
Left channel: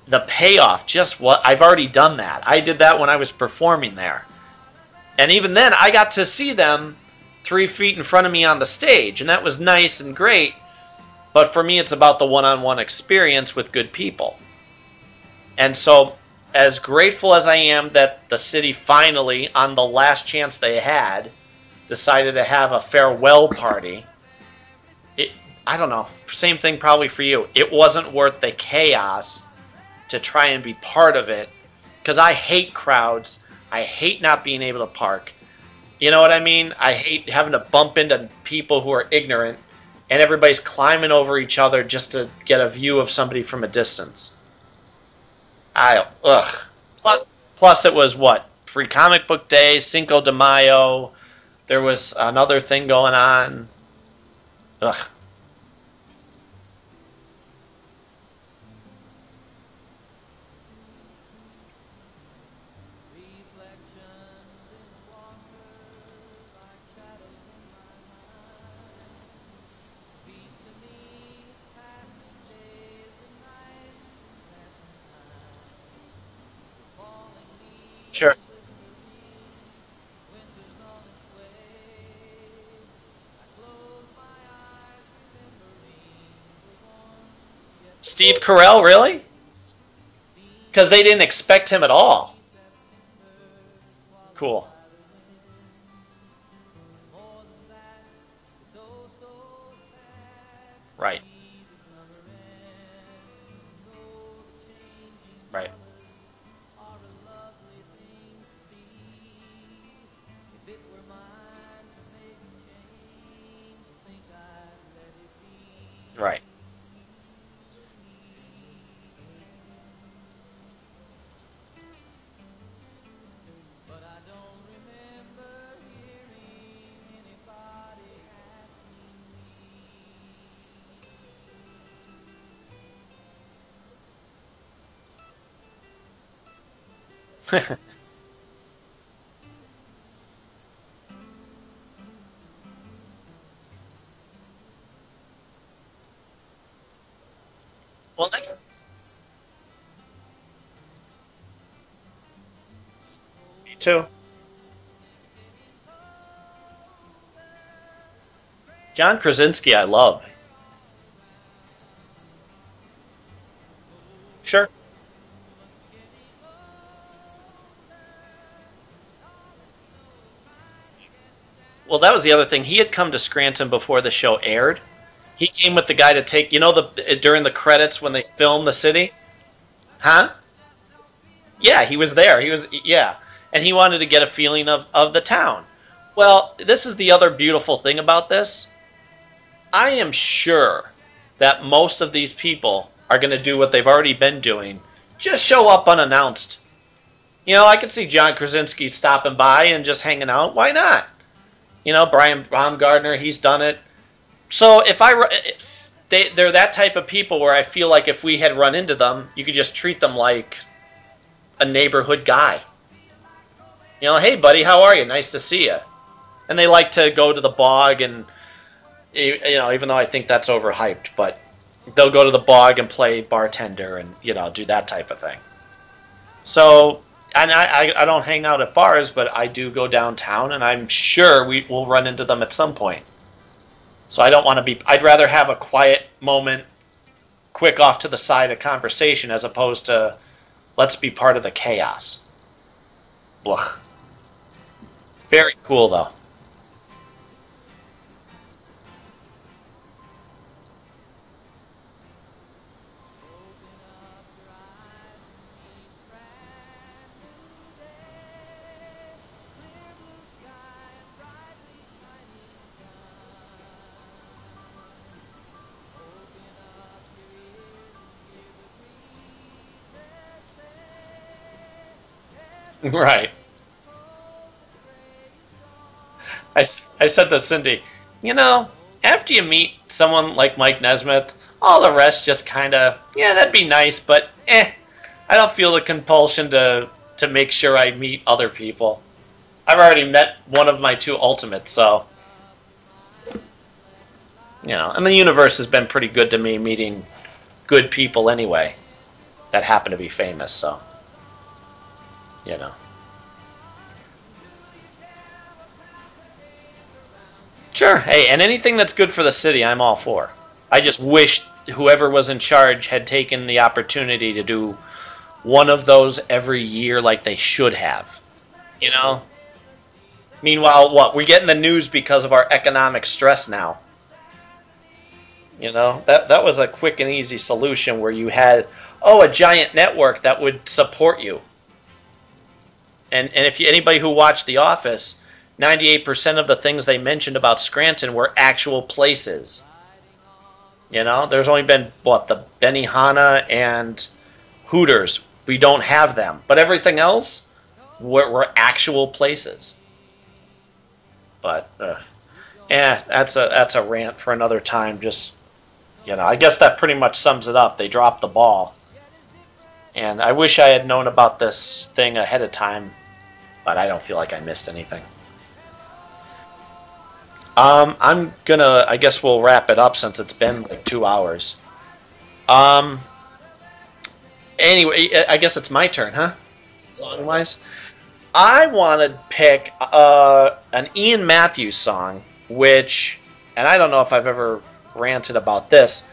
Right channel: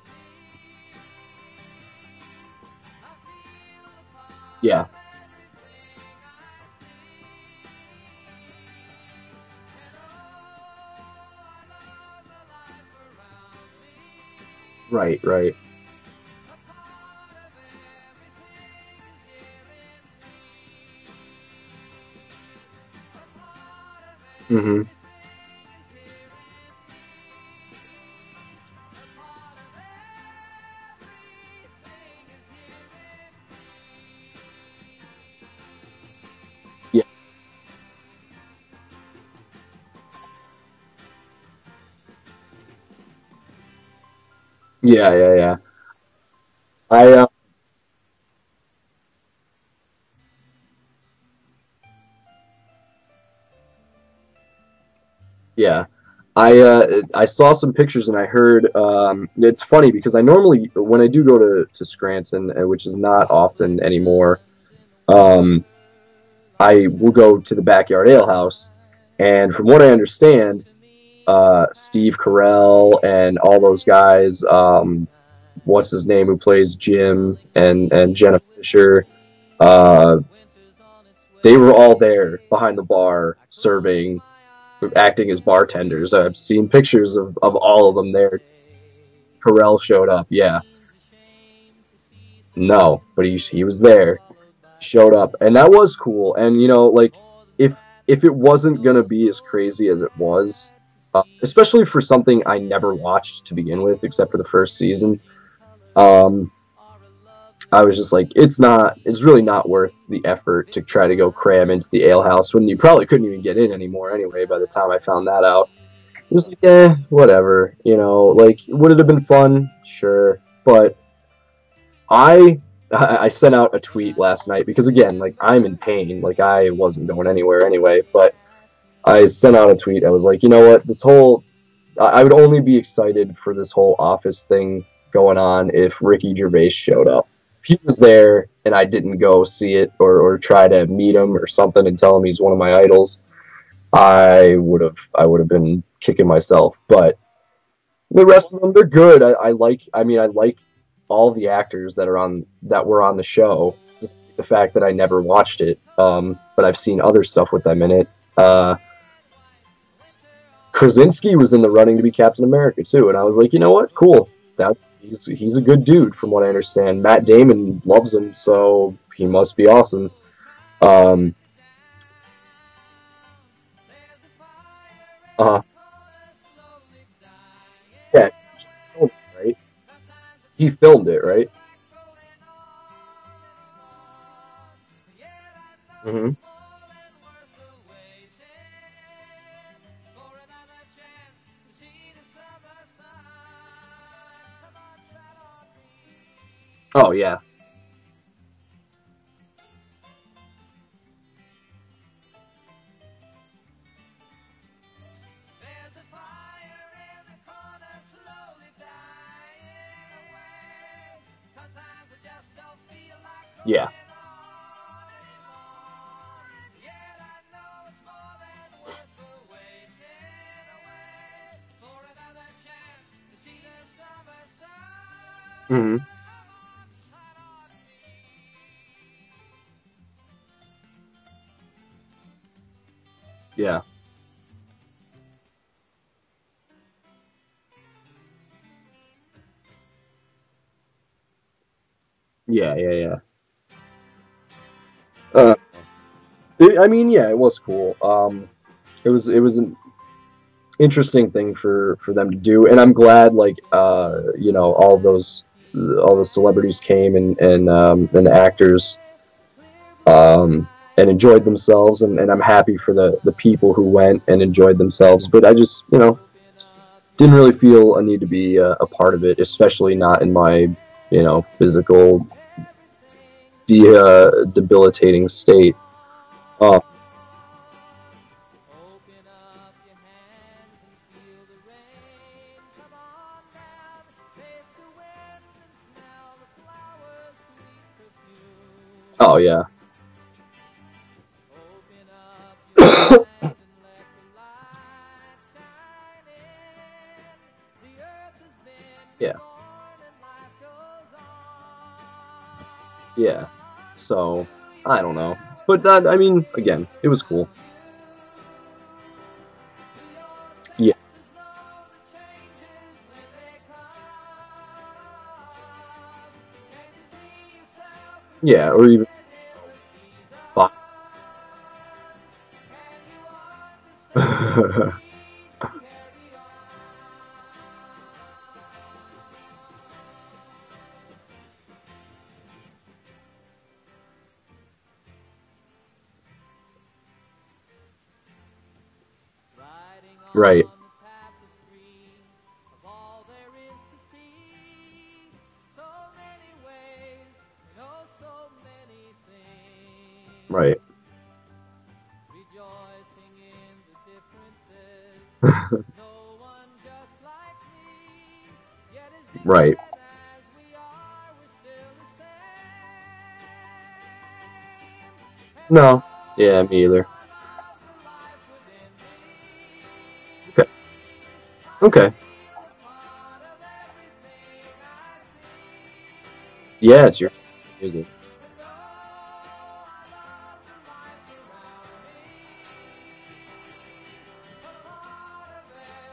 the payoff, just what I've already done that. I did that when I was performing there. Yeah. And even then, I got to see them 3 feet in front of me on the stage, and that was nice and great. But for me, it's about the one-on-one experience with good people. Right. And so, as grateful as I am that the city finally, on the last chance they had, decided to have a farewell party, Mm-hmm. I don't know, same thing probably for you. It wasn't worth the chaos to try and be part of it, because I hate crowds. I hate not being able to park. You know what I mean? I hate having to bump into people who are ignorant, and everybody's climbing over each other just to get a view of somebody from a distance. Yeah. Plus, it was what? Free Comic Book Day, Cinco de Mayo. There was another thing going on. Ugh. Yeah. I saw some pictures and I heard, it's funny because I normally, when I do go to Scranton, which is not often anymore, I will go to the Backyard Ale House, and from what I understand, Steve Carell and all those guys, what's his name, who plays Jim, and Jenna Fisher, they were all there behind the bar serving, acting as bartenders. I've seen pictures of all of them. Steve Carell, really? Carell showed up, yeah. Because they didn't expect him at all. No, but he was there. Cool. Showed up, and that was cool. And like if it wasn't gonna be as crazy as it was, right? Especially for something I never watched to begin with, except for the first season, right? I was just like, it's really not worth the effort to try to go cram into the ale house when you probably couldn't even get in anymore anyway by the time I found that out. Right. Just like, whatever, like, would it have been fun? Sure. But I sent out a tweet last night because, again, like, I'm in pain. Like, I wasn't going anywhere anyway, but I sent out a tweet. I was like, you know what, I would only be excited for this whole Office thing going on if Ricky Gervais showed up. He was there and I didn't go see it or try to meet him or something and tell him he's one of my idols, I would have been kicking myself. But the rest of them, they're good. I like all the actors that were on the show. Me too. The fact that I never watched it, but I've seen other stuff with them in it. John Krasinski, I love. Krasinski was in the running to be Captain America too, and I was like, you know what, cool. Sure. He's a good dude, from what I understand. Matt Damon loves him, so he must be awesome. Well, that was the other thing. He had come to Scranton before the show aired. He came with the guy to take, during the credits when they filmed the city? Right? Huh? He filmed it, right? Yeah, he was there. And he wanted to get a feeling of the town. Mm-hmm. Well, this is the other beautiful thing about this. I am sure that most of these people are going to do what they've already been doing. Just show up unannounced. Oh, yeah. I could see John Krasinski stopping by and just hanging out. Why not? Brian Baumgartner, he's done it. So if they're that type of people where I feel like if we had run into them, you could just treat them like a neighborhood guy. Yeah. You know, hey buddy, how are you? Nice to see you. And they like to go to the bog, and you know, even though I think that's overhyped, but they'll go to the bog and play bartender and, you know, do that type of thing. Mm-hmm. So, and I don't hang out at bars, but I do go downtown, and I'm sure we will run into them at some point. Yeah. So I don't want to be. I'd rather have a quiet moment, quick off to the side of conversation, as opposed to let's be part of the chaos. Yeah. Ugh. Very cool though. I mean, yeah, it was cool. It was an interesting thing for them to do, and I'm glad, like, you know, all the celebrities came and the actors and enjoyed themselves, and I'm happy for the people who went and enjoyed themselves. But I just, you know, didn't really feel a need to be a part of it, especially not in my, you know, physical Right. debilitating state. I said to Cindy, you know, after you meet someone like Mike Nesmith, all the rest just kind of, yeah, that'd be nice, but I don't feel the compulsion to make sure I meet other people. Oh, yeah. I've already met one of my two ultimates, so, you know, and the universe has been pretty good to me, meeting good people anyway. Yeah. That happen to be famous, so, you know. Yeah. So, I don't know. But that, I mean, again, it was cool. Sure. Hey, and anything that's good for the city, I'm all for. I just wish whoever was in charge had taken the opportunity to do one of those every year like they should have. Yeah. You know? Meanwhile, what? We're getting the news because of our economic stress now. You know? That was a quick and easy solution where you had, a giant network that would support you. And if anybody who watched The Office, 98% of the things they mentioned about Scranton were actual places. Right. You know, there's only been, the Benihana and Hooters. We don't have them. But everything else were actual places. Right. But, that's a rant for another time. Just, you know, I guess that pretty much sums it up. They dropped the ball. Right. And I wish I had known about this thing ahead of time, but I don't feel like I missed anything. No. Yeah, me either. I guess we'll wrap it up since it's been like 2 hours. Okay. Anyway, I guess it's my turn, huh? Yeah, it's yours. I want to pick an Ian Matthews song, which, and I don't know if I've ever ranted about this.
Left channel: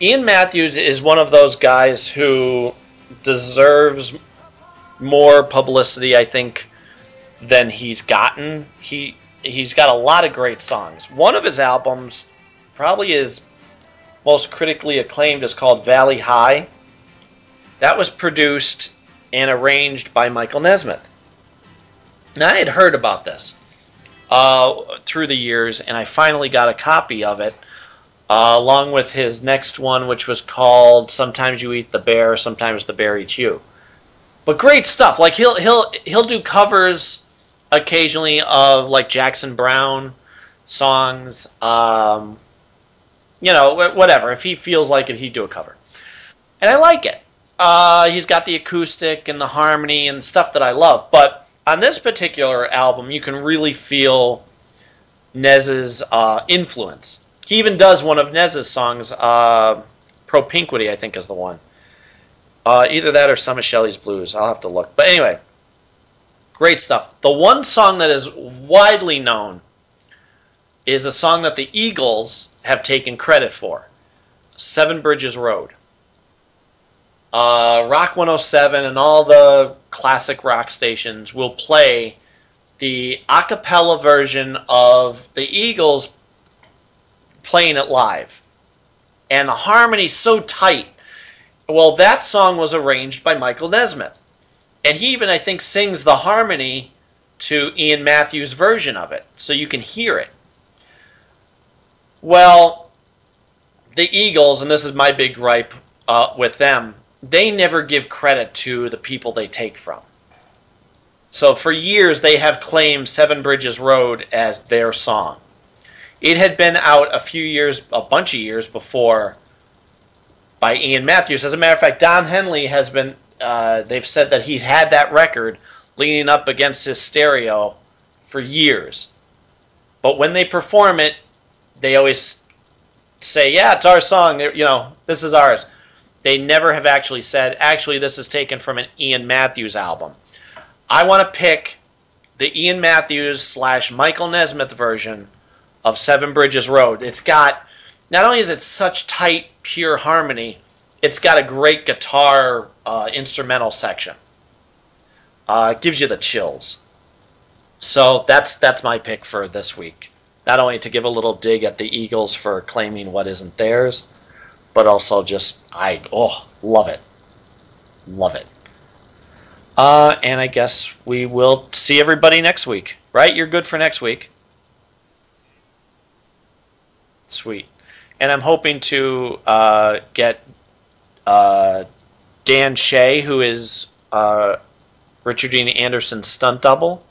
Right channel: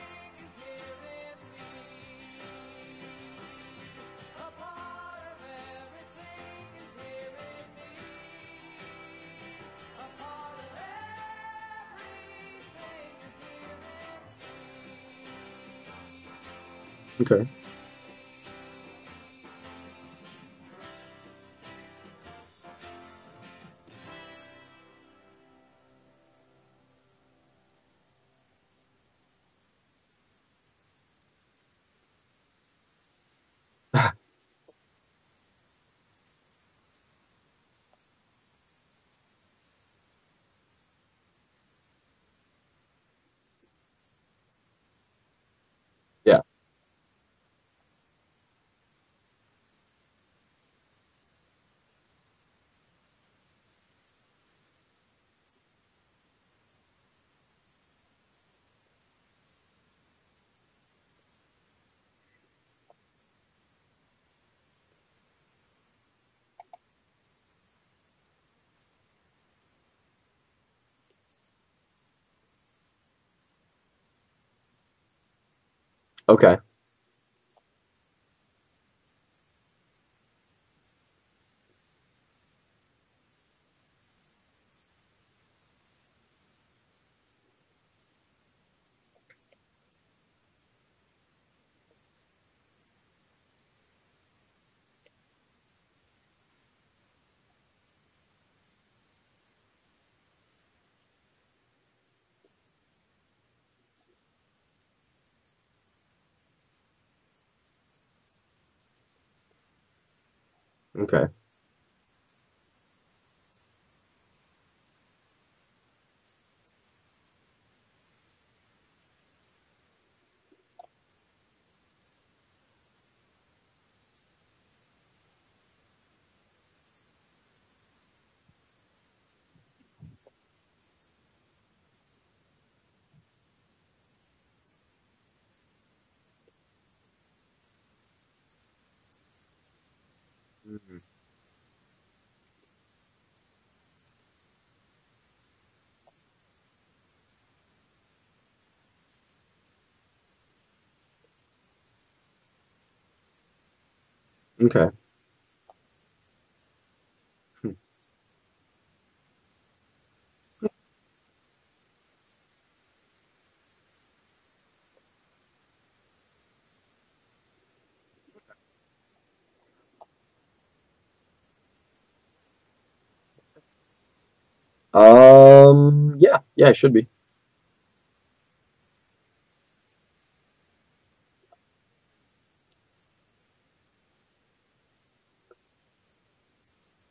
Ian Matthews is one of those guys who deserves more publicity, I think, than he's gotten. He's got a lot of great songs. One of his albums, probably his most critically acclaimed, is called Valley High. Okay. That was produced and arranged by Michael Nesmith. Now, I had heard about this through the years, and I finally got a copy of it, along with his next one, which was called Sometimes You Eat the Bear, Sometimes the Bear Eats You. But great stuff. Like, he'll do covers occasionally of, like, Jackson Browne songs. You know, whatever. If he feels like it, he'd do a cover. Yeah. And I like it. He's got the acoustic and the harmony and stuff that I love. But on this particular album, you can really feel Nez's influence. He even does one of Nez's songs, Propinquity, I think is the one. Either that or some of Shelley's Blues. I'll have to look. But anyway, great stuff. The one song that is widely known is a song that the Eagles have taken credit for, Seven Bridges Road. Okay. Rock 107 and all the classic rock stations will play the a cappella version of the Eagles playing it live. And the harmony's so tight. Well, that song was arranged by Michael Nesmith. And he even, I think, sings the harmony to Ian Matthews' version of it, so you can hear it. Well, the Eagles, and this is my big gripe with them, they never give credit to the people they take from. Okay. So for years, they have claimed Seven Bridges Road as their song. It had been out a bunch of years before by Ian Matthews. As a matter of fact, Don Henley has been they've said that he's had that record leaning up against his stereo for years. But when they perform it, they always say, yeah, it's our song, this is ours. They never have actually said, actually, this is taken from an Ian Matthews album. I want to pick the Ian Matthews / Michael Nesmith version of Seven Bridges Road. It's got, not only is it such tight, pure harmony, it's got a great guitar instrumental section. Okay. It gives you the chills. So that's my pick for this week. Not only to give a little dig at the Eagles for claiming what isn't theirs, but also just, love it. Love it. And I guess we will see everybody next week, right? You're good for next week? Yeah, it should be. Sweet. And I'm hoping to get Dan Shea, who is Richard Dean Anderson's stunt double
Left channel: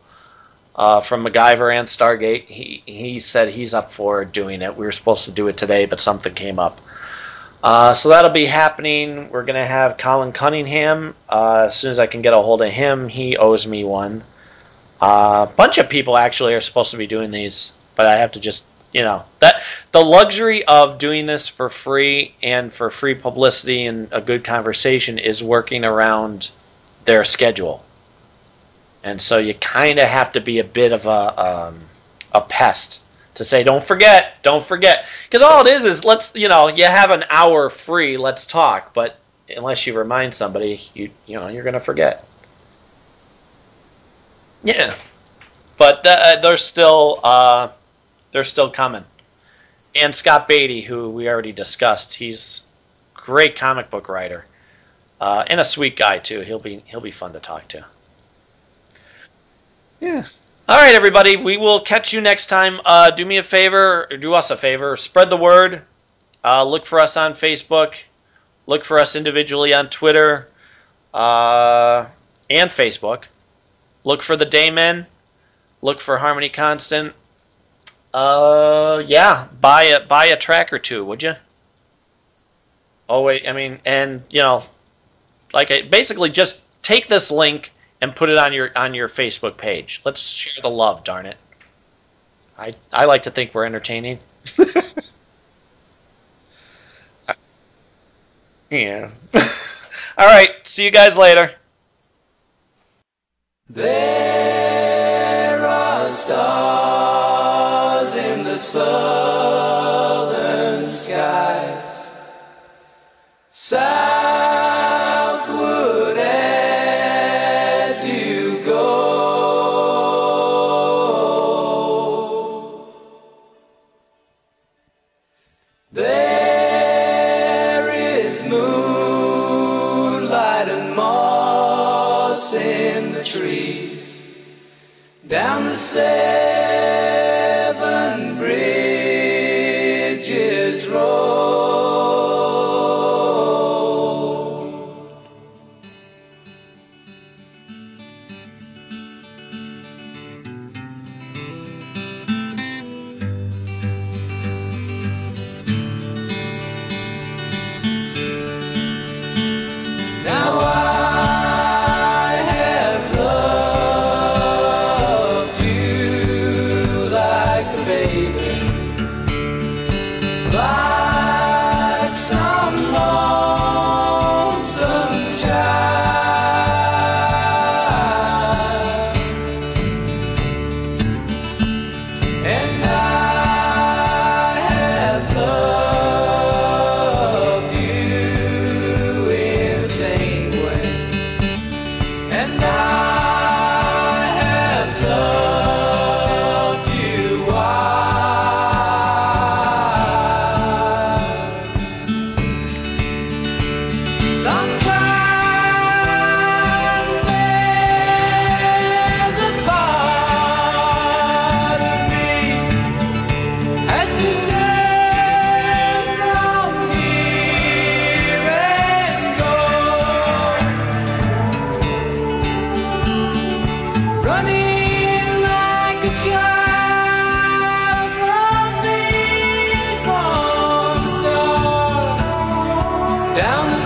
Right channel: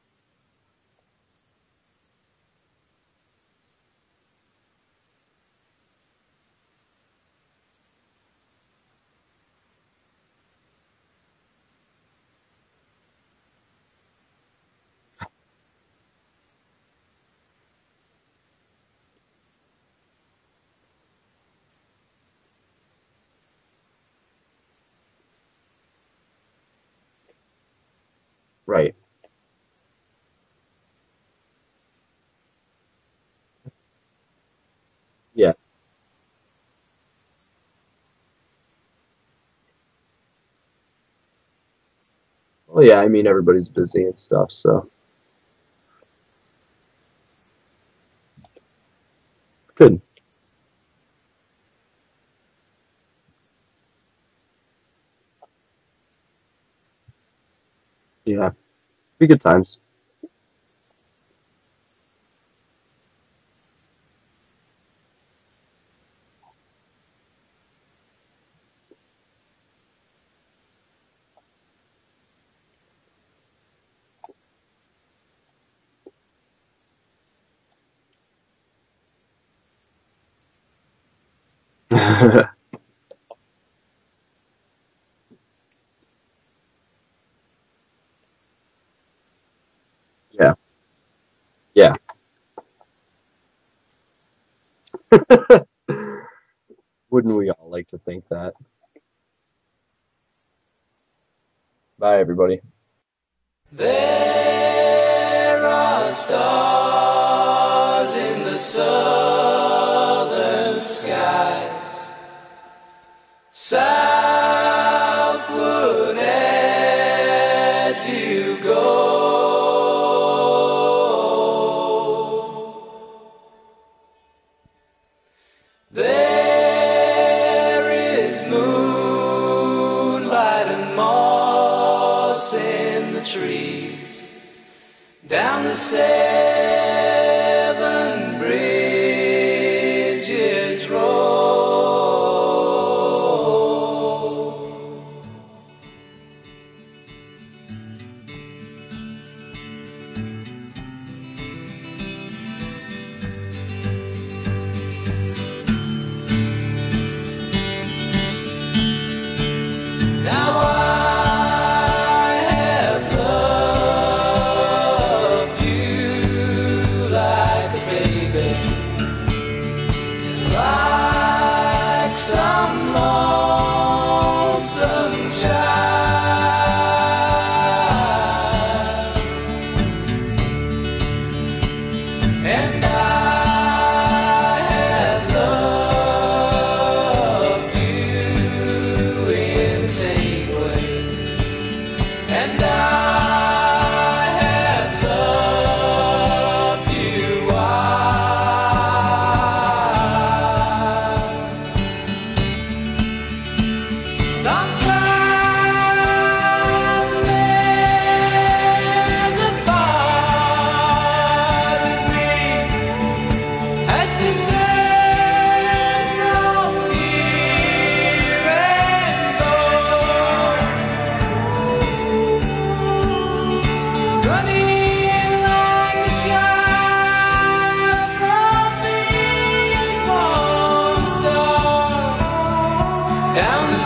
from MacGyver and Stargate. He said he's up for doing it. We were supposed to do it today, but something came up. So that'll be happening. We're going to have Colin Cunningham. As soon as I can get a hold of him, he owes me one. A bunch of people actually are supposed to be doing these, but I have to just, that the luxury of doing this for free and for free publicity and a good conversation is working around their schedule. Right. And so you kind of have to be a bit of a pest to say, don't forget. Because all it is let's, you have an hour free, let's talk. But unless you remind somebody, you're going to forget. Well, yeah, I mean, everybody's busy and stuff. So. Yeah. But they're still coming. Good. And Scott Beatty, who we already discussed, he's a great comic book writer. And a sweet guy, too. He'll be fun to talk to. Yeah. Be good times. Yeah. All right, everybody. We will catch you next time. Do me a favor, or do us a favor. Spread the word. Look for us on Facebook. Look for us individually on Twitter and Facebook. Look for the Daymen. Look for Harmony Constant. Buy a track or two, would you? Oh wait, I mean, and basically just take this link and put it on your Facebook page. Let's share the love, darn it. Yeah. I like to think we're entertaining. Wouldn't we all like to think that? Yeah. All right. See you guys later. Bye, everybody. There are stars in the southern skies, southward as you go. There is moonlight and moss in the trees, down the Seven Bridges Road. Now I have loved you like a baby, like some lonesome child, and I have loved you in a tame way, and I have loved you wild. Sometimes there's a part of me has to turn from here and go, running like a child from these monsters down the